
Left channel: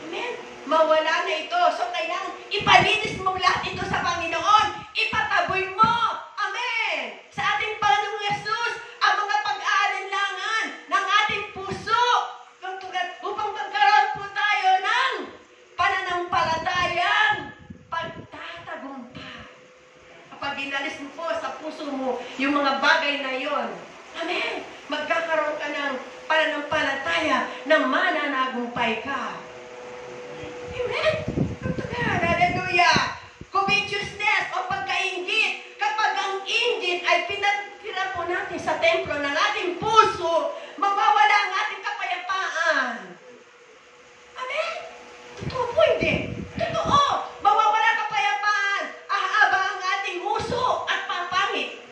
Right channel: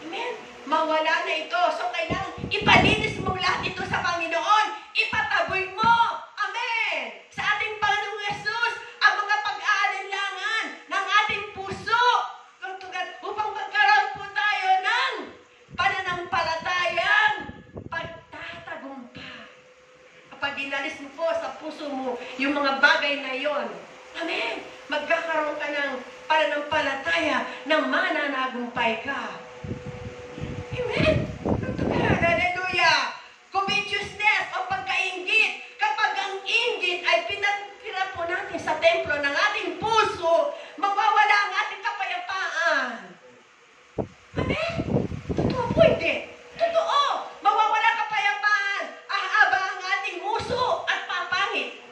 amen, mawala na ito. So, kailangan ipalinis mo lahat ito sa Panginoon. Ipataboy mo. Amen. Sa ating Panginoong Yesus, ang mga pag-aalinlangan ng ating puso. Upang magkaroon po tayo ng pananampalatayang pagtatagumpay. Kapag inalis mo po sa puso mo yung mga bagay na yon, amen, magkakaroon ka ng pananampalataya ng mananagumpay ka. Amen. Hallelujah. Covetousness o pagkainggit. Kapag ang inggit ay pinatira po natin sa templo ng ating puso, mawawala ang ating kapayapaan. Amen? Totoo po hindi. Totoo. Mawawala kapayapaan. Ahaba ang ating uso at papangit.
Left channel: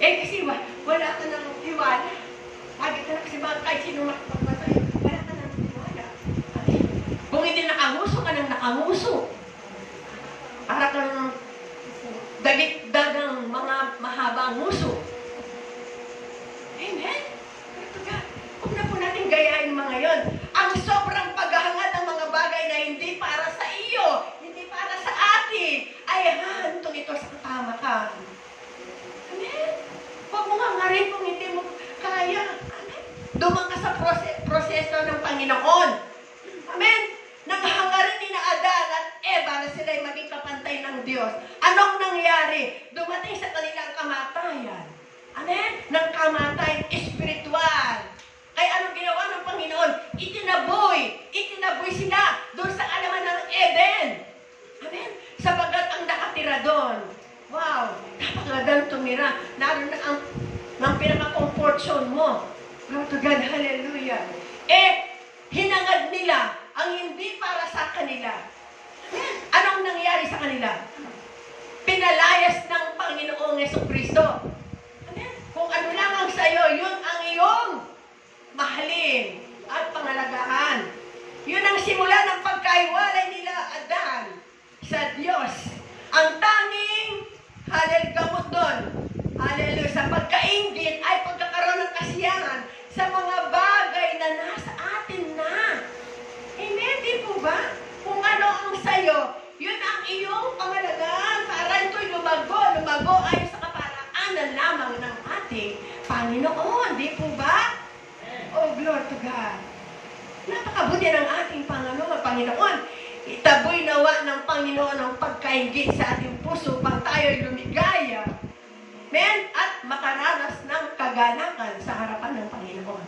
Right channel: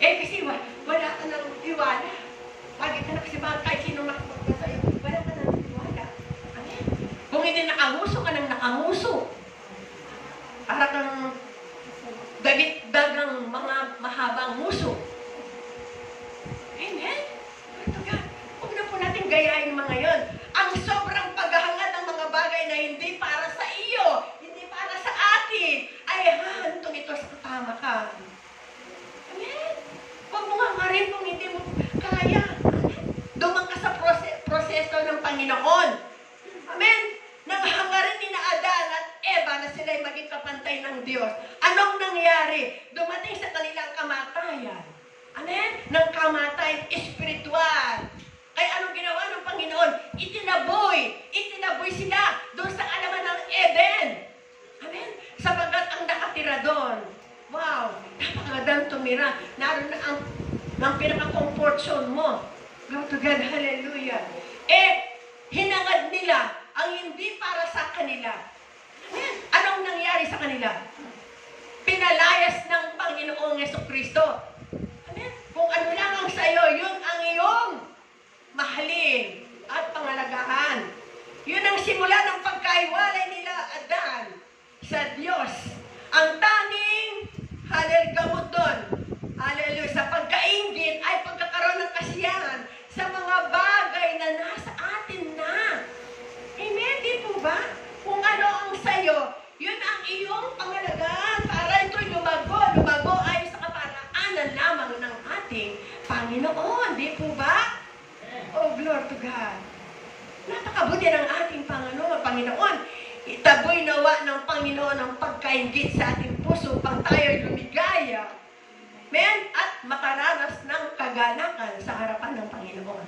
Kasi wala ka ng tiwala. Lagi ka na kasi kahit sino makapagpa sa'yo, wala ka ng tiwala. Amen? Kung hindi nakanguso ka ng nakanguso, para kang dagit-dagang mga mahabang nguso. Amen? Ito ka. Huwag na po natin gayahin mga yon. Ang sobrang paghahangad ng mga bagay na hindi para sa iyo, hindi para sa atin, ay hahantong ito sa katamakan. Amen? Huwag mo nga rin kung hindi mo kaya. Amen? Dumang ka sa proseso ng Panginoon. Amen? Nanghangarin ni na Adan at Eva na sila'y maging kapantay ng Diyos. Anong nangyari? Dumating sa kanilang kamatayan. Amen? Ng kamatayan espiritual. Kaya anong ginawa ng Panginoon? Itinaboy sila doon sa alaman ng Eden. Amen? Sapagat ang nakatira doon. Wow! Napakagandang tumira. Naroon na ang pinaka-comfort zone mo. Lord to God, hallelujah. Hinangad nila ang hindi para sa kanila. Amen? Anong nangyari sa kanila? Pinalayas ng Panginoong Jesucristo. Amen? Kung ano lang ang sa'yo, yun ang iyong mahalin at pangalagaan. Yun ang simula ng pagkaiwalay nila Adan sa Diyos. Ang tanging gamot doon, hallelujah, sa pagkainggit ay pagkakaroon ng kasiyahan sa mga bagay na nasa atin na. Amen, di po ba? Kung ano ang sayo, yun ang iyong pangalagaan para ito'y lumago ay sa kaparaanan lamang ng ating Panginoon. Di po ba? Oh, glory to God. Napakabuti ng ating Panginoon. Itaboy nawa ng Panginoon ang pagkaingit sa ating puso pang tayo'y lumigaya. Amen? At makaranas ng kagalakan sa harapan ng Panginoon.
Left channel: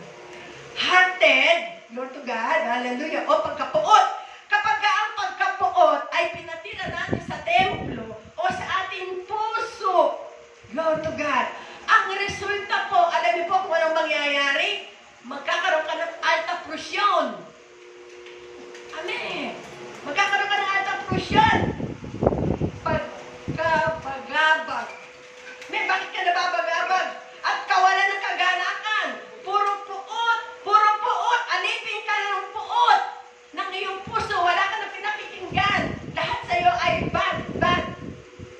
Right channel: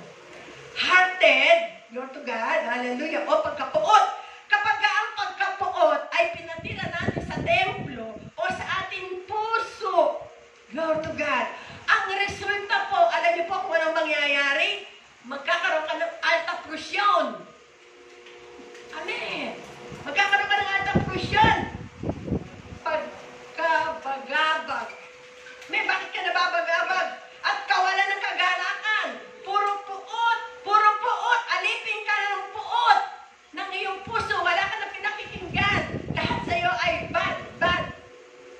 Hearted, Lord to God, hallelujah, o pagkapuot. Kapag ang pagkapuot ay pinatira natin sa templo o sa ating puso, Lord to God, ang resulta po, alam niyo po kung anong mangyayari? Magkakaroon ka ng alta prusyon. Amen. Magkakaroon ka ng alta prusyon. Pagkabagabag. May bakit ka nababagabag? At kawalan ng kagalakan. Puro puot, alipin ka ng puot ng iyong puso. Wala ka na pinakikinggan. Lahat sa'yo ay bad.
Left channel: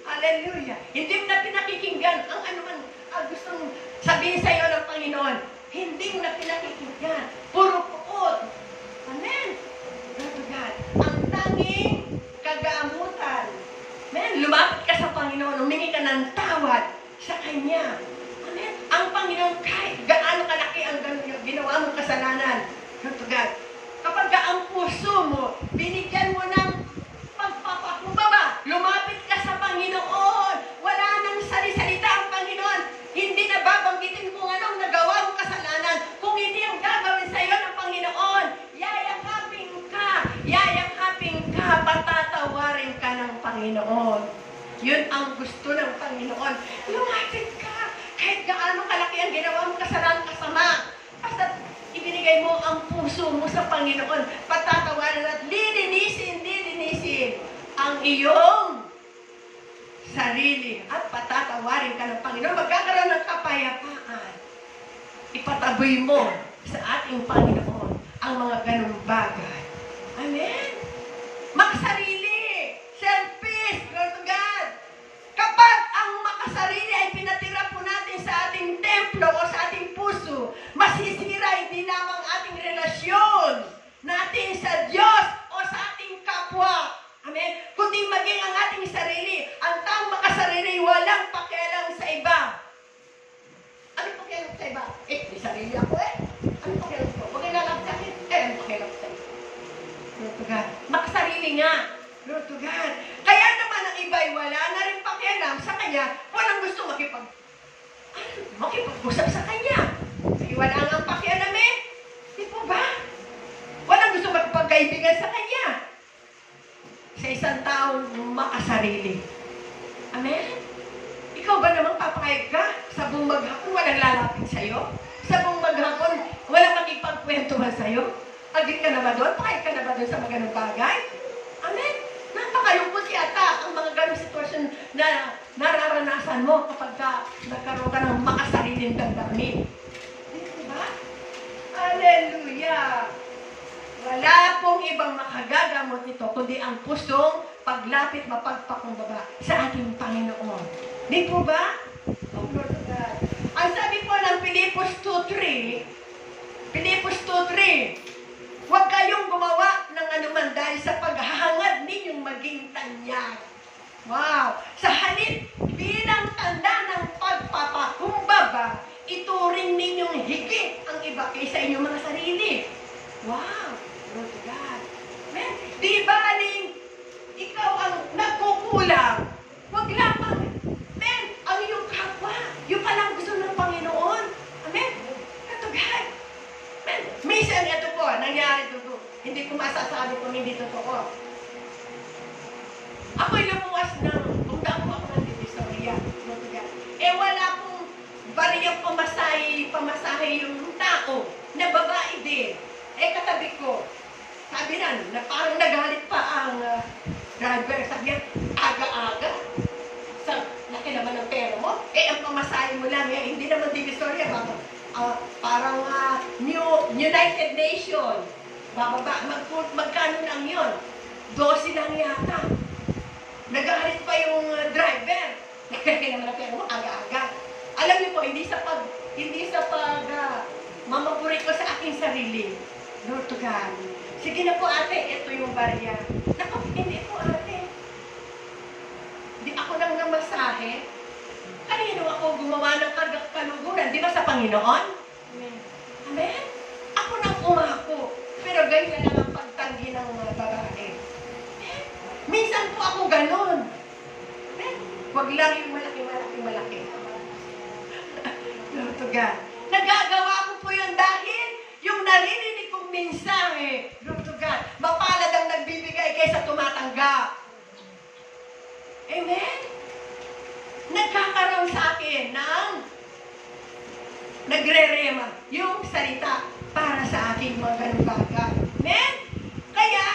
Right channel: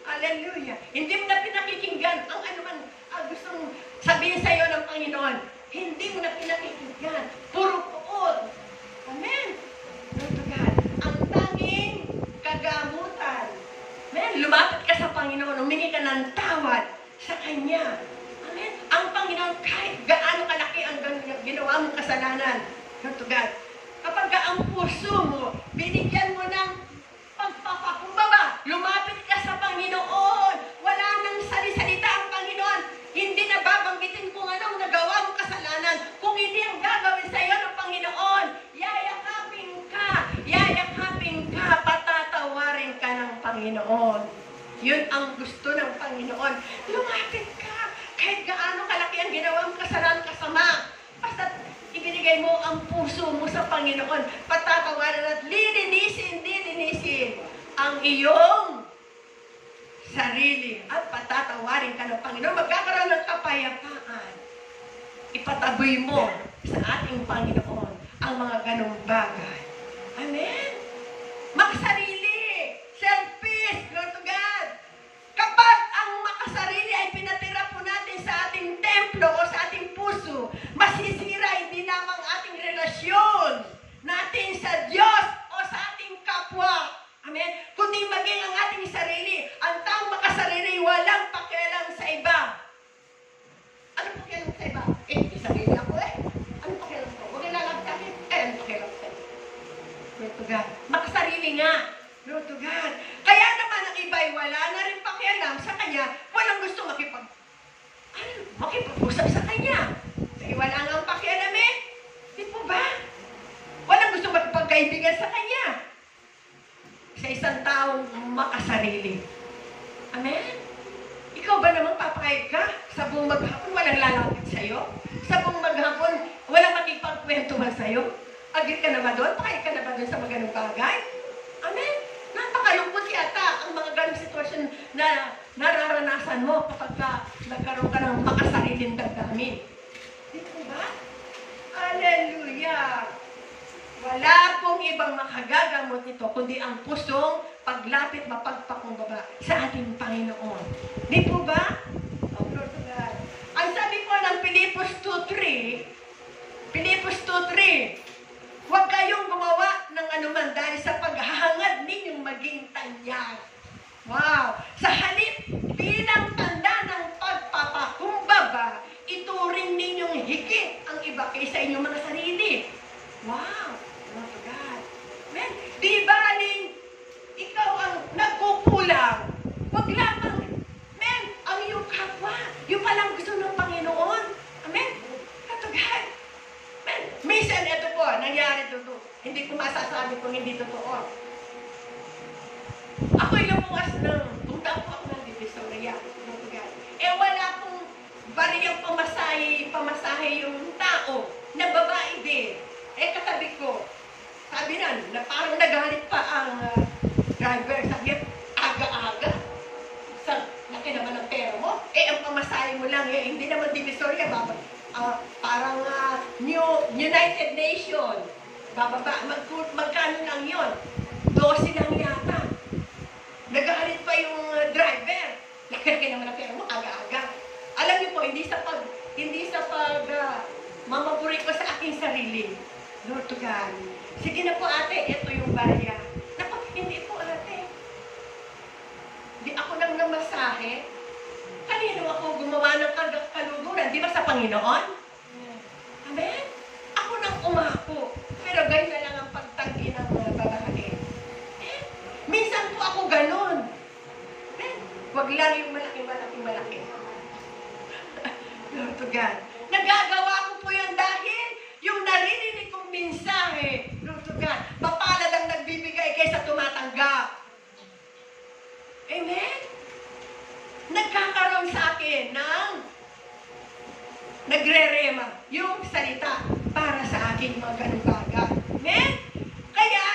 Hallelujah. Hindi mo na pinakikinggan ang anuman gustong sabihin sa'yo ng Panginoon. Hindi mo na pinakikinggan. Puro puot. Amen. Lord to God. Ang tanging kagamutan. Amen. Lumapit ka sa Panginoon. Humingi ka ng tawad sa Kanya. Amen. Ang Panginoon, kahit gaano kalaki ang ginawa mong kasalanan. Lord to God. Kapag ang puso mo, binigyan mo ng pagpapakumbaba, lumapit ka sa Panginoon. Wala nang salisalita ang Panginoon. Hindi na babanggitin kung anong nagawa mong kasalanan. Kung hindi ang gagawin sa iyo ng Panginoon, yayakapin ka, patatawarin ka ng Panginoon. Yun ang gusto ng Panginoon. Lumapit ka. Kahit gaano kalaki ang ginawa mong kasalanan kasama. Basta ibinigay mo ang puso mo sa Panginoon. Patatawarin at lilinisin ang iyong sarili. At patatawarin ka ng Panginoon. Magkakaroon ng kapayapaan. Ipataboy mo sa ating Panginoon ang mga ganong bagay. Amen? Makasarili. Selfish. Lord to God. Kapag ang makasarili ay pinatira po natin sa ating templo o sa ating puso, masisira hindi lamang ating relasyon natin sa Diyos o sa ating kapwa. Amen? Kundi maging ang ating sarili. Ang taong makasarili, walang pakialam sa iba. Ano pakialam sa iba? Di sarili ako Ano pakialam ko? Huwag ilalap sa akin. Ano pakialam sa iba? Lord to God. Makasarili nga. Lord to God. Kaya naman ang iba'y wala na rin pakialam sa Kanya. Walang gusto makipag-usap sa Kanya. Kasi wala nga pakialam Di po ba? Walang gusto magpagkaibigan sa Kanya. Sa isang taong makasarili. Amen? Ikaw ba namang papayag ka? Sa buong maghapon, walang lalapit sa'yo? Sa buong maghapon, walang makipagkwentuhan sa'yo? Agit ka na ba doon? Pakayag ka na ba doon sa mga ganong bagay? Amen? Napakalungkot yata ang mga ganong sitwasyon na nararanasan mo kapag nagkaroon ka ng makasariling damdamin. Di ba? Hallelujah! Wala pong ibang makagagamot nito, kundi ang pusong paglapit mapagpakumbaba sa ating Panginoon. Di po ba? Oh, Lord of God. Ang sabi po ng Pilipos 2:3, huwag kayong gumawa ng anuman dahil sa paghahangad ninyong maging tanyag. Wow! Sa halip bilang tanda ng pagpapakumbaba, ituring ninyong higit ang iba kaysa inyong mga sarili. Wow! Lord to God. Amen? Di ba, aling ikaw ang nagkukulang? Huwag lamang, amen, ang iyong kapwa. Yung palang gusto ng Panginoon. Amen? Lord to God. Amen? Minsan, ito po, nangyari ito. Hindi ko masasabi kung hindi totoo. Ako'y lumuwas punta ako ng Divisoria. Lord to God. Wala pong bariyang pamasahe yung tao na babae din. Katabi ko, sabi na parang nagalit pa ang driver. Sabi niya, aga-aga. Laki naman ng pera mo. Ang pamasahe mo lang, hindi naman Divisoria. Parang United Nations. Bababa, magkano lang yun? 12 lang yata. Nagalit pa yung driver. Laki naman ng pera mo, aga-aga. Alam niyo po, hindi sa mamaburi ko sa aking sarili. Lord to God. Sige na po ate, ito yung barya. Naku, hindi po ate. Hindi ako nang namasahe. Kanino ako gumawa ng kaluguran? Di ba sa Panginoon? Amen? Ako nang umako. Pero ganyan lang ang pagtanggi ng babae. Minsan po ako ganun. Huwag lang yung malaki. Lord to God. Nagagawa ko po yun dahil yung naririnig kong mensahe, Lord to God, mapalad ang nagbibigay kaysa tumatanggap. Amen? Nagkakaroon sa akin ng nagre-rema yung salita para sa aking mga ganung bagay. Amen? Kaya,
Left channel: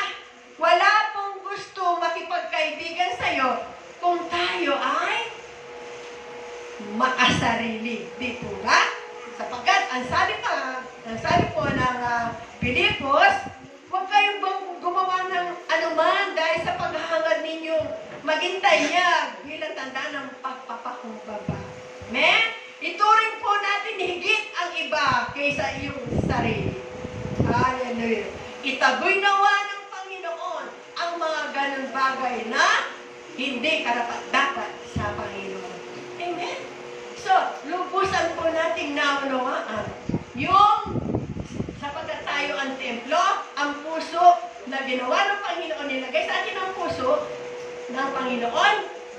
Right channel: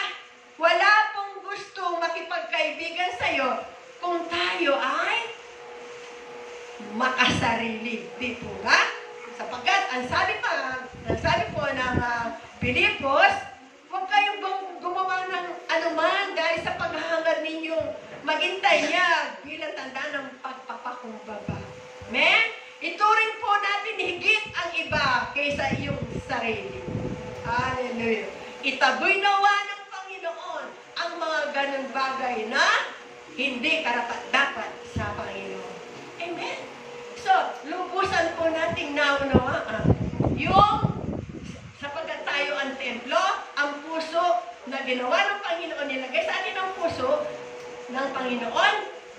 wala pong gusto makipagkaibigan sa'yo kung tayo ay makasarili. Di po ba? Sapagkat, ang sabi po ng Pilipos, huwag kayong gumawa ng anuman dahil sa paghahangad ninyong maging tanyag bilang tanda ng pagpapakumbaba. Amen? Ituring po natin higit ang iba kaysa iyong sarili. Hallelujah. Itaboy nawa ng Panginoon ang mga ganun bagay na hindi karapat-dapat sa Panginoon. Amen? So, lubusan po nating naunawaan yung sapagkat tayo ang templo, ang puso na ginawa ng Panginoon, nilagay sa atin ang puso ng Panginoon,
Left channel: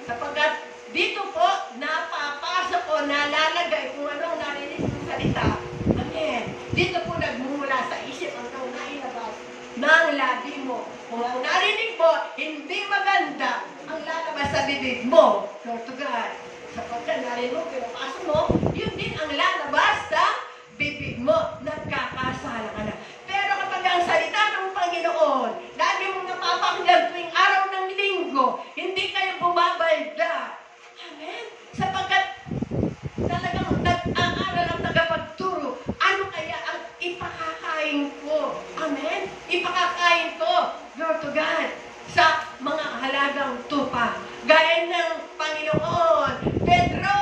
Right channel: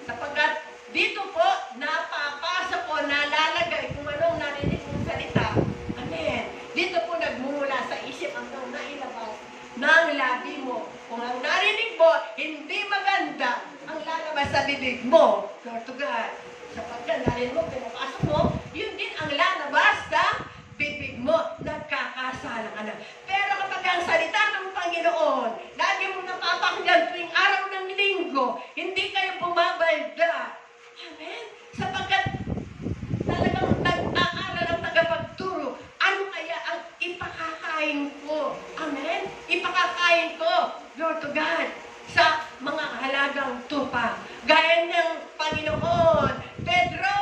sapagkat dito po, napapasok o nalalagay kung anong narinig ng salita. Amen. Dito po nagmumula sa isip hanggang nailabas ng labi mo. Kung ang narinig mo, hindi maganda, ang lalabas sa bibig mo. Lord to God. Sapagkat narinig mo, pinapasok mo, yun din ang lalabas sa bibig mo. Nagkakasala ka na. Pero kapag ang salita ng Panginoon, lagi mo napapakinggan tuwing araw ng linggo, hindi kayo bumabalda. Amen? Sapagkat talagang nag-aaral ang tagapagturo, ano kaya ang ipakakain ko? Amen? Ipakakain ko, Lord to God, sa mga halagang tupa. Gaya ng Panginoon, Pedro,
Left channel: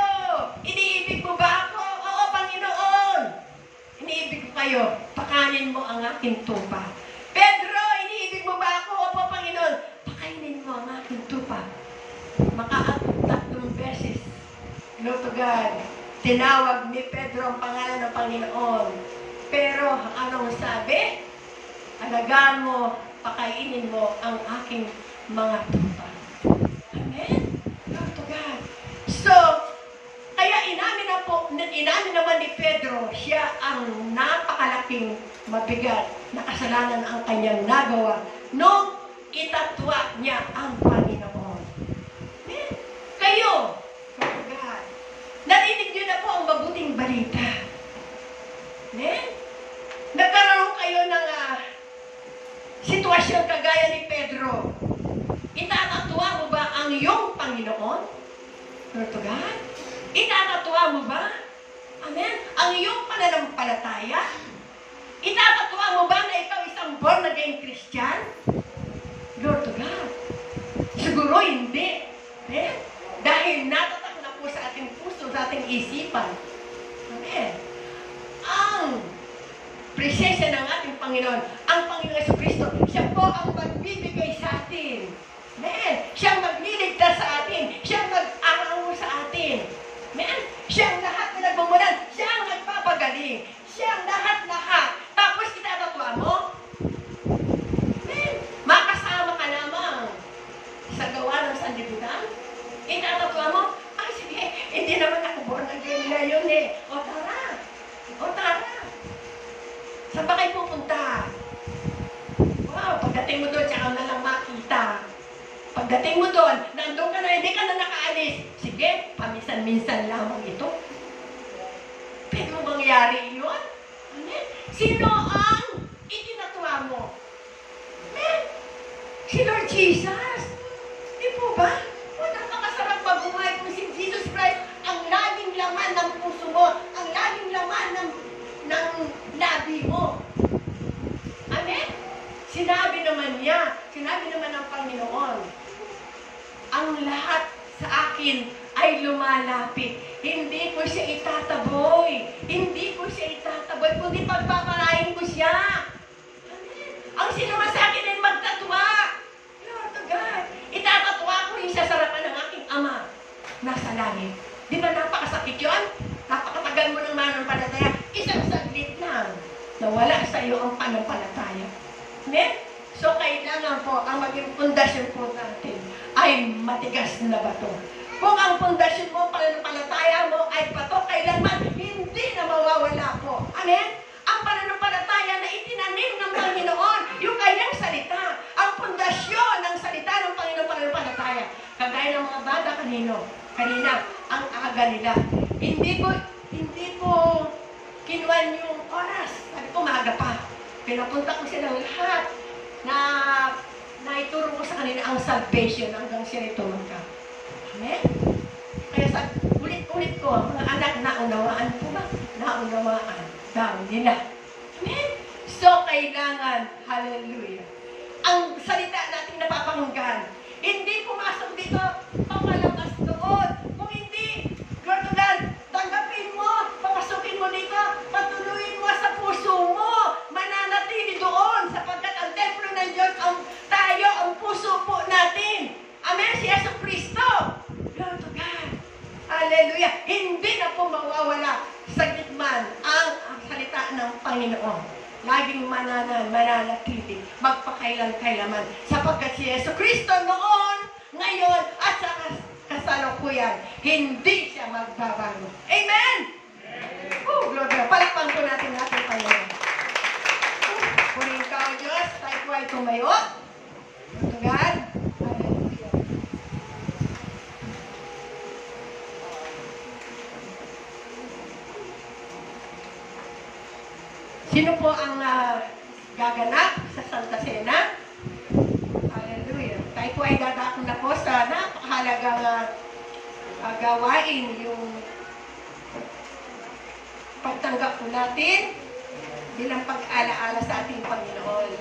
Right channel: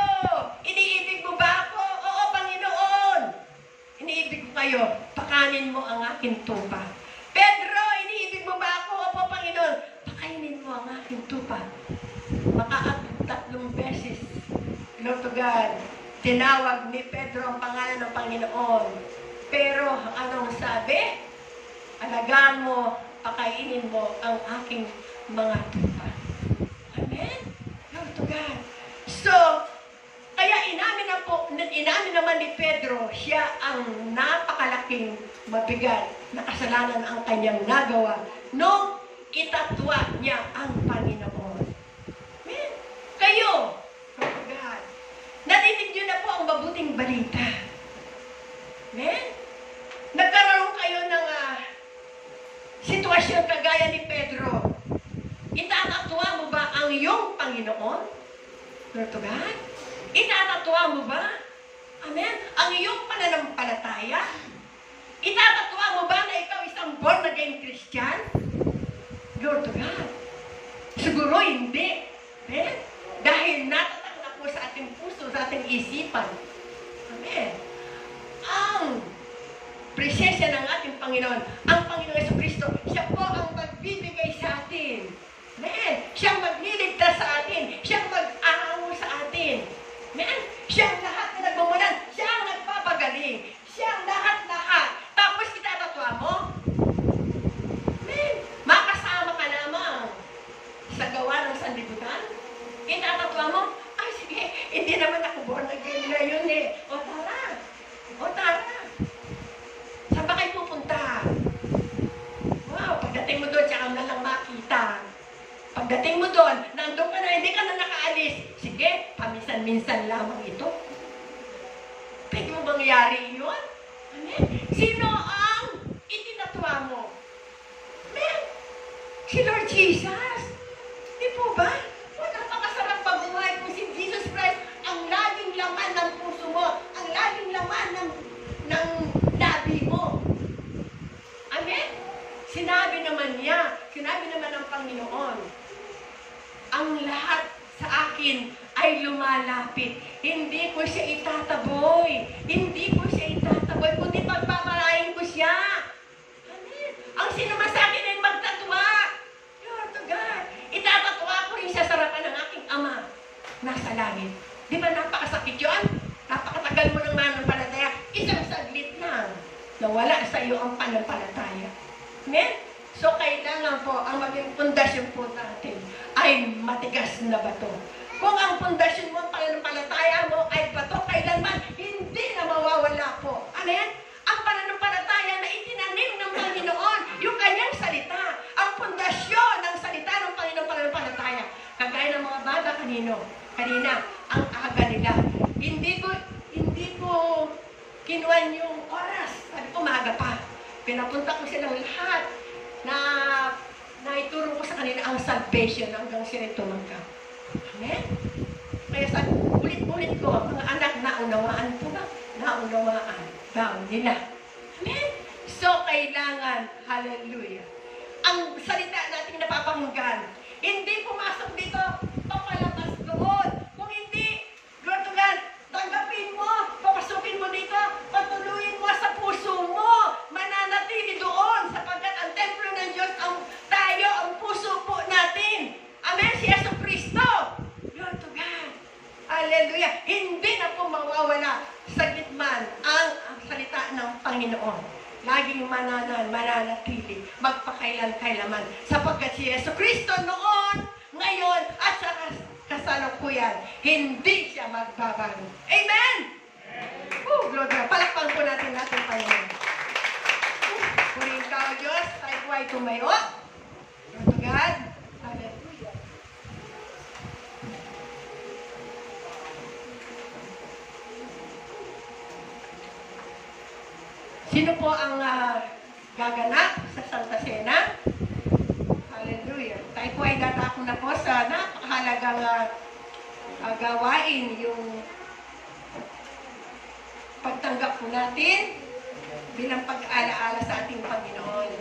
iniibig mo ba ako? Oo, Panginoon. Iniibig ko kayo, pakanin mo ang aking tupa. Pedro, iniibig mo ba ako? Opo, Panginoon, pakainin mo ang aking tupa. Tatlong beses, Lord to God, tinawag ni Pedro ang pangalan ng Panginoon. Pero anong sabi? Alagaan mo, pakainin mo ang aking mga tupa. Amen? Lord to God. So, kaya inamin naman ni Pedro, siya ang napakalaking mabigat na kasalanan ang kanyang nagawa nung itatwa niya ang Panginoon. Amen? Kayo, Lord to God, narinig niyo na po ang mabuting balita. Amen? Nagkaroon kayo ng sitwasyon kagaya ni Pedro. Itatatuwa mo ba ang iyong Panginoon? Lord to God? Itatatuwa mo ba? Amen? Ang iyong pananampalataya? Itatatuwa mo ba na ikaw isang born-again Christian? Lord to God? Siguro hindi. Amen? Dahil natatak na po sa ating puso, sa ating isipan. Amen? Ang presensya ng ating Panginoon, ang Panginoon Jesucristo, siya po ang magbibigay sa atin. Amen? Siyang magliligtas sa atin. Siyang mag-aango sa atin. Amen? Siyang lahat na nagmumulan. Siyang nagpapagaling. Siyang lahat-lahat. Tapos itatatwa mo? Amen? Makasama ka lamang sa gawa ng sanlibutan? Itatatwa mo? Ay, sige, hindi naman ako born again ngayon eh. O tara. O tara. Saan ba kayo pupunta? Wow, pagdating mo doon, tsaka na lang makita. Pagdating mo doon, nandun ka na, hindi ka na nakaalis. Sige, paminsan-minsan lamang ito. Pwede mo bang yari yun? Amen? Sino ang itinatwa mo? Amen? Si Lord Jesus. Di po ba? O, napakasarap pag-buhay kung si Jesus Christ ang laging laman ng puso mo, ang laging laman ng labi mo. Amen? Sinabi naman ng Panginoon, ang lahat sa akin ay lumalapit. Hindi ko siya itataboy. Hindi ko siya itataboy, kundi pagpapalain ko siya. Amen? Ang sinama sa akin ay magtatwa. Lord to God. Itatatwa ko yung sasarapan ng aking Ama nasa langit. Di ba napakasakit yun? Napakatagal mo ng mananampalataya. Isang saglit lang. Nawala sa iyo ang pananampalataya. Amen? So, kailangan po ang maging pundasyon po natin ay matigas na bato. Kung ang pundasyon mo, pananampalataya mo ay bato, kailanman hindi na mawawala po. Amen? Ang pananampalataya na itinanim ng Panginoon, yung kanyang salita, ang pundasyon ng salita ng Panginoon pananampalataya. Kagaya ng mga bata kanina, ang aga nila. Hindi ko kinuhan yung oras. Sabi ko, maaga pa. Pinapunta ko silang lahat na naituro ko sa kanila ang salvation hanggang sila tumangka. Amen? Kaya sa ulit-ulit ko, ang mga anak, naunawaan po ba? Naunawaan daw nila. Amen? So, kailangan, hallelujah, ang salita nating napapakinggan, hindi pumasok dito, papalabas doon. Kung hindi, God, tanggapin mo, papasukin mo dito, patuloyin mo sa puso mo, mananatili doon, sapagkat ang templo ng Diyos, tayo, ang puso po natin. Amen? Si Yesu Cristo. Glory to God. Hallelujah. Hindi na po mawawala saglit man ang salita ng Panginoon. Laging mananatili, magpakailan-kailaman. Sapagkat si Yesu Cristo noon, ngayon, at sa kasalukuyan, hindi siya magbabago. Amen? Glory. Palakpan po natin Panginoon. Punin ka o Diyos, tayo po ay tumayo. Glory to God. Hallelujah. Sino po ang gaganap sa Santa Cena? Hallelujah. Tayo po ay dadako na po sa napakahalagang gawain, yung pagtanggap po natin bilang pag-alaala sa ating Panginoon.